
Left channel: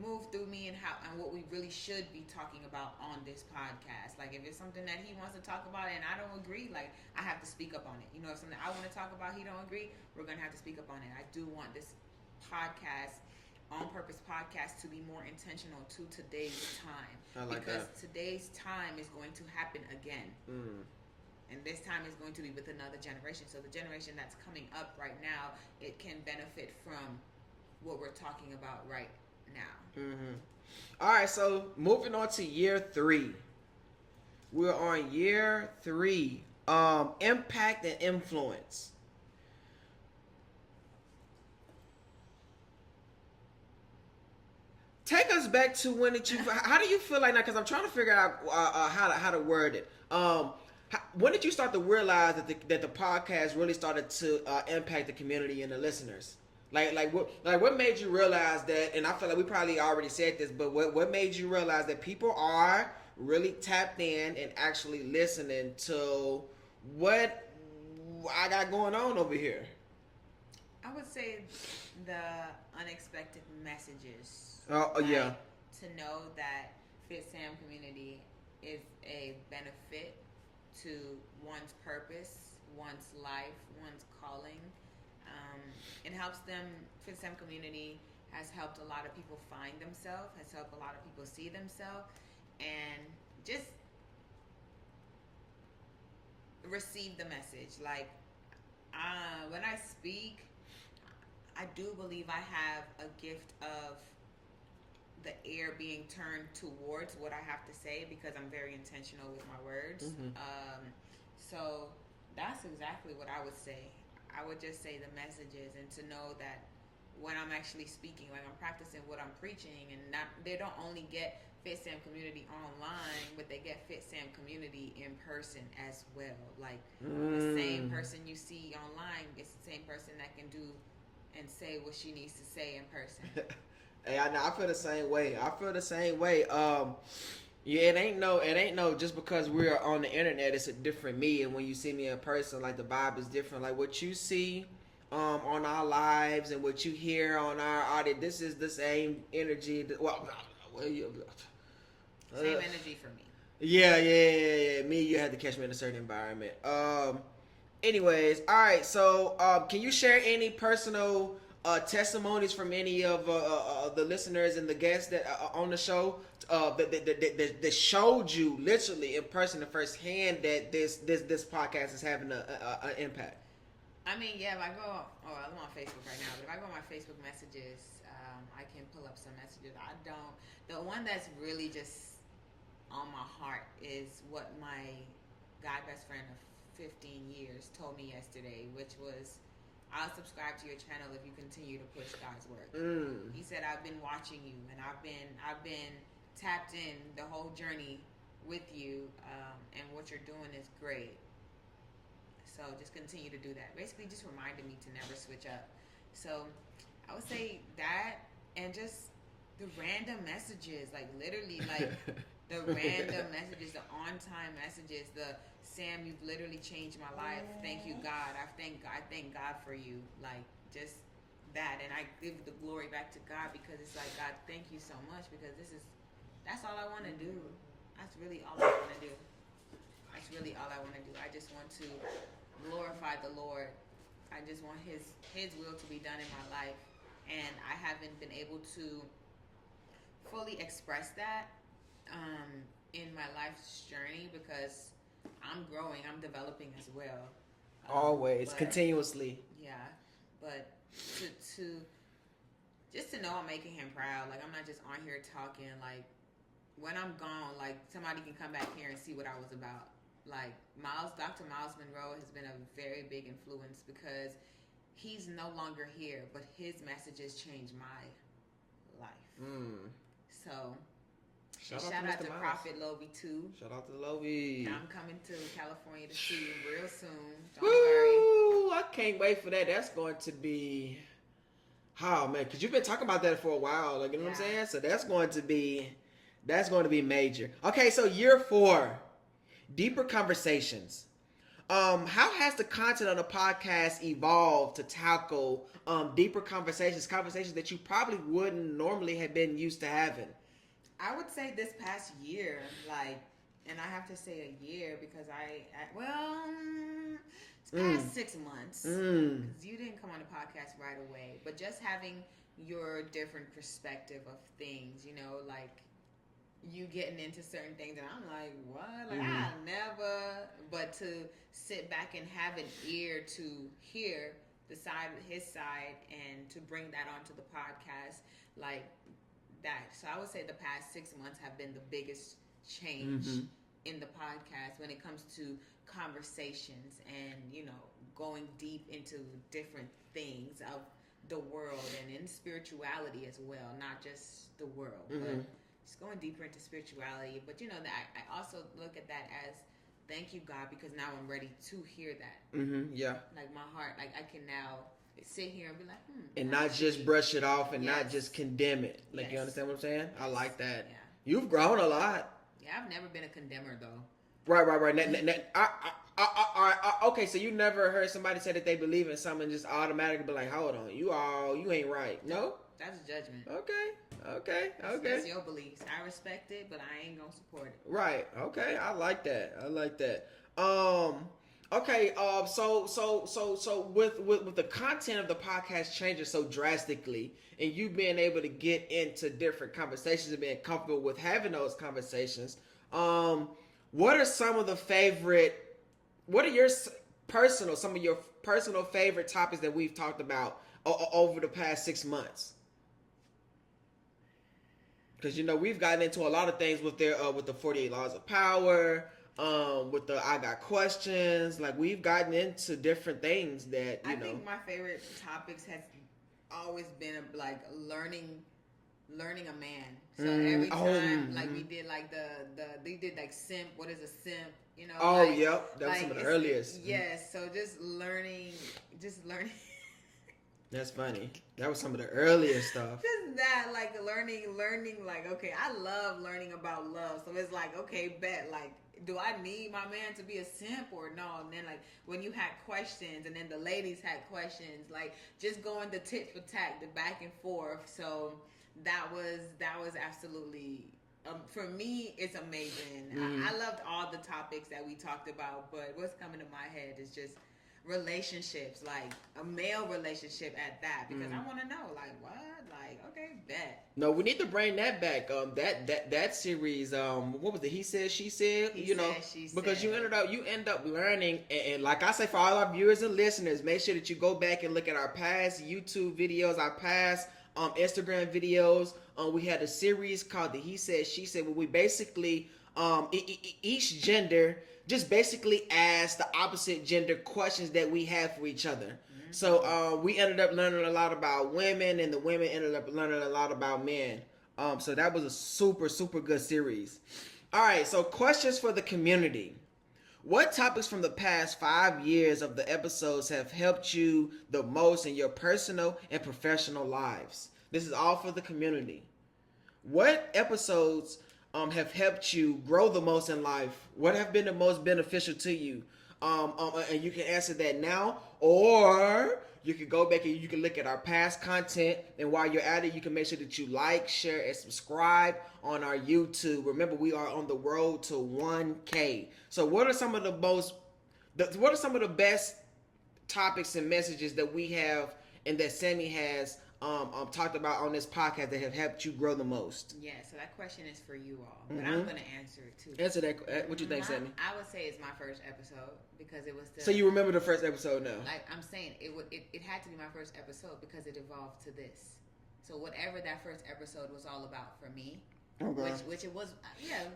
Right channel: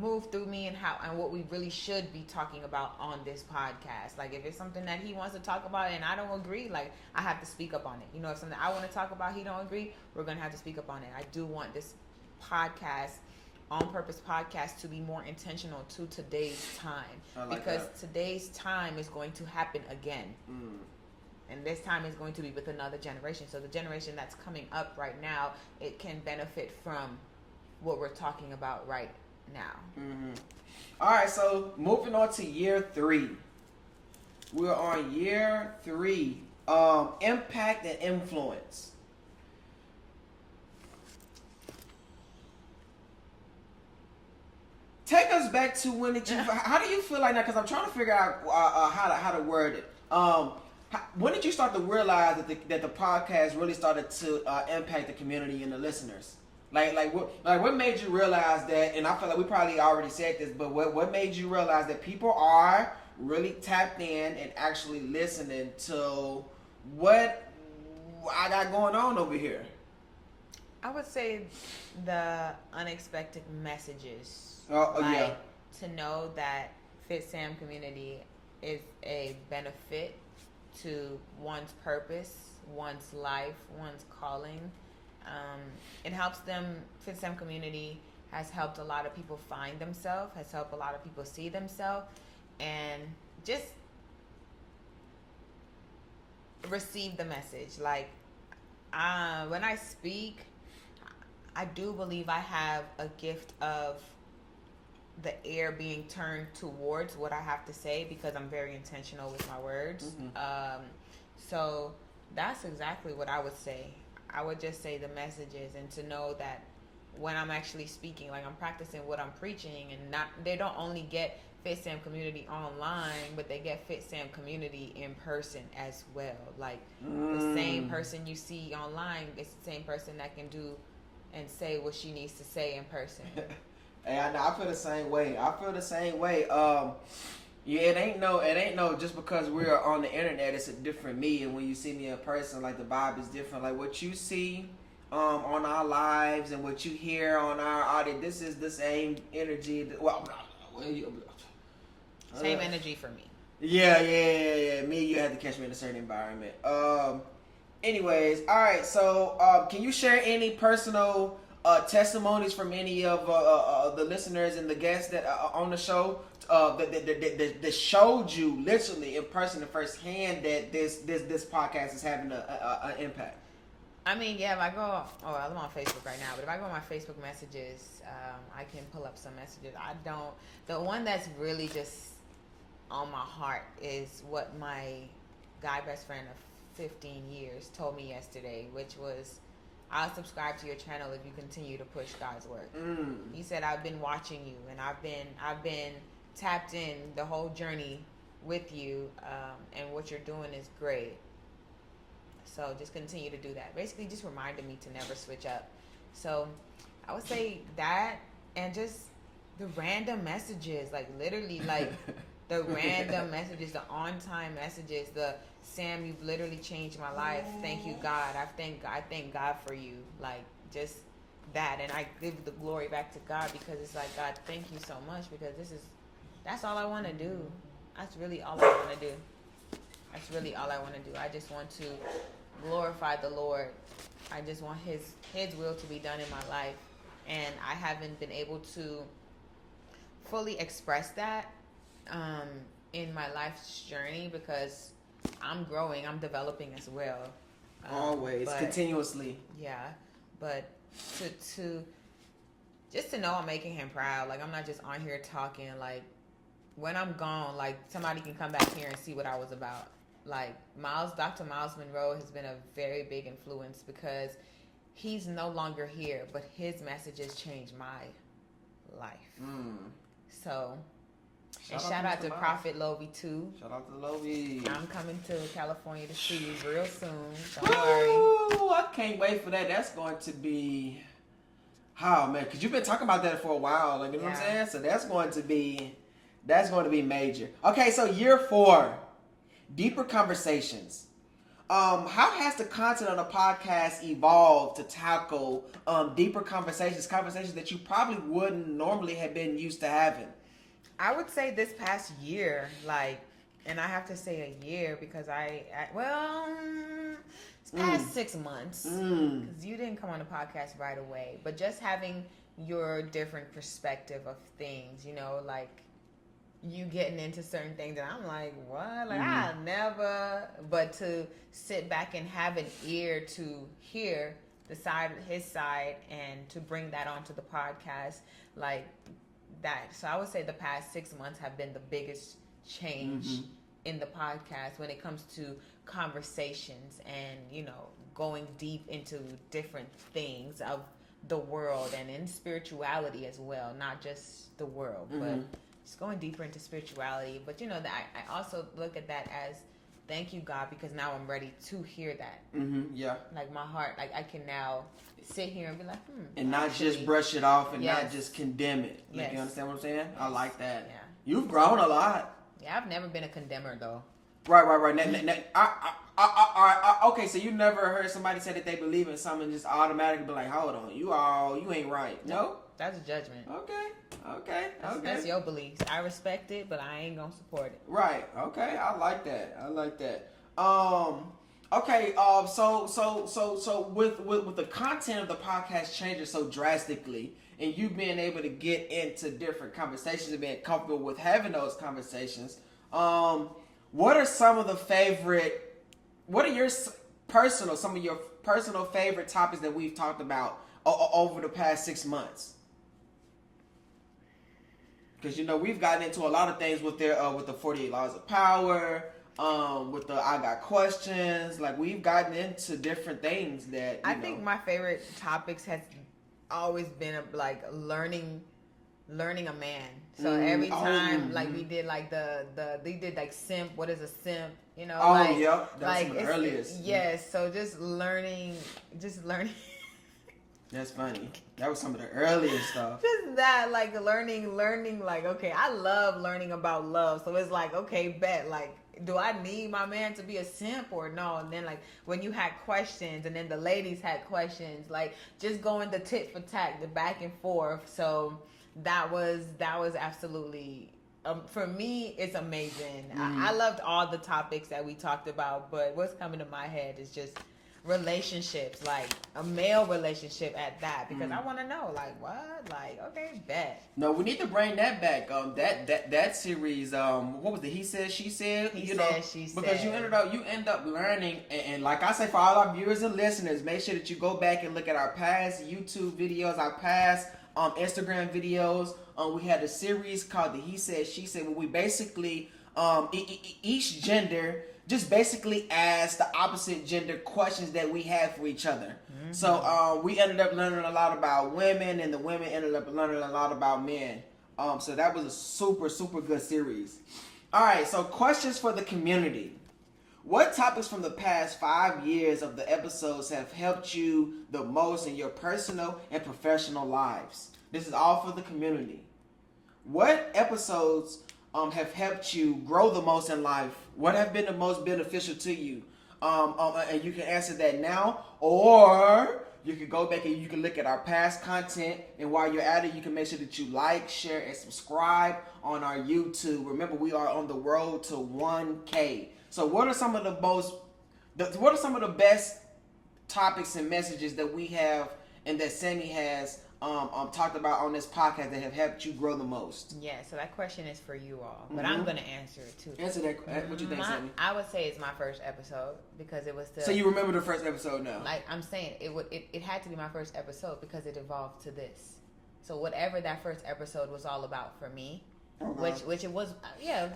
move through me and what we really should be talking about on this podcast. Like if it's something that He wants to talk about and I don't agree, like I have to speak up on it. You know, if something I want to talk about, He don't agree, we're gonna have to speak up on it. I do want this podcast, On Purpose podcast, to be more intentional to today's time, because today's time is going to happen again. And this time is going to be with another generation. So the generation that's coming up right now, it can benefit from what we're talking about right now. All right, so moving on to year 3. We're on year 3. Impact and influence. Take us back to when did you? How do you feel like now? Because I'm trying to figure out how to word it. When did you start to realize that the podcast really started to impact the community and the listeners? What made you realize that? And I feel like we probably already said this, but what made you realize that people are really tapped in and actually listening to what I got going on over here? I would say the unexpected messages. Yeah. To know that Fitsam Community is a benefit to one's purpose, one's life, one's calling. It helps them. Fitsam Community has helped a lot of people find themselves, has helped a lot of people see themselves, and just receive the message. Like, when I speak, I do believe I have a gift of the air being turned towards what I have to say, because I'm very intentional with my words. So that's exactly what I would say. I would just say the messages, and to know that when I'm actually speaking, like I'm practicing what I'm preaching, and they don't only get Fitsam Community online, but they get Fitsam Community in person as well. Like the same person you see online, it's the same person that can do and say what she needs to say in person. Hey, I feel the same way. Yeah, it ain't no just because we're on the internet, it's a different me, and when you see me in person, like the vibe is different. Like what you see on our lives and what you hear on our audio, this is the same energy. Same energy for me. Yeah. Me, you had to catch me in a certain environment. Anyways, all right. So, can you share any personal testimonies from any of the listeners and the guests that are on the show that showed you literally in person and firsthand that this podcast is having an impact? I mean, yeah, if I go, I'm on Facebook right now, but if I go on my Facebook messages, I can pull up some messages. The one that's really just on my heart is what my guy best friend of 15 years told me yesterday, which was, I'll subscribe to your channel if you continue to push God's work. He said, I've been watching you, and I've been tapped in the whole journey with you, and what you're doing is great. So just continue to do that. Basically, just reminded me to never switch up. So I would say that, and just the random messages, like literally, like the random messages, the on-time messages, the Sam, you've literally changed my life. Thank you, God. I thank God for you. Like just that, and I give the glory back to God, because it's like, God, thank you so much, because that's all I want to do. That's really all I want to do. That's really all I want to do. I just want to glorify the Lord. I just want His will to be done in my life, and I haven't been able to fully express that in my life's journey, because I'm growing, I'm developing as well. Always, continuously. Yeah, but to just to know I'm making Him proud. Like, I'm not just on here talking. Like, when I'm gone, like, somebody can come back here and see what I was about. Like, Dr. Miles Monroe has been a very big influence, because he's no longer here, but his messages changed my life. So, shout out to Prophet Lovey too. Shout out to Lovey. I'm coming to California to see you real soon. Don't worry. I can't wait for that. That's going to be, oh man, because you've been talking about that for a while. Like, you know what I'm saying? So that's going to be major. Okay, so year 4, deeper conversations. How has the content of the podcast evolved to tackle deeper conversations that you probably wouldn't normally have been used to having? I would say this past year, like, and I have to say a year, because it's past 6 months, because you didn't come on the podcast right away, but just having your different perspective of things, you know, like, you getting into certain things, and I'm like, what? Like, I never, but to sit back and have an ear to hear his side, and to bring that onto the podcast, like that. So I would say the past 6 months have been the biggest change in the podcast when it comes to conversations, and, you know, going deep into different things of the world, and in spirituality as well, not just the world, but just going deeper into spirituality. But, you know, I also look at that as, thank you, God, because now I'm ready to hear that. Yeah. Like, my heart, like, I can now sit here and be like, and not just brush it off, and not just condemn it. Like, you understand what I'm saying? I like that. Yeah. You've grown a lot. Yeah, I've never been a condemner, though. Right. Okay, so you never heard somebody say that they believe in something and just automatically be like, hold on, you ain't right. No? That's a judgment. Okay. That's your beliefs. I respect it, but I ain't gonna support it. Right. Okay. I like that. Okay. So with the content of the podcast changing so drastically, and you being able to get into different conversations and being comfortable with having those conversations, what are some of your personal favorite topics that we've talked about over the past 6 months? Because, you know, we've gotten into a lot of things with the 48 Laws of Power, with the I Got Questions. Like, we've gotten into different things that, I think my favorite topics has always been learning a man. So every time, like, we did like they did like simp. What is a simp? You know? That was some of the earliest. Yes. So just learning. That's funny. That was some of the earliest stuff. Just that, like, learning, like, okay, I love learning about love. So it's like, okay, bet, like, do I need my man to be a simp or no? And then, like, when you had questions, and then the ladies had questions, like, just going the tit for tat, the back and forth. So that was absolutely, for me, it's amazing. I loved all the topics that we talked about, but what's coming to my head is just relationships, like a male relationship at that, because I want to know, like, what, like, okay, bet. No, we need to bring that back. That series. What was it? He said, she said. She you said, know, she because said. you end up learning, and like I say, for all our viewers and listeners, make sure that you go back and look at our past YouTube videos, our past Instagram videos. We had a series called the He Said, She Said, where we basically each gender just basically ask the opposite gender questions that we have for each other. Mm-hmm. So we ended up learning a lot about women, and the women ended up learning a lot about men. So that was a super, super good series. All right, so questions for the community. What topics from the past 5 years of the episodes have helped you the most in your personal and professional lives? This is all for the community. What episodes have helped you grow the most in life? What have been the most beneficial to you? And you can answer that now, or you can go back and you can look at our past content. And while you're at it, you can make sure that you like, share, and subscribe on our YouTube. Remember, we are on the road to 1K. So what are some of the best topics and messages that we have and that Sammy has talked about on this podcast that have helped you grow the most? Yeah, so that question is for you all, but I'm going to answer it too. Answer that. What you think, Sammy? I would say it's my first episode because it was the... So you remember the first episode now? Like I'm saying, it had to be my first episode because it evolved to this. So whatever that first episode was all about for me, okay. which it was,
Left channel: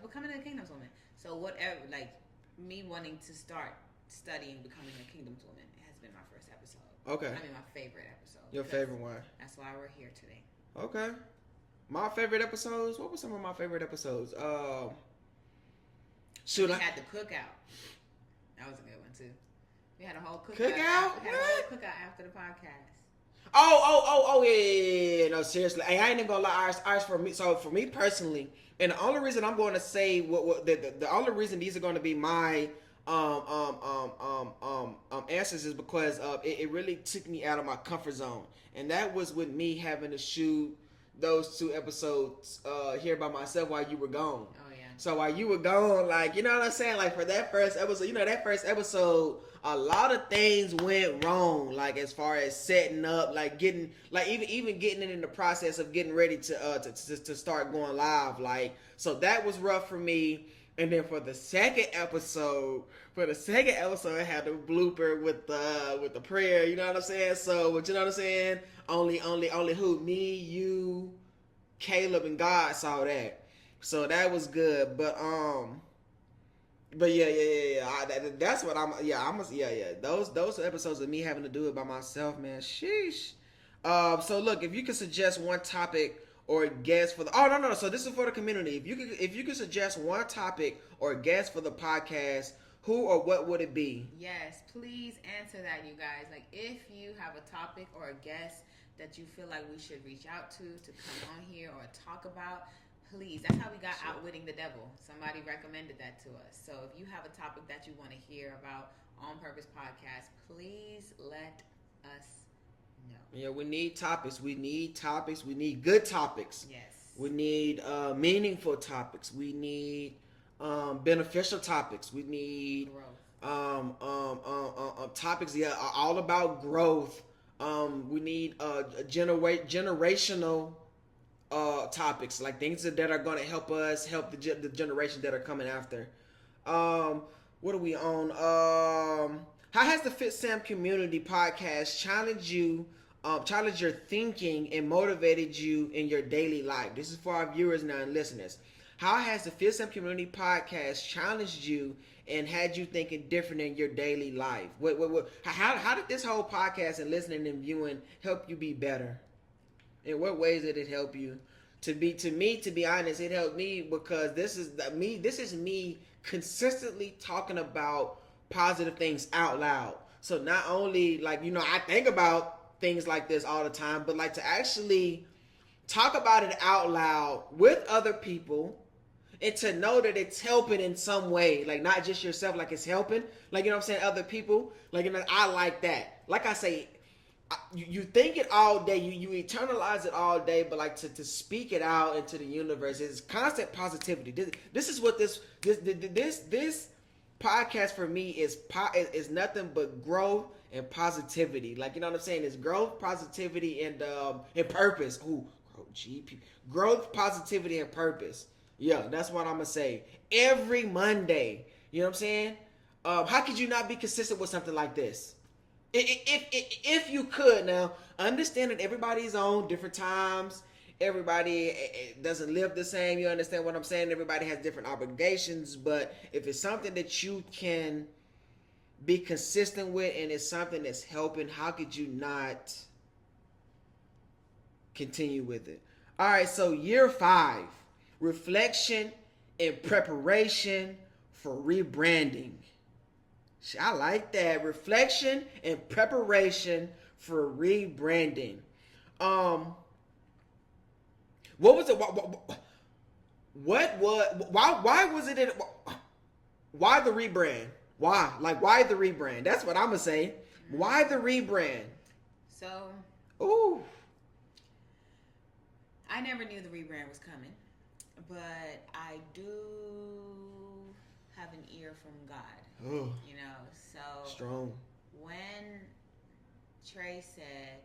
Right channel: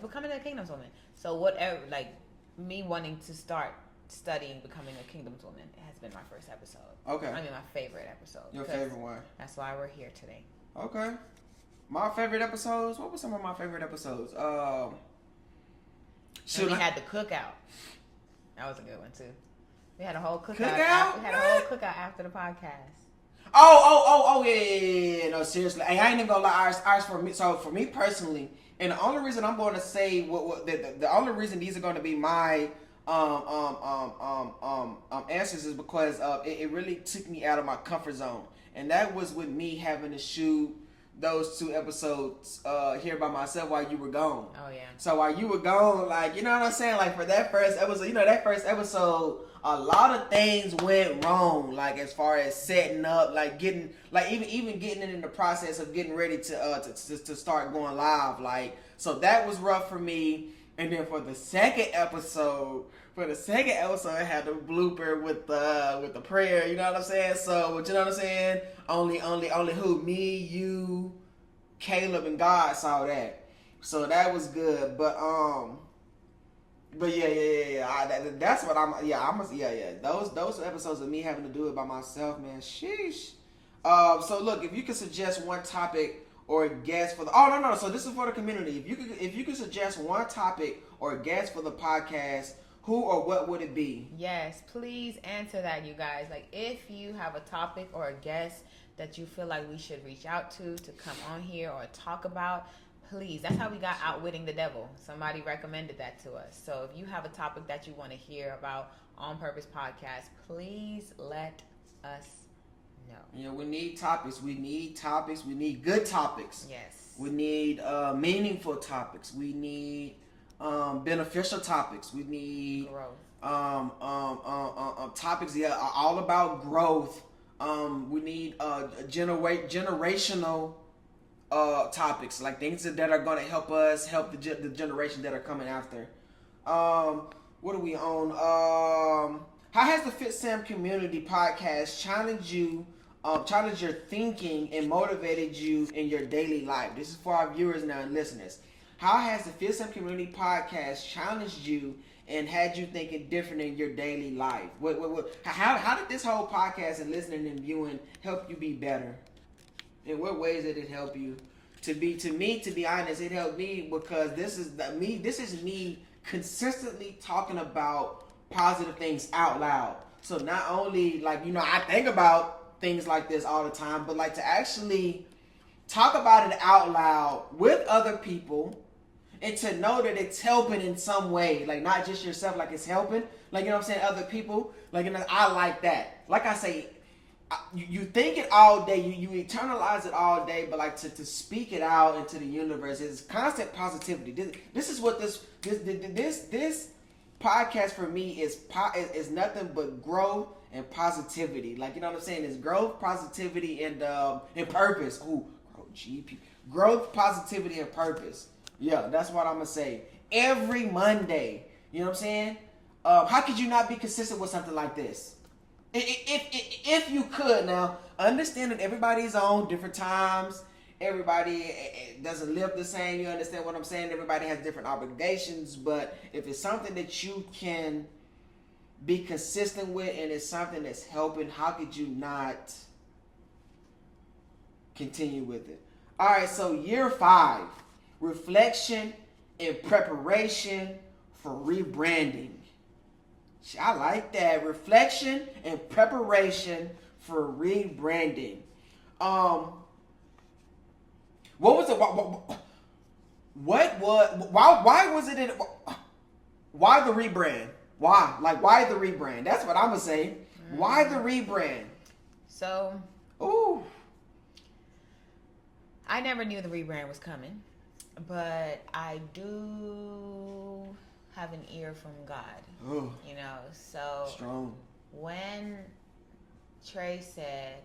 becoming a Kingdom's Woman. So whatever, like me wanting to start studying becoming a Kingdom's Woman, it has been my first episode. Okay. I mean, my favorite episode. Your favorite one. That's why we're here today. Okay. My favorite episodes? What were some of my favorite episodes? We had the cookout. That was a good one, too. We had a whole cookout. Cookout? We had a whole cookout after the podcast. Yeah. No, seriously. I ain't even gonna lie. Ours for me. So for me personally, and the only reason I'm going to say the only reason these are going to be my answers is because it really took me out of my comfort zone, and that was with me having to shoot those 2 episodes here by myself while you were gone. Oh yeah. So while you were gone, like, you know what I'm saying, like for that first episode, a lot of things went wrong, like as far as setting up, like getting, like even getting in the process of getting ready to start going live, like, so that was rough for me. And then for the second episode, it had the blooper with the prayer. You know what I'm saying? So, but you know what I'm saying? Only who? Me, you, Caleb, and God saw that. So that was good. But yeah. That's what Those episodes of me having to do it by myself, man. Sheesh. So look, if you could suggest one topic or a guest for the... Oh, no. So this is for the community. If you could suggest one topic or a guest for the podcast, who or what would it be? Yes, please answer that, you guys. Like, if you have a topic or a guest that you feel like we should reach out to come on here or talk about, please. That's how we got Outwitting the Devil. Somebody recommended that to us. So if you have a topic that you want to hear about On Purpose Podcast, please let us know. Yeah, we need topics. We need good topics. Yes. We need meaningful topics. We need beneficial topics. We need growth. Topics all about growth. We need generational topics, like things that are going to help us help the generation that are coming after. What are we on? How has the Fitsam Community Podcast challenged your thinking and motivated you in your daily life? This is for our viewers now and listeners. How has the Fitsam Community Podcast challenged you and had you thinking different in your daily life? How did this whole podcast and listening and viewing help you be better? In what ways did it help you? To be honest, it helped me because this is me consistently talking about positive things out loud. So not only, like, you know, I think about things like this all the time, but like to actually talk about it out loud with other people and to know that it's helping in some way, like not just yourself, like it's helping, like, you know what I'm saying, other people, like, you know, I like that. Like I say, you think it all day, you internalize it all day, but like to speak it out into the universe is constant positivity. This is what this podcast for me is nothing but growth and positivity. Like, you know what I'm saying? It's growth, positivity, and purpose. Ooh, growth, positivity, and purpose. Yeah, that's what I'm gonna say. Every Monday. You know what I'm saying? How could you not be consistent with something like this? If you could, now understand that everybody's on different times. Everybody doesn't live the same. You understand what I'm saying? Everybody has different obligations. But if it's something that you can be consistent with and it's something that's helping, how could you not continue with it? All right, so year 5, reflection and preparation for rebranding. I like that. Reflection and preparation for rebranding. What was it? What was? Why was it? Why the rebrand? Why? Like, why the rebrand? That's what I'm gonna say. Why the rebrand? So, ooh, I never knew the rebrand was coming, but I do have an ear from God. Ooh. You know, so strong. When Trey said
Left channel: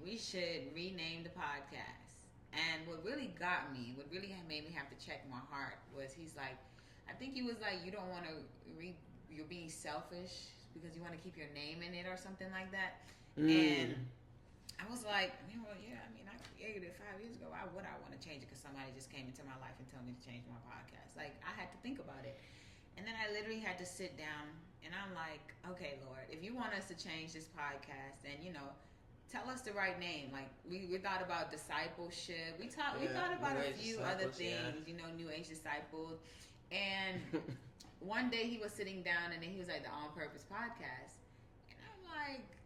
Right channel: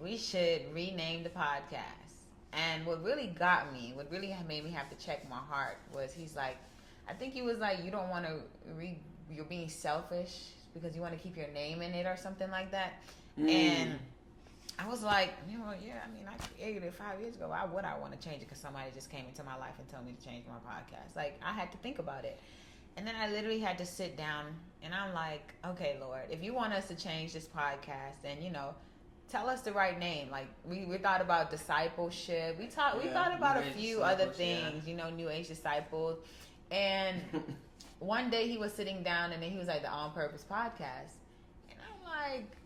we should rename the podcast, and what really got me, what really made me have to check my heart was he's like, I think he was like, you don't want to you're being selfish because you want to keep your name in it or something like that. And I was like, you know, yeah, I mean, I created it 5 years ago. Why would I want to change it? Because somebody just came into my life and told me to change my podcast. Like, I had to think about it. And then I literally had to sit down and I'm like, okay, Lord, if you want us to change this podcast, then, you know, tell us the right name. Like, we thought about discipleship. We thought about a few other things, you know, New Age Disciples. And one day he was sitting down and then he was like, the On Purpose Podcast. And I'm like,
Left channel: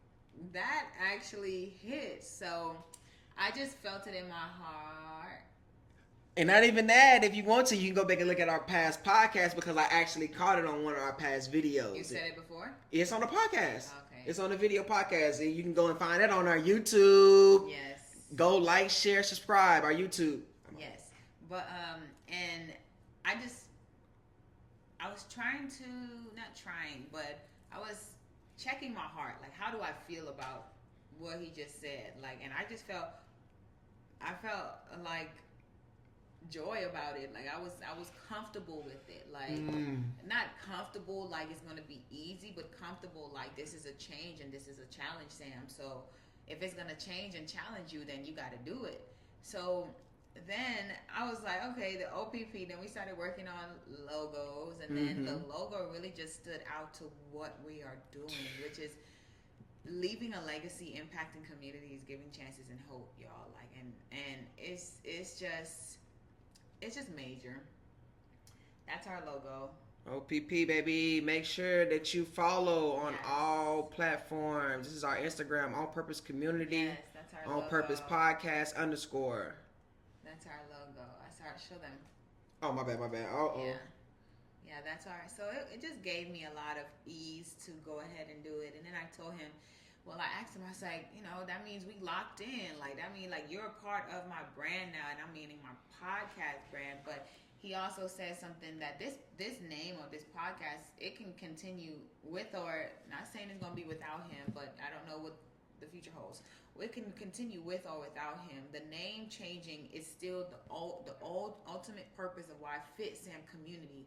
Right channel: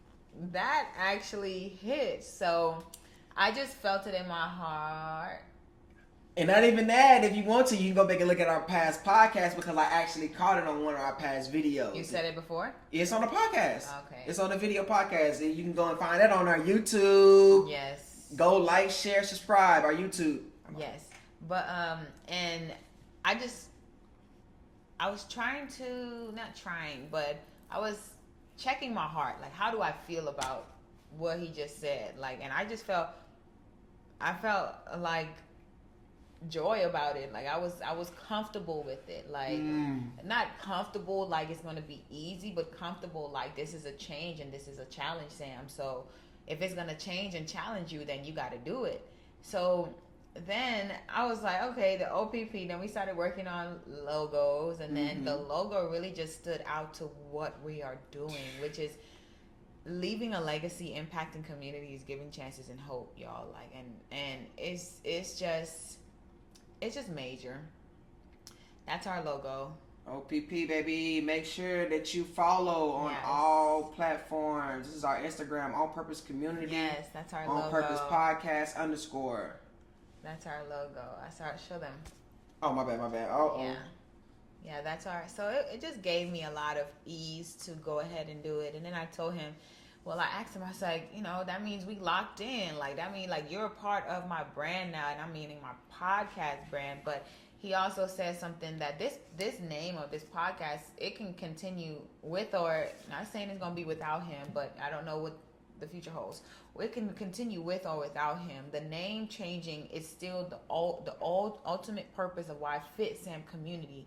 that actually hit. So I just felt it in my heart. And not even that, if you want to, you can go back and look at our past podcast because I actually caught it on one of our past videos. You said it before? It's on the podcast. Okay. It's on the video podcast. And you can go and find it on our YouTube. Yes. Go like, share, subscribe, our YouTube. Yes. But, and I was I was checking my heart. Like, how do I feel about what he just said? Like, and I felt like joy about it. Like, I was comfortable with it. Like, not comfortable like it's going to be easy, but comfortable like this is a change and this is a challenge, Sam. So if it's going to change and challenge you, then you got to do it. So then I was like, okay, the OPP, then we started working on logos, and then the logo really just stood out to what we are doing, which is leaving a legacy, impacting communities, giving chances and hope, y'all. Like, and it's just major. That's our logo. OPP, baby. Make sure that you follow on all platforms. This is our Instagram, On Purpose Community. Yes, that's our logo. On Purpose Podcast _ That's our logo. I started to show them. Oh, my bad. Oh. Yeah, that's our. So it just gave me a lot of ease to go ahead and do it. And then I told him, well, I asked him, I was like, you know, that means we locked in. Like, that means, like, you're a part of my brand now, and I'm meaning my podcast brand. But he also said something that this name of this podcast, it can continue with, or not saying it's going to be without him, but I don't know what the future holds. It can continue with or without him. The name changing is still the ultimate purpose of why Fitsam Community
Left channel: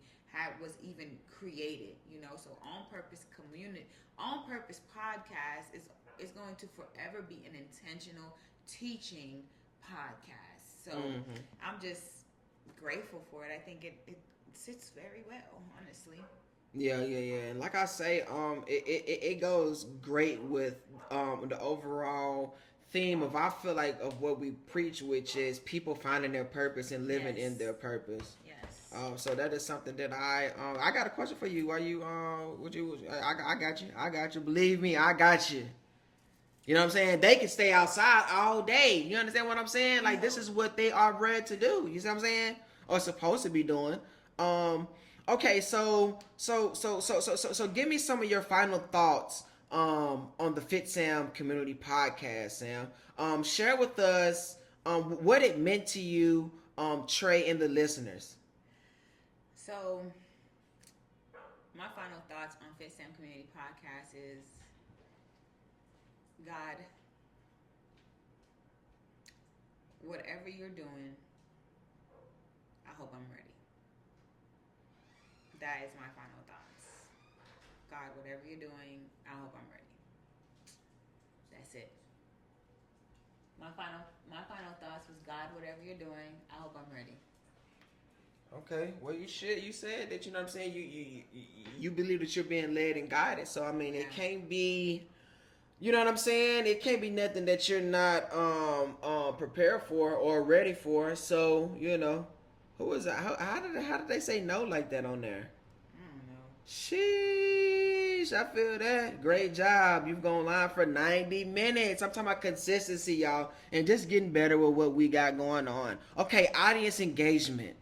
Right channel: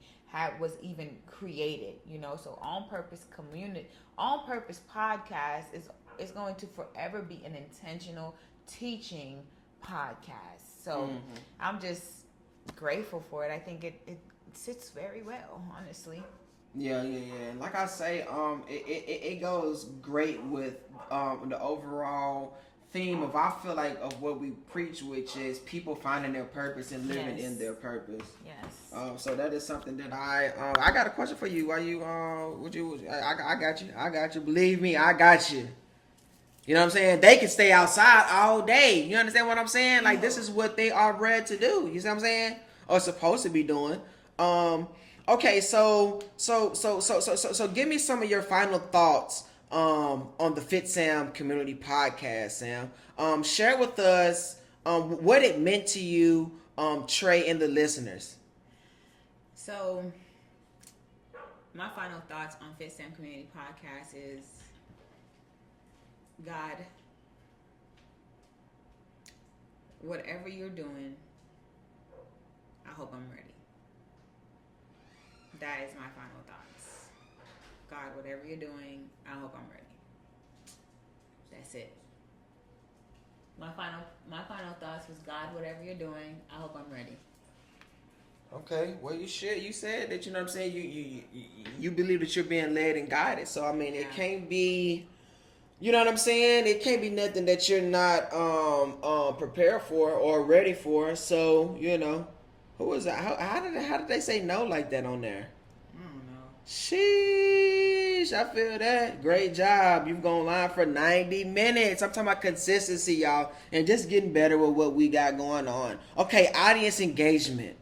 was even created. You know, so On Purpose Podcast is going to forever be an intentional teaching podcast. So I'm just grateful for it. I think it sits very well, honestly. Yeah. And like I say, it goes great with the overall theme of, I feel like, of what we preach, which is people finding their purpose and living in their purpose. Yes. So that is something that I got a question for you. Are you I got you. Believe me, I got you. You know what I'm saying? They can stay outside all day. You understand what I'm saying? Like, this is what they are bred to do. You see what I'm saying? Or supposed to be doing. Okay, so give me some of your final thoughts on the Fitsam Community Podcast, Sam. Share with us what it meant to you, Trey, and the listeners. So, my final thoughts on Fitsam Community Podcast is God, whatever you're doing, I hope I'm ready. That is my final thoughts. God, whatever you're doing, I hope I'm ready. That's it. My final thoughts was, God, whatever you're doing, I hope I'm ready. Okay, well, you said that, you know what I'm saying, you believe that you're being led and guided. So I mean, it can't be, you know what I'm saying, it can't be nothing that you're not prepared for or ready for. So, you know, who was that? How did they say no like that on there? I don't know. Sheesh, I feel that. Great job. You've gone live for 90 minutes. I'm talking about consistency, y'all, and just getting better with what we got going on. Okay, audience engagement.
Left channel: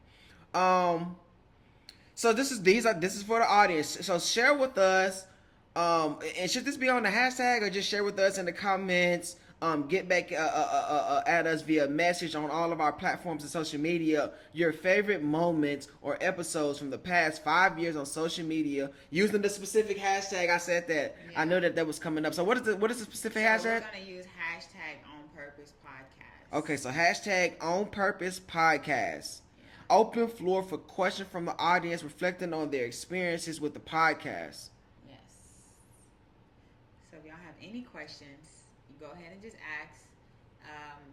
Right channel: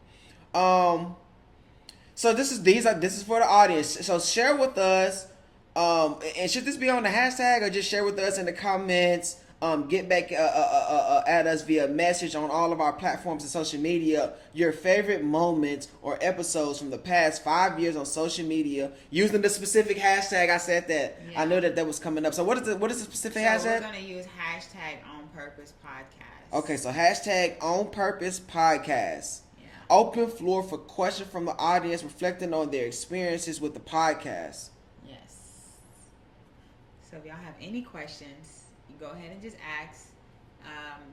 So this is for the audience. So share with us, and should this be on the hashtag or just share with us in the comments? Get back at us via message on all of our platforms and social media. Your favorite moments or episodes from the past 5 years on social media using the specific hashtag. I said that. Yeah. I know that was coming up. So what is the specific hashtag? We're gonna use hashtag On Purpose Podcast. Okay, so hashtag On Purpose Podcast. Open floor for questions from the audience reflecting on their experiences with the podcast. Yes. So if y'all have any questions, you go ahead and just ask.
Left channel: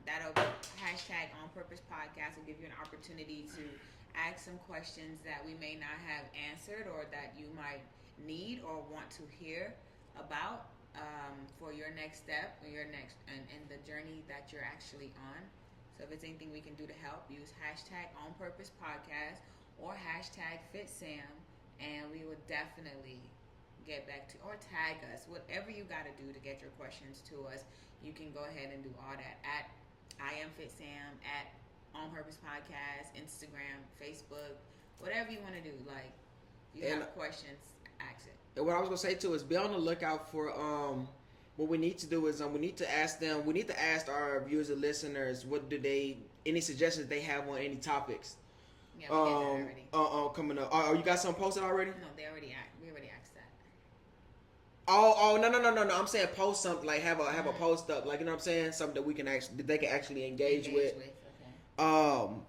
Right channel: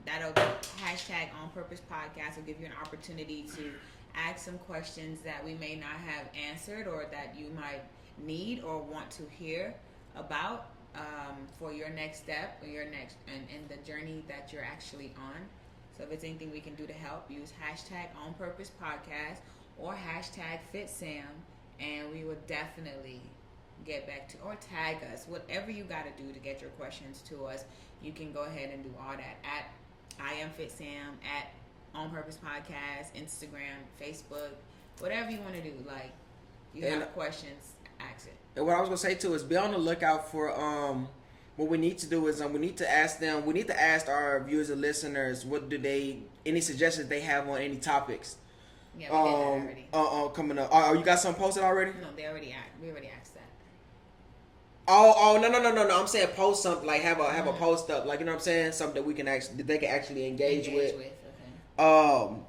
That'll be hashtag On Purpose Podcast will give you an opportunity to ask some questions that we may not have answered or that you might need or want to hear about for your next step or your next and the journey that you're actually on. So if it's anything we can do to help, use hashtag On Purpose Podcast or hashtag Fitsam, and we will definitely get back to, or tag us, whatever you got to do to get your questions to us. You can go ahead and do all that at I Am Fitsam, at On Purpose Podcast, Instagram, Facebook, whatever you want to do. Like, you have questions, ask it. And what I was going to say too is be on the lookout for what we need to do is we need to ask our viewers and listeners any suggestions they have on any topics. Yeah, we did that already. Coming up. Oh, you got something posted already? No, we already asked that. Oh, no. I'm saying post something, like have a post up, like, you know what I'm saying, something that they can actually engage with. Okay.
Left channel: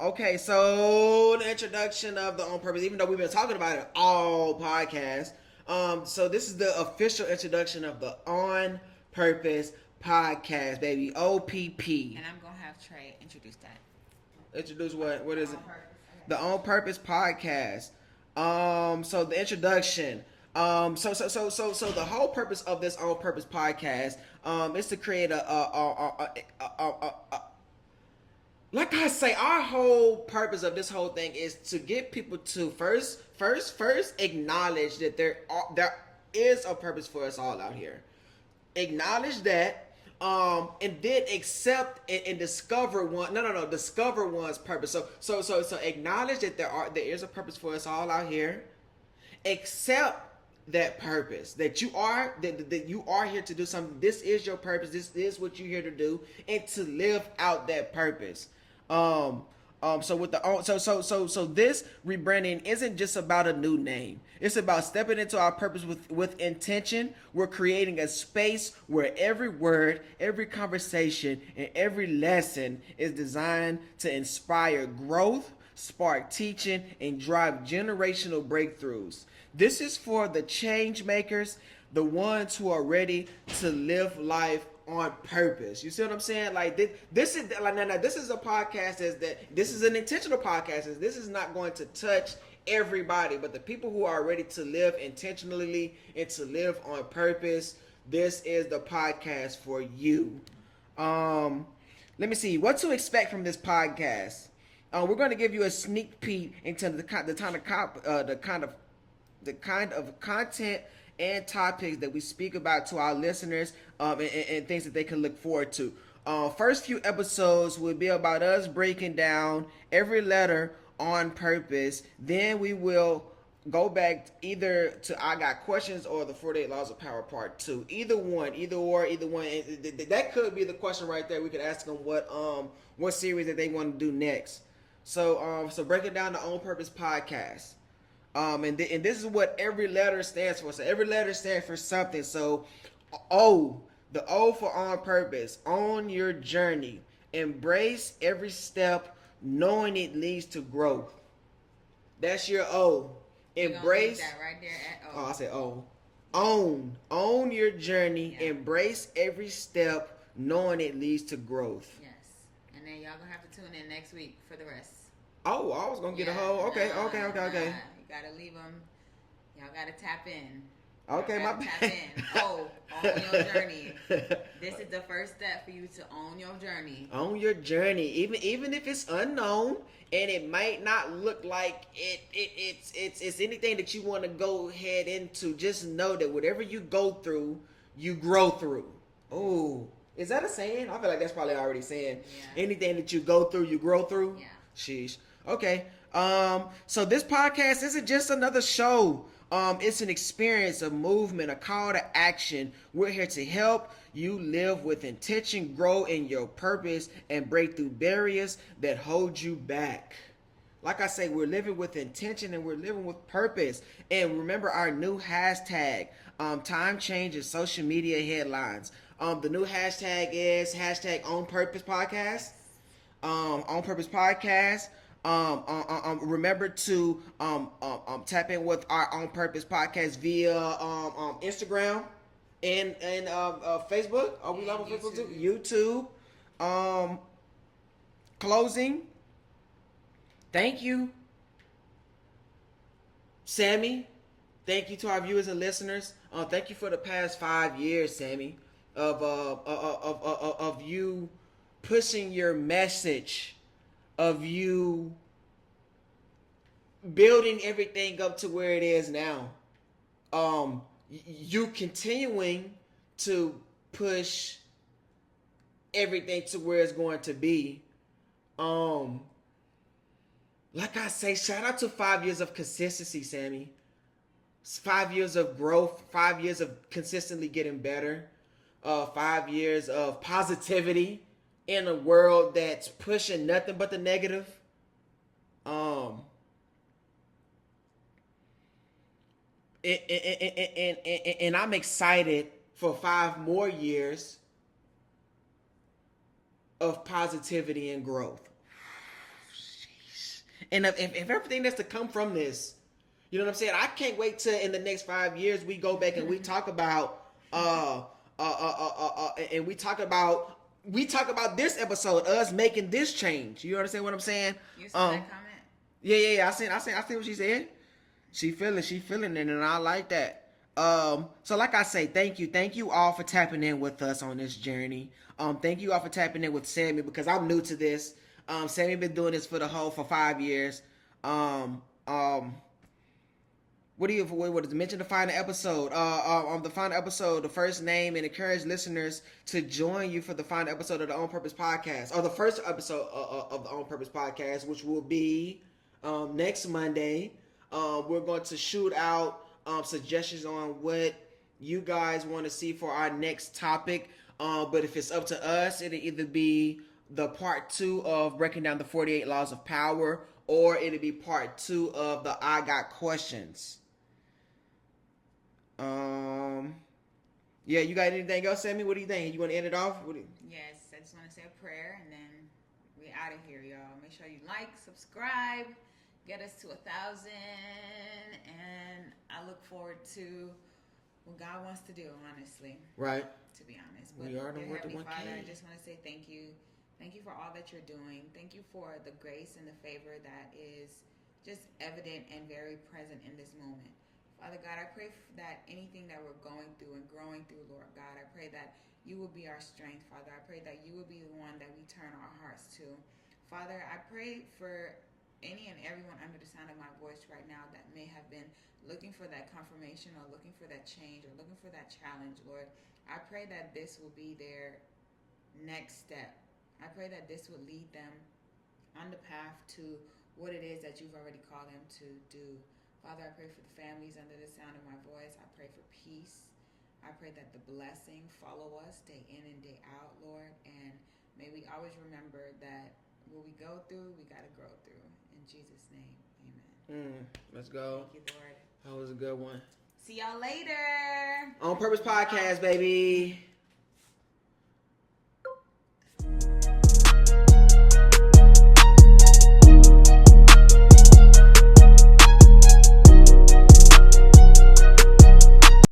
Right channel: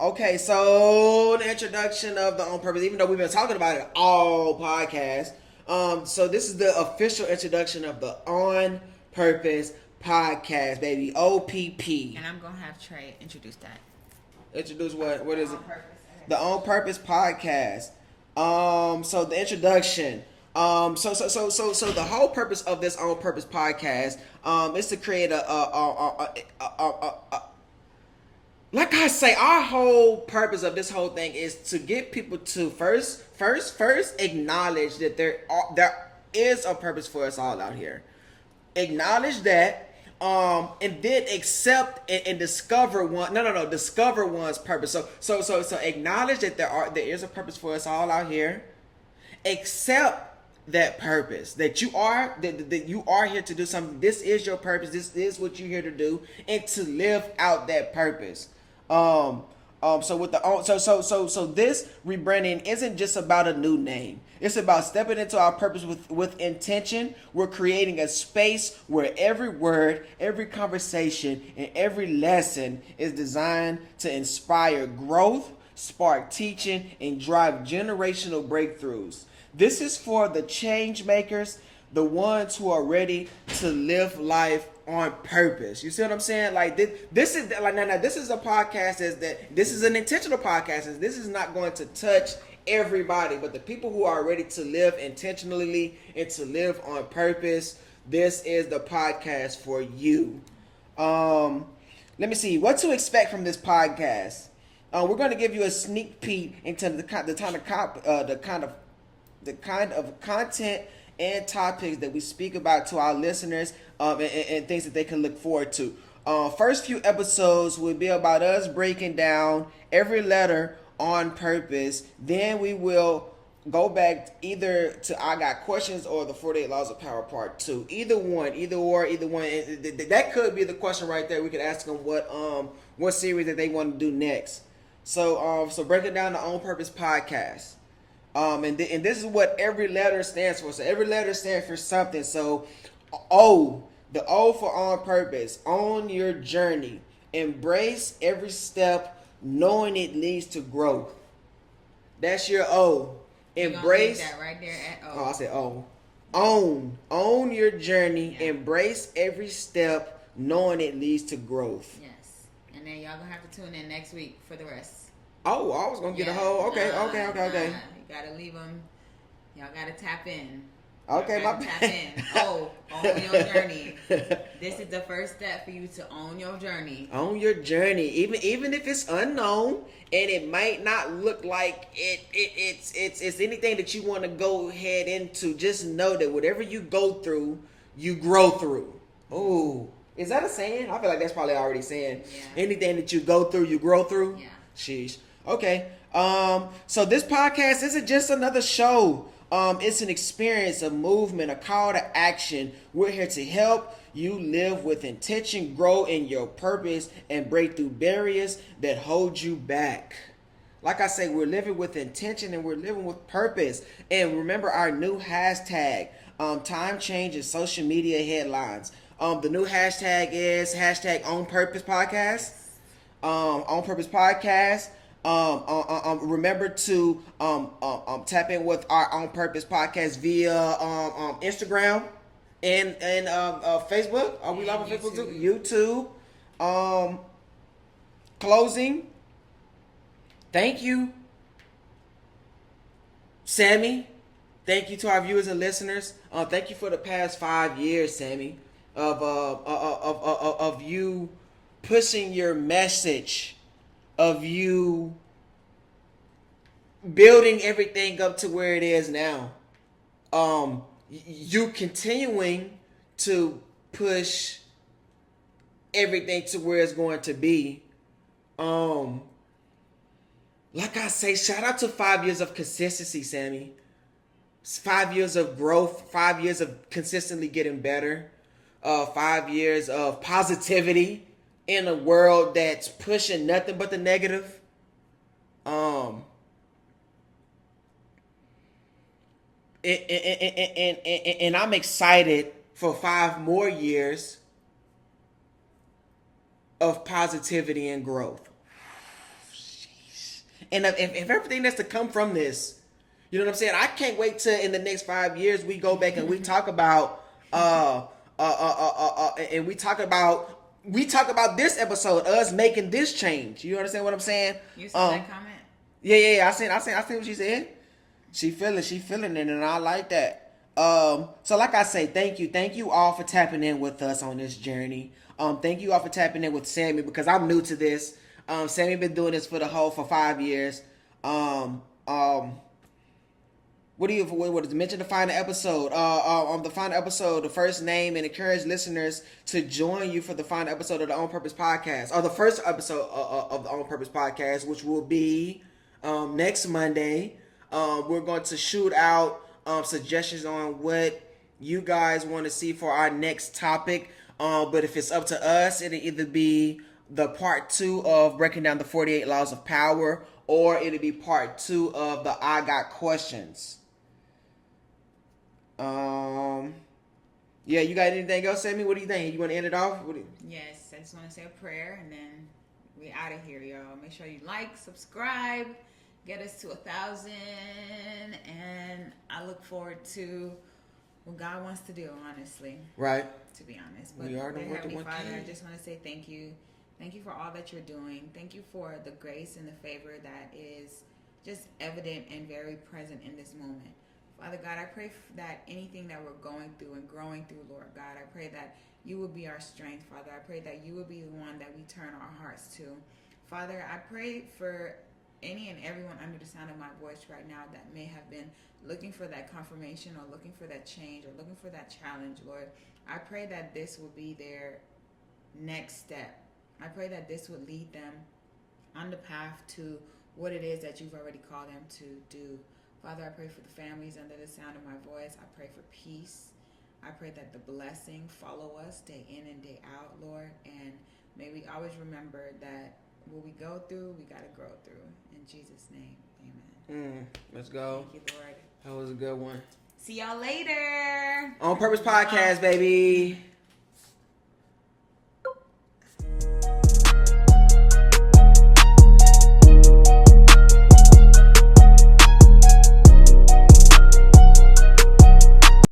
Okay, so the introduction of the On Purpose, even though we've been talking about it all podcast. So this is the official introduction of the On Purpose Podcast, baby. OPP. And I'm gonna have Trey introduce that. Introduce what? What is it? Purpose. The On Purpose Podcast. So the introduction. So the whole purpose of this On Purpose Podcast, is to create like I say, our whole purpose of this whole thing is to get people to first acknowledge that there is a purpose for us all out here. Acknowledge that, and then accept and discover discover one's purpose. So acknowledge that there is a purpose for us all out here. Accept that purpose, that you are here to do something. This is your purpose. This is what you're here to do, and to live out that purpose. So this rebranding isn't just about a new name. It's about stepping into our purpose with intention. We're creating a space where every word, every conversation, and every lesson is designed to inspire growth, spark teaching, and drive generational breakthroughs. This is for the change makers, the ones who are ready to live life on purpose. You see what I'm saying? Like this is like now this is a podcast this is an intentional podcast. This is not going to touch everybody, but the people who are ready to live intentionally and to live on purpose, this is the podcast for you. Let me see what to expect from this podcast. We're going to give you a sneak peek into the kind of content and topics that we speak about to our listeners, and things that they can look forward to. First few episodes will be about us breaking down every letter on purpose. Then we will go back either to I Got Questions or the 48 Laws of Power Part 2. Either one. That could be the question right there. We could ask them what series that they want to do next. So breaking down the On Purpose Podcast. And this is what every letter stands for. So every letter stands for something. So The O for on purpose. Own your journey. Embrace every step, knowing it leads to growth. That's your O. Embrace. That right there at O. Oh, I said O. Own your journey. Yeah. Embrace every step, knowing it leads to growth. Yes. And then y'all gonna have to tune in next week for the rest. Oh, I was gonna get a whole. Okay. You gotta leave them. Y'all gotta tap in. Okay, my tap in. Own your journey. This is the first step for you to own your journey. Own your journey, even if it's unknown and it might not look like it's anything that you want to go ahead into. Just know that whatever you go through, you grow through. Oh, is that a saying? I feel like that's probably already saying. Yeah. Anything that you go through, you grow through. Yeah. Sheesh. Okay. So this podcast isn't just another show. It's an experience, a movement, a call to action. We're here to help you live with intention, grow in your purpose, and break through barriers that hold you back. Like I say, we're living with intention and we're living with purpose. And remember our new hashtag, time change and social media headlines. The new hashtag is hashtag On Purpose Podcast. On Purpose Podcast. Remember to tap in with our On Purpose Podcast via Instagram and Facebook. Are we live on Facebook too? YouTube. Closing. Thank you, Sammy. Thank you to our viewers and listeners. Thank you for the past 5 years, Sammy, of you pushing your message, of you building everything up to where it is now. You continuing to push everything to where it's going to be. Like I say, shout out to 5 years of consistency, Sammy. 5 years of growth, 5 years of consistently getting better, 5 years of positivity in a world that's pushing nothing but the negative. And I'm excited for 5 more years of positivity and growth. And if everything that's to come from this, you know what I'm saying? I can't wait till in the next 5 years we go back and we talk about and we talk about this episode, us making this change. You understand what I'm saying? You saw that comment? Yeah. I seen what she said. She feeling it, and I like that. So like I say, thank you all for tapping in with us on this journey. Thank you all for tapping in with Sammy, because I'm new to this. Sammy been doing this for 5 years. What is mention the final episode? The final episode, the first name, and encourage listeners to join you for the final episode of the On Purpose Podcast, or the first episode of the On Purpose Podcast, which will be next Monday. We're going to shoot out suggestions on what you guys want to see for our next topic. But if it's up to us, it'll either be the part 2 of breaking down the 48 laws of power, or it'll be part 2 of the I Got Questions. Yeah, you got anything else, Sammy? What do you think? You want to end it off? Yes, I just want to say a prayer, and then we out of here, y'all. Make sure you like, subscribe, get us to 1,000, and I look forward to what God wants to do, honestly. Right. To be honest. But Heavenly Father, I just want to say thank you. Thank you for all that you're doing. Thank you for the grace and the favor that is just evident and very present in this moment. Father God, I pray that anything that we're going through and growing through, Lord God, I pray that you will be our strength, Father. I pray that you will be the one that we turn our hearts to. Father, I pray for any and everyone under the sound of my voice right now that may have been looking for that confirmation or looking for that change or looking for that challenge, Lord. I pray that this will be their next step. I pray that this would lead them on the path to what it is that you've already called them to do. Father, I pray for the families under the sound of my voice. I pray for peace. I pray that the blessing follow us day in and day out, Lord. And may we always remember that what we go through, we got to grow through. In Jesus' name, amen. Let's go. Thank you, Lord. That was a good one. See y'all later. On Purpose Podcast, baby.